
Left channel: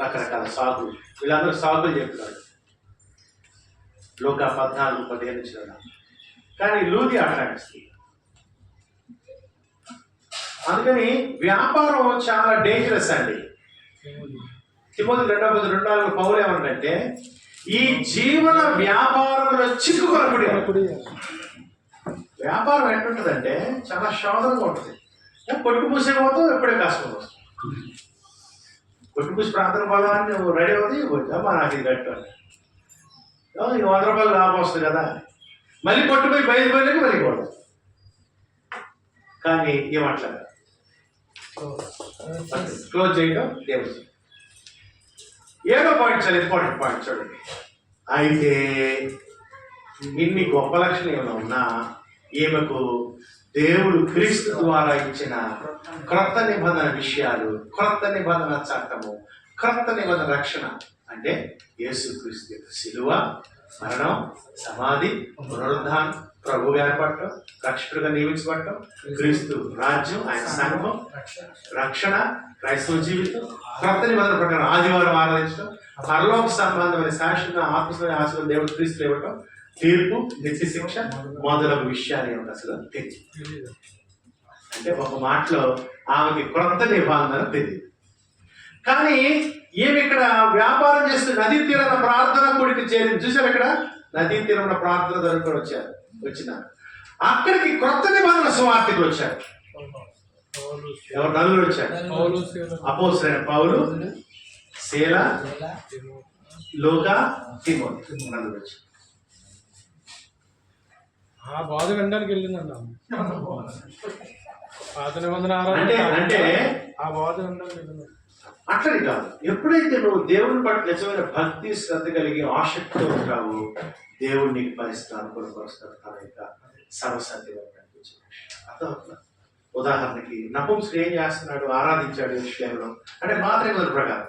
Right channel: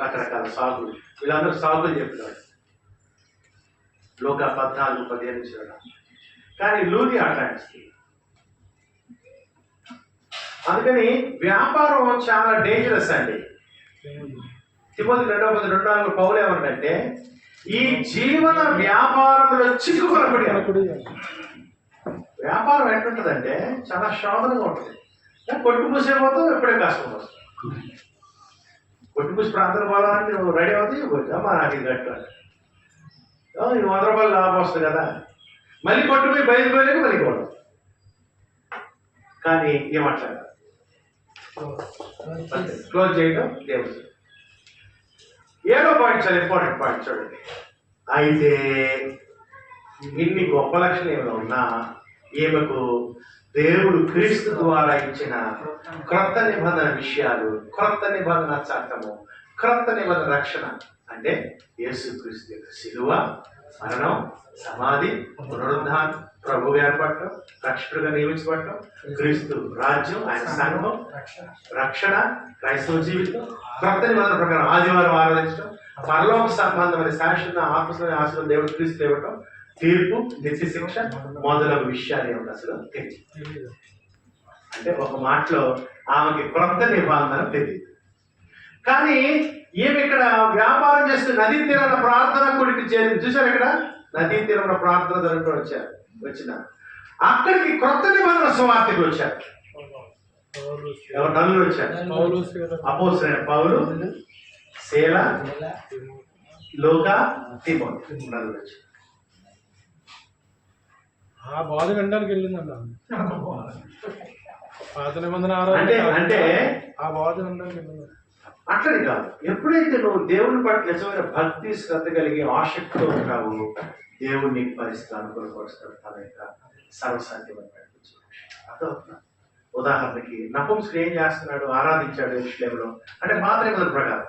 రకరకాల సాకులు, వీళ్ళందరూ సాకులు చెప్తున్నారు. లూకా 14:15. కానీ లూది అట్లాంటి. అందుకని వ్యాపారం చాలా డేంజరస్ అండి. తిమోతి 2:2 పౌలు ఏమంటే ఈ జీవన వ్యాపారంలో చిక్కుకొనబడి. వ్యాపారం ఎట్లుంటుందంటే చాలా శోధనగా ఉంటుంది. కొట్టు పూసే పోతావు, ఎప్పుడే కష్టం వస్తుంది. కొట్టు పూసి ప్రాంతం పోదాన్ని నువ్వు రెడీ అవుతాయి, కొట్టామా నాకు ఇది కట్టాలి, ఇది 100 రూపాయలు లాభం వస్తుంది కదా, మళ్ళీ కొట్టుపోయి బయలుపోయి మళ్ళీ కొడదు. కానీ ఏమట్లేదు, క్లోజ్ చేయడం దేవుడు. 7వ పాయింట్ చాలా ఇంపార్టెంట్ పాయింట్ చూడండి. అయితే ఇన్ని గొప్ప లక్షణాలు ఏమైనా ఉన్నా ఈమెకు దేవుడు క్రీస్తు ద్వారా ఇచ్చిన క్రొత్త నిబంధన విషయాలు, క్రొత్త నిబంధన చట్టము, క్రొత్త నిబంధన రక్షణ అంటే యేసుక్రీస్తు యొక్క శిలువ, మరణం, సమాధి, పునరుద్ధానం, ప్రభు ఏర్పడటం, రక్షకుడిగా నియమించబడటం, క్రీస్తు రాజ్యం, ఆయన సంఘం, రక్షణ, క్రైస్తవ జీవితం, క్రొత్త నిబంధన ప్రకారం ఆదివారం ఆరాధించడం, పరలోక సంబంధమైన శాశ్వత ఆత్మీయ ఆశలు దేవుడు క్రీస్తు ఇవ్వటం, తీర్పు, నిత్య శిక్ష మొదలగు విషయాలు ఏమిటి అసలు తెలియదు. అంటే ఒక మాటలో ఆమెకి క్రొత్త నిబంధన తెలియదు. కానీ ఏమి ఇక్కడ వ్యాపారం చేస్తూ నదీ తీరాన ప్రార్థన కూడికి చేరింది. చూసారు, ఇక్కడ నదీ తీరంలో ప్రార్థన జరుపుకొని వచ్చిన అక్కడికి క్రొత్త నిబంధన సువార్తకి వచ్చారు. ఎవరు? 4 వచ్చారు. అపోస్తలులైన పౌలు, శీల, లూకా, తిమోతి 4 వచ్చారు. ఆ బాధ వినడానికి వెళ్ళిందండి పాత నిబంధన అంటే ఆ బాధ వినడానికి వెళ్ళింది. అట్లని కాదు, ఎప్పుడైతే నువ్వు దేవుని పట్ల నిజమైన భక్తి శ్రద్ధ కలిగి ఆసక్తితో ఉంటావు, దేవుడు నీకు పరిస్థితులు అనుకూలపరుస్తాడు. తన యొక్క సర్వసాధ్యమైన అర్థమవుతున్నా. ఉదాహరణకి నపుంసకుడు ఏం చేస్తున్నాడు? ఆరాధించాడు విషయంలో, అంటే పాత నిబంధన ప్రకారం.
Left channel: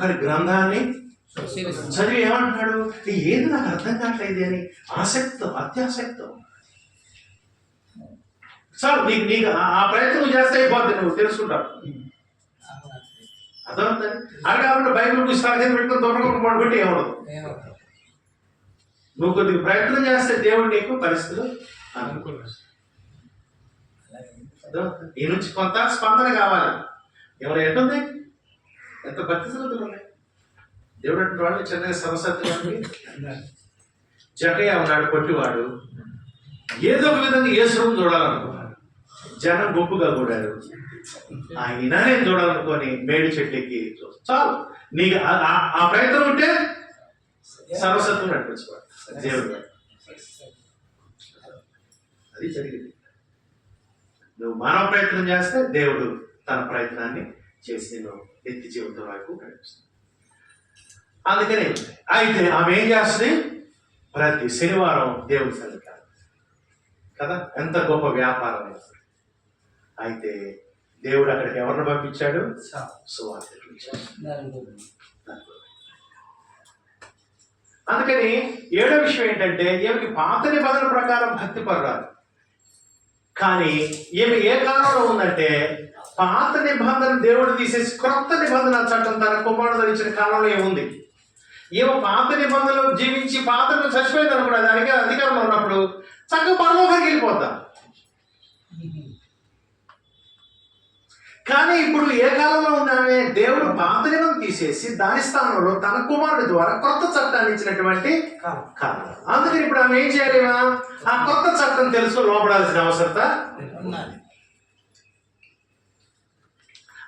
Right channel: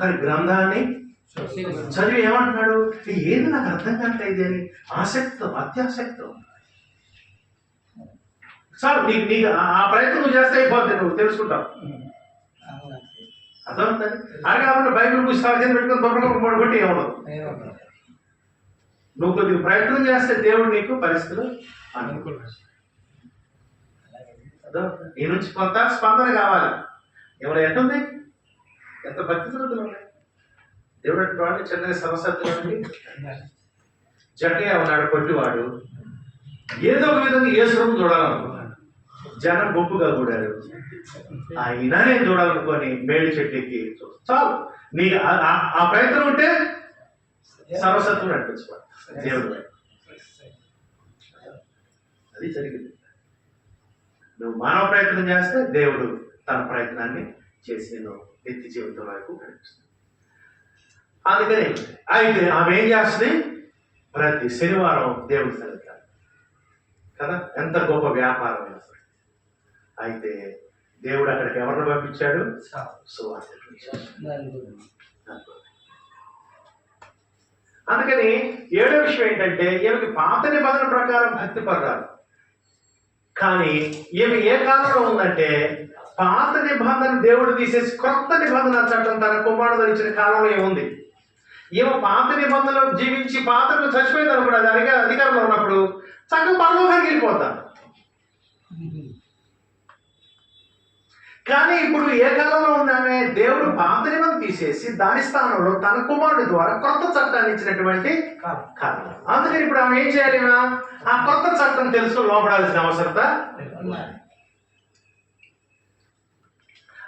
కానీ గ్రంథాన్ని చదివి ఏమంటున్నాడు? ఏది నాకు అర్థం కావట్లేదు అని ఆసక్తితో, అత్యాసక్తితో. సార్ నీకు ఆ ప్రయత్నం చేస్తే అయిపోద్ది, నువ్వు తెలుసుకుంటావు. అర్థమవుతుంది. అది కాకుండా బైబిల్ పుస్తకాలు కింద పెట్టుకుని దొరకకుండా కొట్టి ఎవడదు. నువ్వు కొద్దిగా ప్రయత్నం చేస్తే దేవుడు నీకు పరిస్థితులు అనుకూలం. నీ నుంచి కొంత స్పందన కావాలి. ఎవరు ఎట్టుంది, ఎంత భక్తి శ్రద్ధలు ఉన్నాయి. దేవుడు అంటే వాళ్ళు చిన్నగా సమస్యలు. జకయ్య ఉన్నాడు, కొట్టివాడు. ఏదో ఒక విధంగా యేసును చూడాలనుకున్నాడు. జనం గొప్పగా కూడారు. ఆయన నేను చూడాలనుకొని మేడి చెట్టుకి చాలు. నీకు ఆ ప్రయత్నం ఉంటే సర్వసత్వం నడిపించుకోవాలి దేవుడు. అది జరిగింది. నువ్వు మానవ ప్రయత్నం చేస్తే దేవుడు తన ప్రయత్నాన్ని చేసి నువ్వు నిత్య జీవితం వరకు కనిపిస్తుంది. అందుకని అయితే ఆమె ఏం చేస్తుంది? ప్రతి శనివారం దేవుడి సన్నిధికి కదా. ఎంత గొప్ప వ్యాపారం. అయితే దేవుడు అక్కడికి ఎవరిని పంపించాడు? సువార్తికులు. అందుకని 7వ విషయం ఏంటంటే ఈమెకి పాత నిబంధన ప్రకారం భక్తి పర్రాదు. కానీ ఈమె ఏ కాలంలో ఉందంటే పాత నిబంధన దేవుడు తీసేసి కొత్త నిబంధన చట్టం తన కుమారుడు ధరించిన కాలంలో ఏముంది. ఈమె పాత నిబంధనలో జీవించి పాతలో చచ్చిపోయింది అనుకున్నది అధికారంలో ఉన్నప్పుడు చక్కగా పరలోకానికి వెళ్ళిపోతారు. కానీ ఇప్పుడు ఏ కాలంలో ఉందామే? దేవుడు పాత నిబంధన తీసేసి దాని స్థానంలో తన కుమారుడి ద్వారా కొత్త చట్టాన్ని ఇచ్చినటువంటి కాలం. అందుకని ఇప్పుడు ఆమె ఏం చేయలేమా? ఆ కొత్త చట్టం తెలుసు లోపడాల్సిన అవసరత.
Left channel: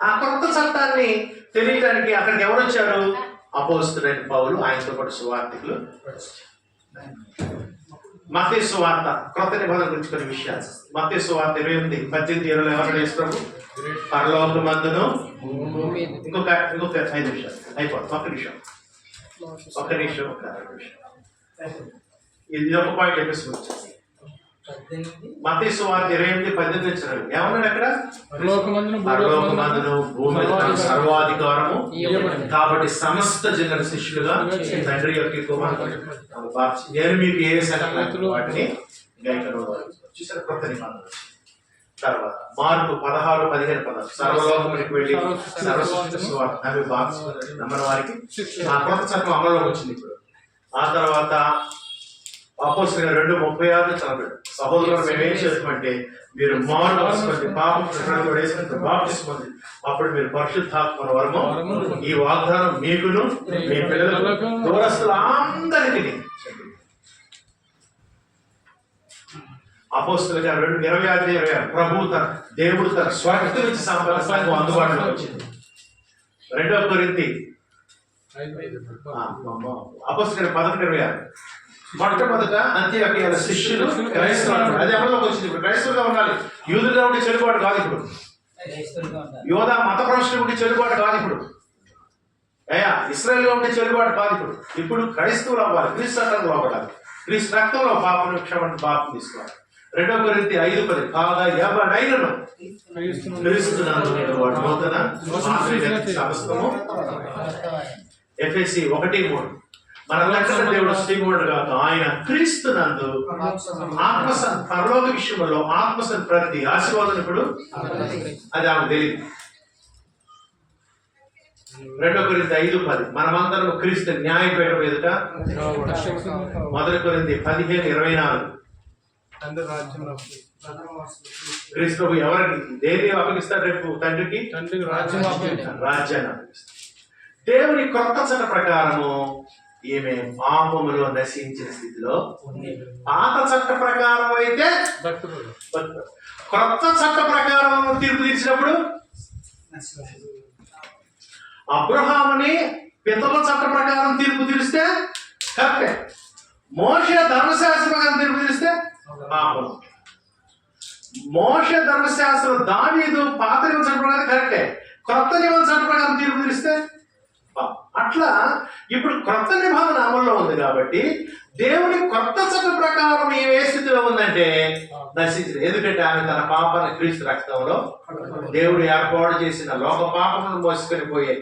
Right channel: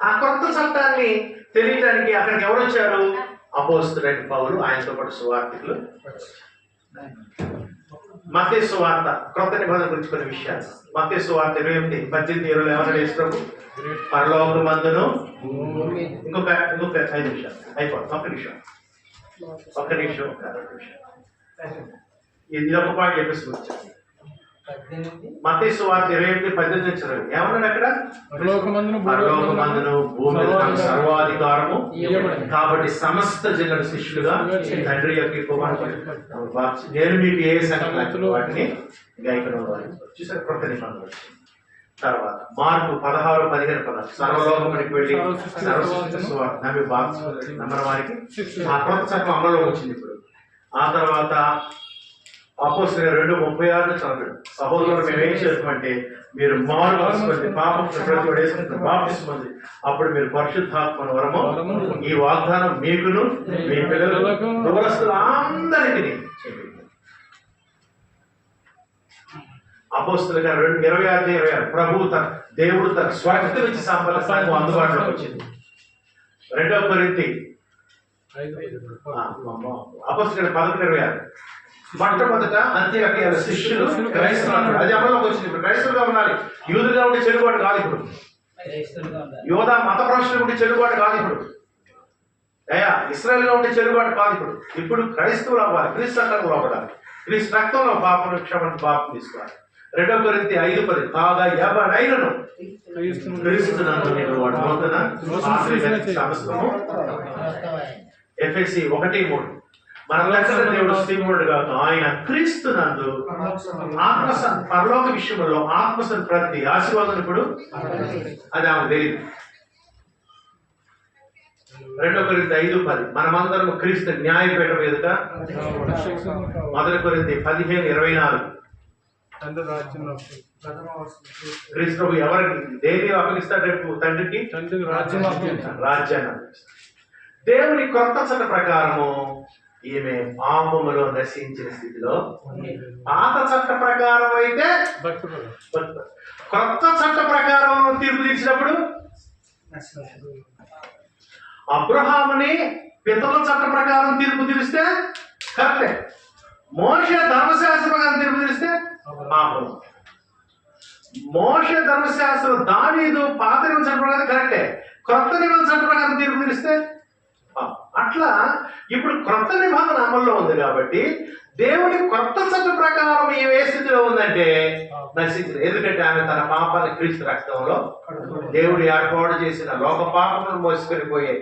ఆ కొత్త చట్టాన్ని తెలియడానికి అక్కడికి ఎవరు వచ్చారు? అపోస్తలుడైన పౌలు, ఆయనతో పాటు సువార్తికులు. మత్తయి సువార్త కొత్త నిబంధన గురించి కొన్ని విషయాలు. మత్తయి సువార్త 28:18 ఎవరైనా ఇస్తారు? పరలోకమందును ఇంకొక 5 నిమిషాలు అయిపోతుంది. ఒక్క నిమిషం ఇది ఒక పాయింట్ చెప్పేసి వచ్చేసి మత్తయి సువార్త 28:18 ఏమన్నాడు అక్కడ? పరలోకమందును భూమి మీద సర్వాధికారము కాబట్టి సమస్త జనుల శిష్యులుగా తండ్రి యొక్క కుమారుడు నేను మీకు ఏ సంగతులు వాటిని చూసారు. కొత్త నిబంధన తర్వాత మార్పు 16:15 సర్వలోకానికి వెళ్ళి సర్వసృష్టి సువార్త నమ్మిన వారికి ఆ కొత్త చట్టం అమల్లోకి వచ్చింది ఇప్పుడు. ఆ తర్వాత అపోస్తలుల 2:36 చదవండి. సహోదరులు మేము ఏం చేస్తామంటే మీరు మారు మనసుకొని పాపం బాప్తిస్మం అప్పుడు మీరు పరిశుద్ధాత్మ వరము ఈ వాగ్దానం మీకును మీ పిల్లలకు దూరస్తులందరికీ అపోస్తలుల 2:26 ప్రభు దేవుడు తన స్వార్థ నుంచి సంపద అందుబాటులోకి వచ్చింది. 2 కొరింథీ అపోస్తలుల 11:26 మొట్టమొదట అంత్యోక్య శిష్యులు క్రైస్తవులు అది అమల్లోకి వచ్చింది. ఇప్పుడు క్రైస్తవులుగా ఉండాలి. యూదులుగా ఉంటే చెడుబాటు కాదు. ఇప్పుడు యోధా మత ప్రశ్నలు ఉంటే చెడుబాటు కాదు. ఇప్పుడు ఇశ్రాయేలుగా ఉంటే చెడుబాటు కాదు. ఇప్పుడు క్రైస్తవులు అవ్వాలి. క్రీస్తు రక్తంలో అవ్వాలి. క్రీస్తు రక్తంలో పాపను క్షమను పాపం తీసుకోవాలి. 2 కొరింథీ 5:10 కాగా ఎవడైనను క్రీస్తునందు వాడు నూతన సమస్తము. ఎఫెసీ 1:3 మన రక్షణ దేవుడు శ్రీకుమారుడు కాక ఆయన క్రీస్తునందు ఆత్మ పరలోక విషయంలో ఆత్మ ప్రతి ఆశీర్వాదం ఇప్పుడు అది ఆమెకు తెలియదు. 2 కొరింథీ 5:10 మనమందరం క్రీస్తు న్యాయపీఠం ఎదుట. 1 కొరింథీ 15:24 క్రీస్తు ఎవరికి దేని అప్పగిస్తాడు? రేపు తండ్రికి రాజ్యాన్ని అప్పగిస్తాడు. దేవుని కొత్త చట్ట ప్రకారము ఈమె పాపములో నశించిన స్థితిలో. పాత చట్ట ప్రకారం అయితే కొత్త చట్ట ప్రకారం తీర్పు తీర్చినప్పుడు అబ్రహాముని పితరుల చట్ట ప్రకారం తీర్పు తీరిస్తే కరెక్టే. మోషే ధర్మశాస్త్ర ప్రకారం తీర్పు తీరిస్తే పాపం. మోషే ధర్మశాస్త్రం దావీదు పాత నిబంధన చట్ట ప్రకారం కరెక్టే. కొత్త నిబంధన చట్ట ప్రకారం తీర్పు తీరిస్తే అట్లా ఇప్పుడు కొత్త నిబంధన అమల్లో ఉంది కాబట్టి దేవుని కొత్త చట్ట ప్రకారం ఏ స్థితిలో ఉందంటే నశించింది. ఎందుకంటే ఆమె తన పాపాన్ని క్రీస్తు రక్తంలో దేవుడు ఏర్పాటు చేసిన లోక పాపములను మోసుకొని పోయే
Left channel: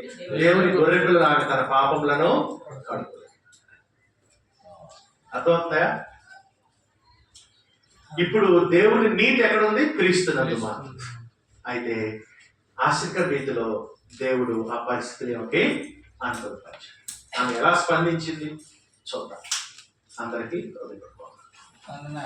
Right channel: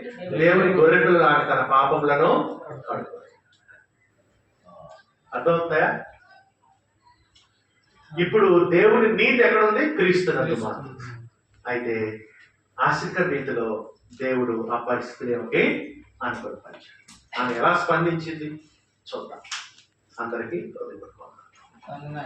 దేవుని గొర్రెపిల్లను ఆమె తన పాపములను కడుతుంది. అర్థమవుతాయా? ఇప్పుడు దేవుని నీతి ఎక్కడుంది? క్రీస్తునందు మాత్రం. అయితే ఆశ్రిత రీతిలో దేవుడు ఆ పరిస్థితిని అనుభవించాడు. ఆమె ఎలా స్పందించింది చూద్దాం. అందరికీ హృదయపూర్వకంగా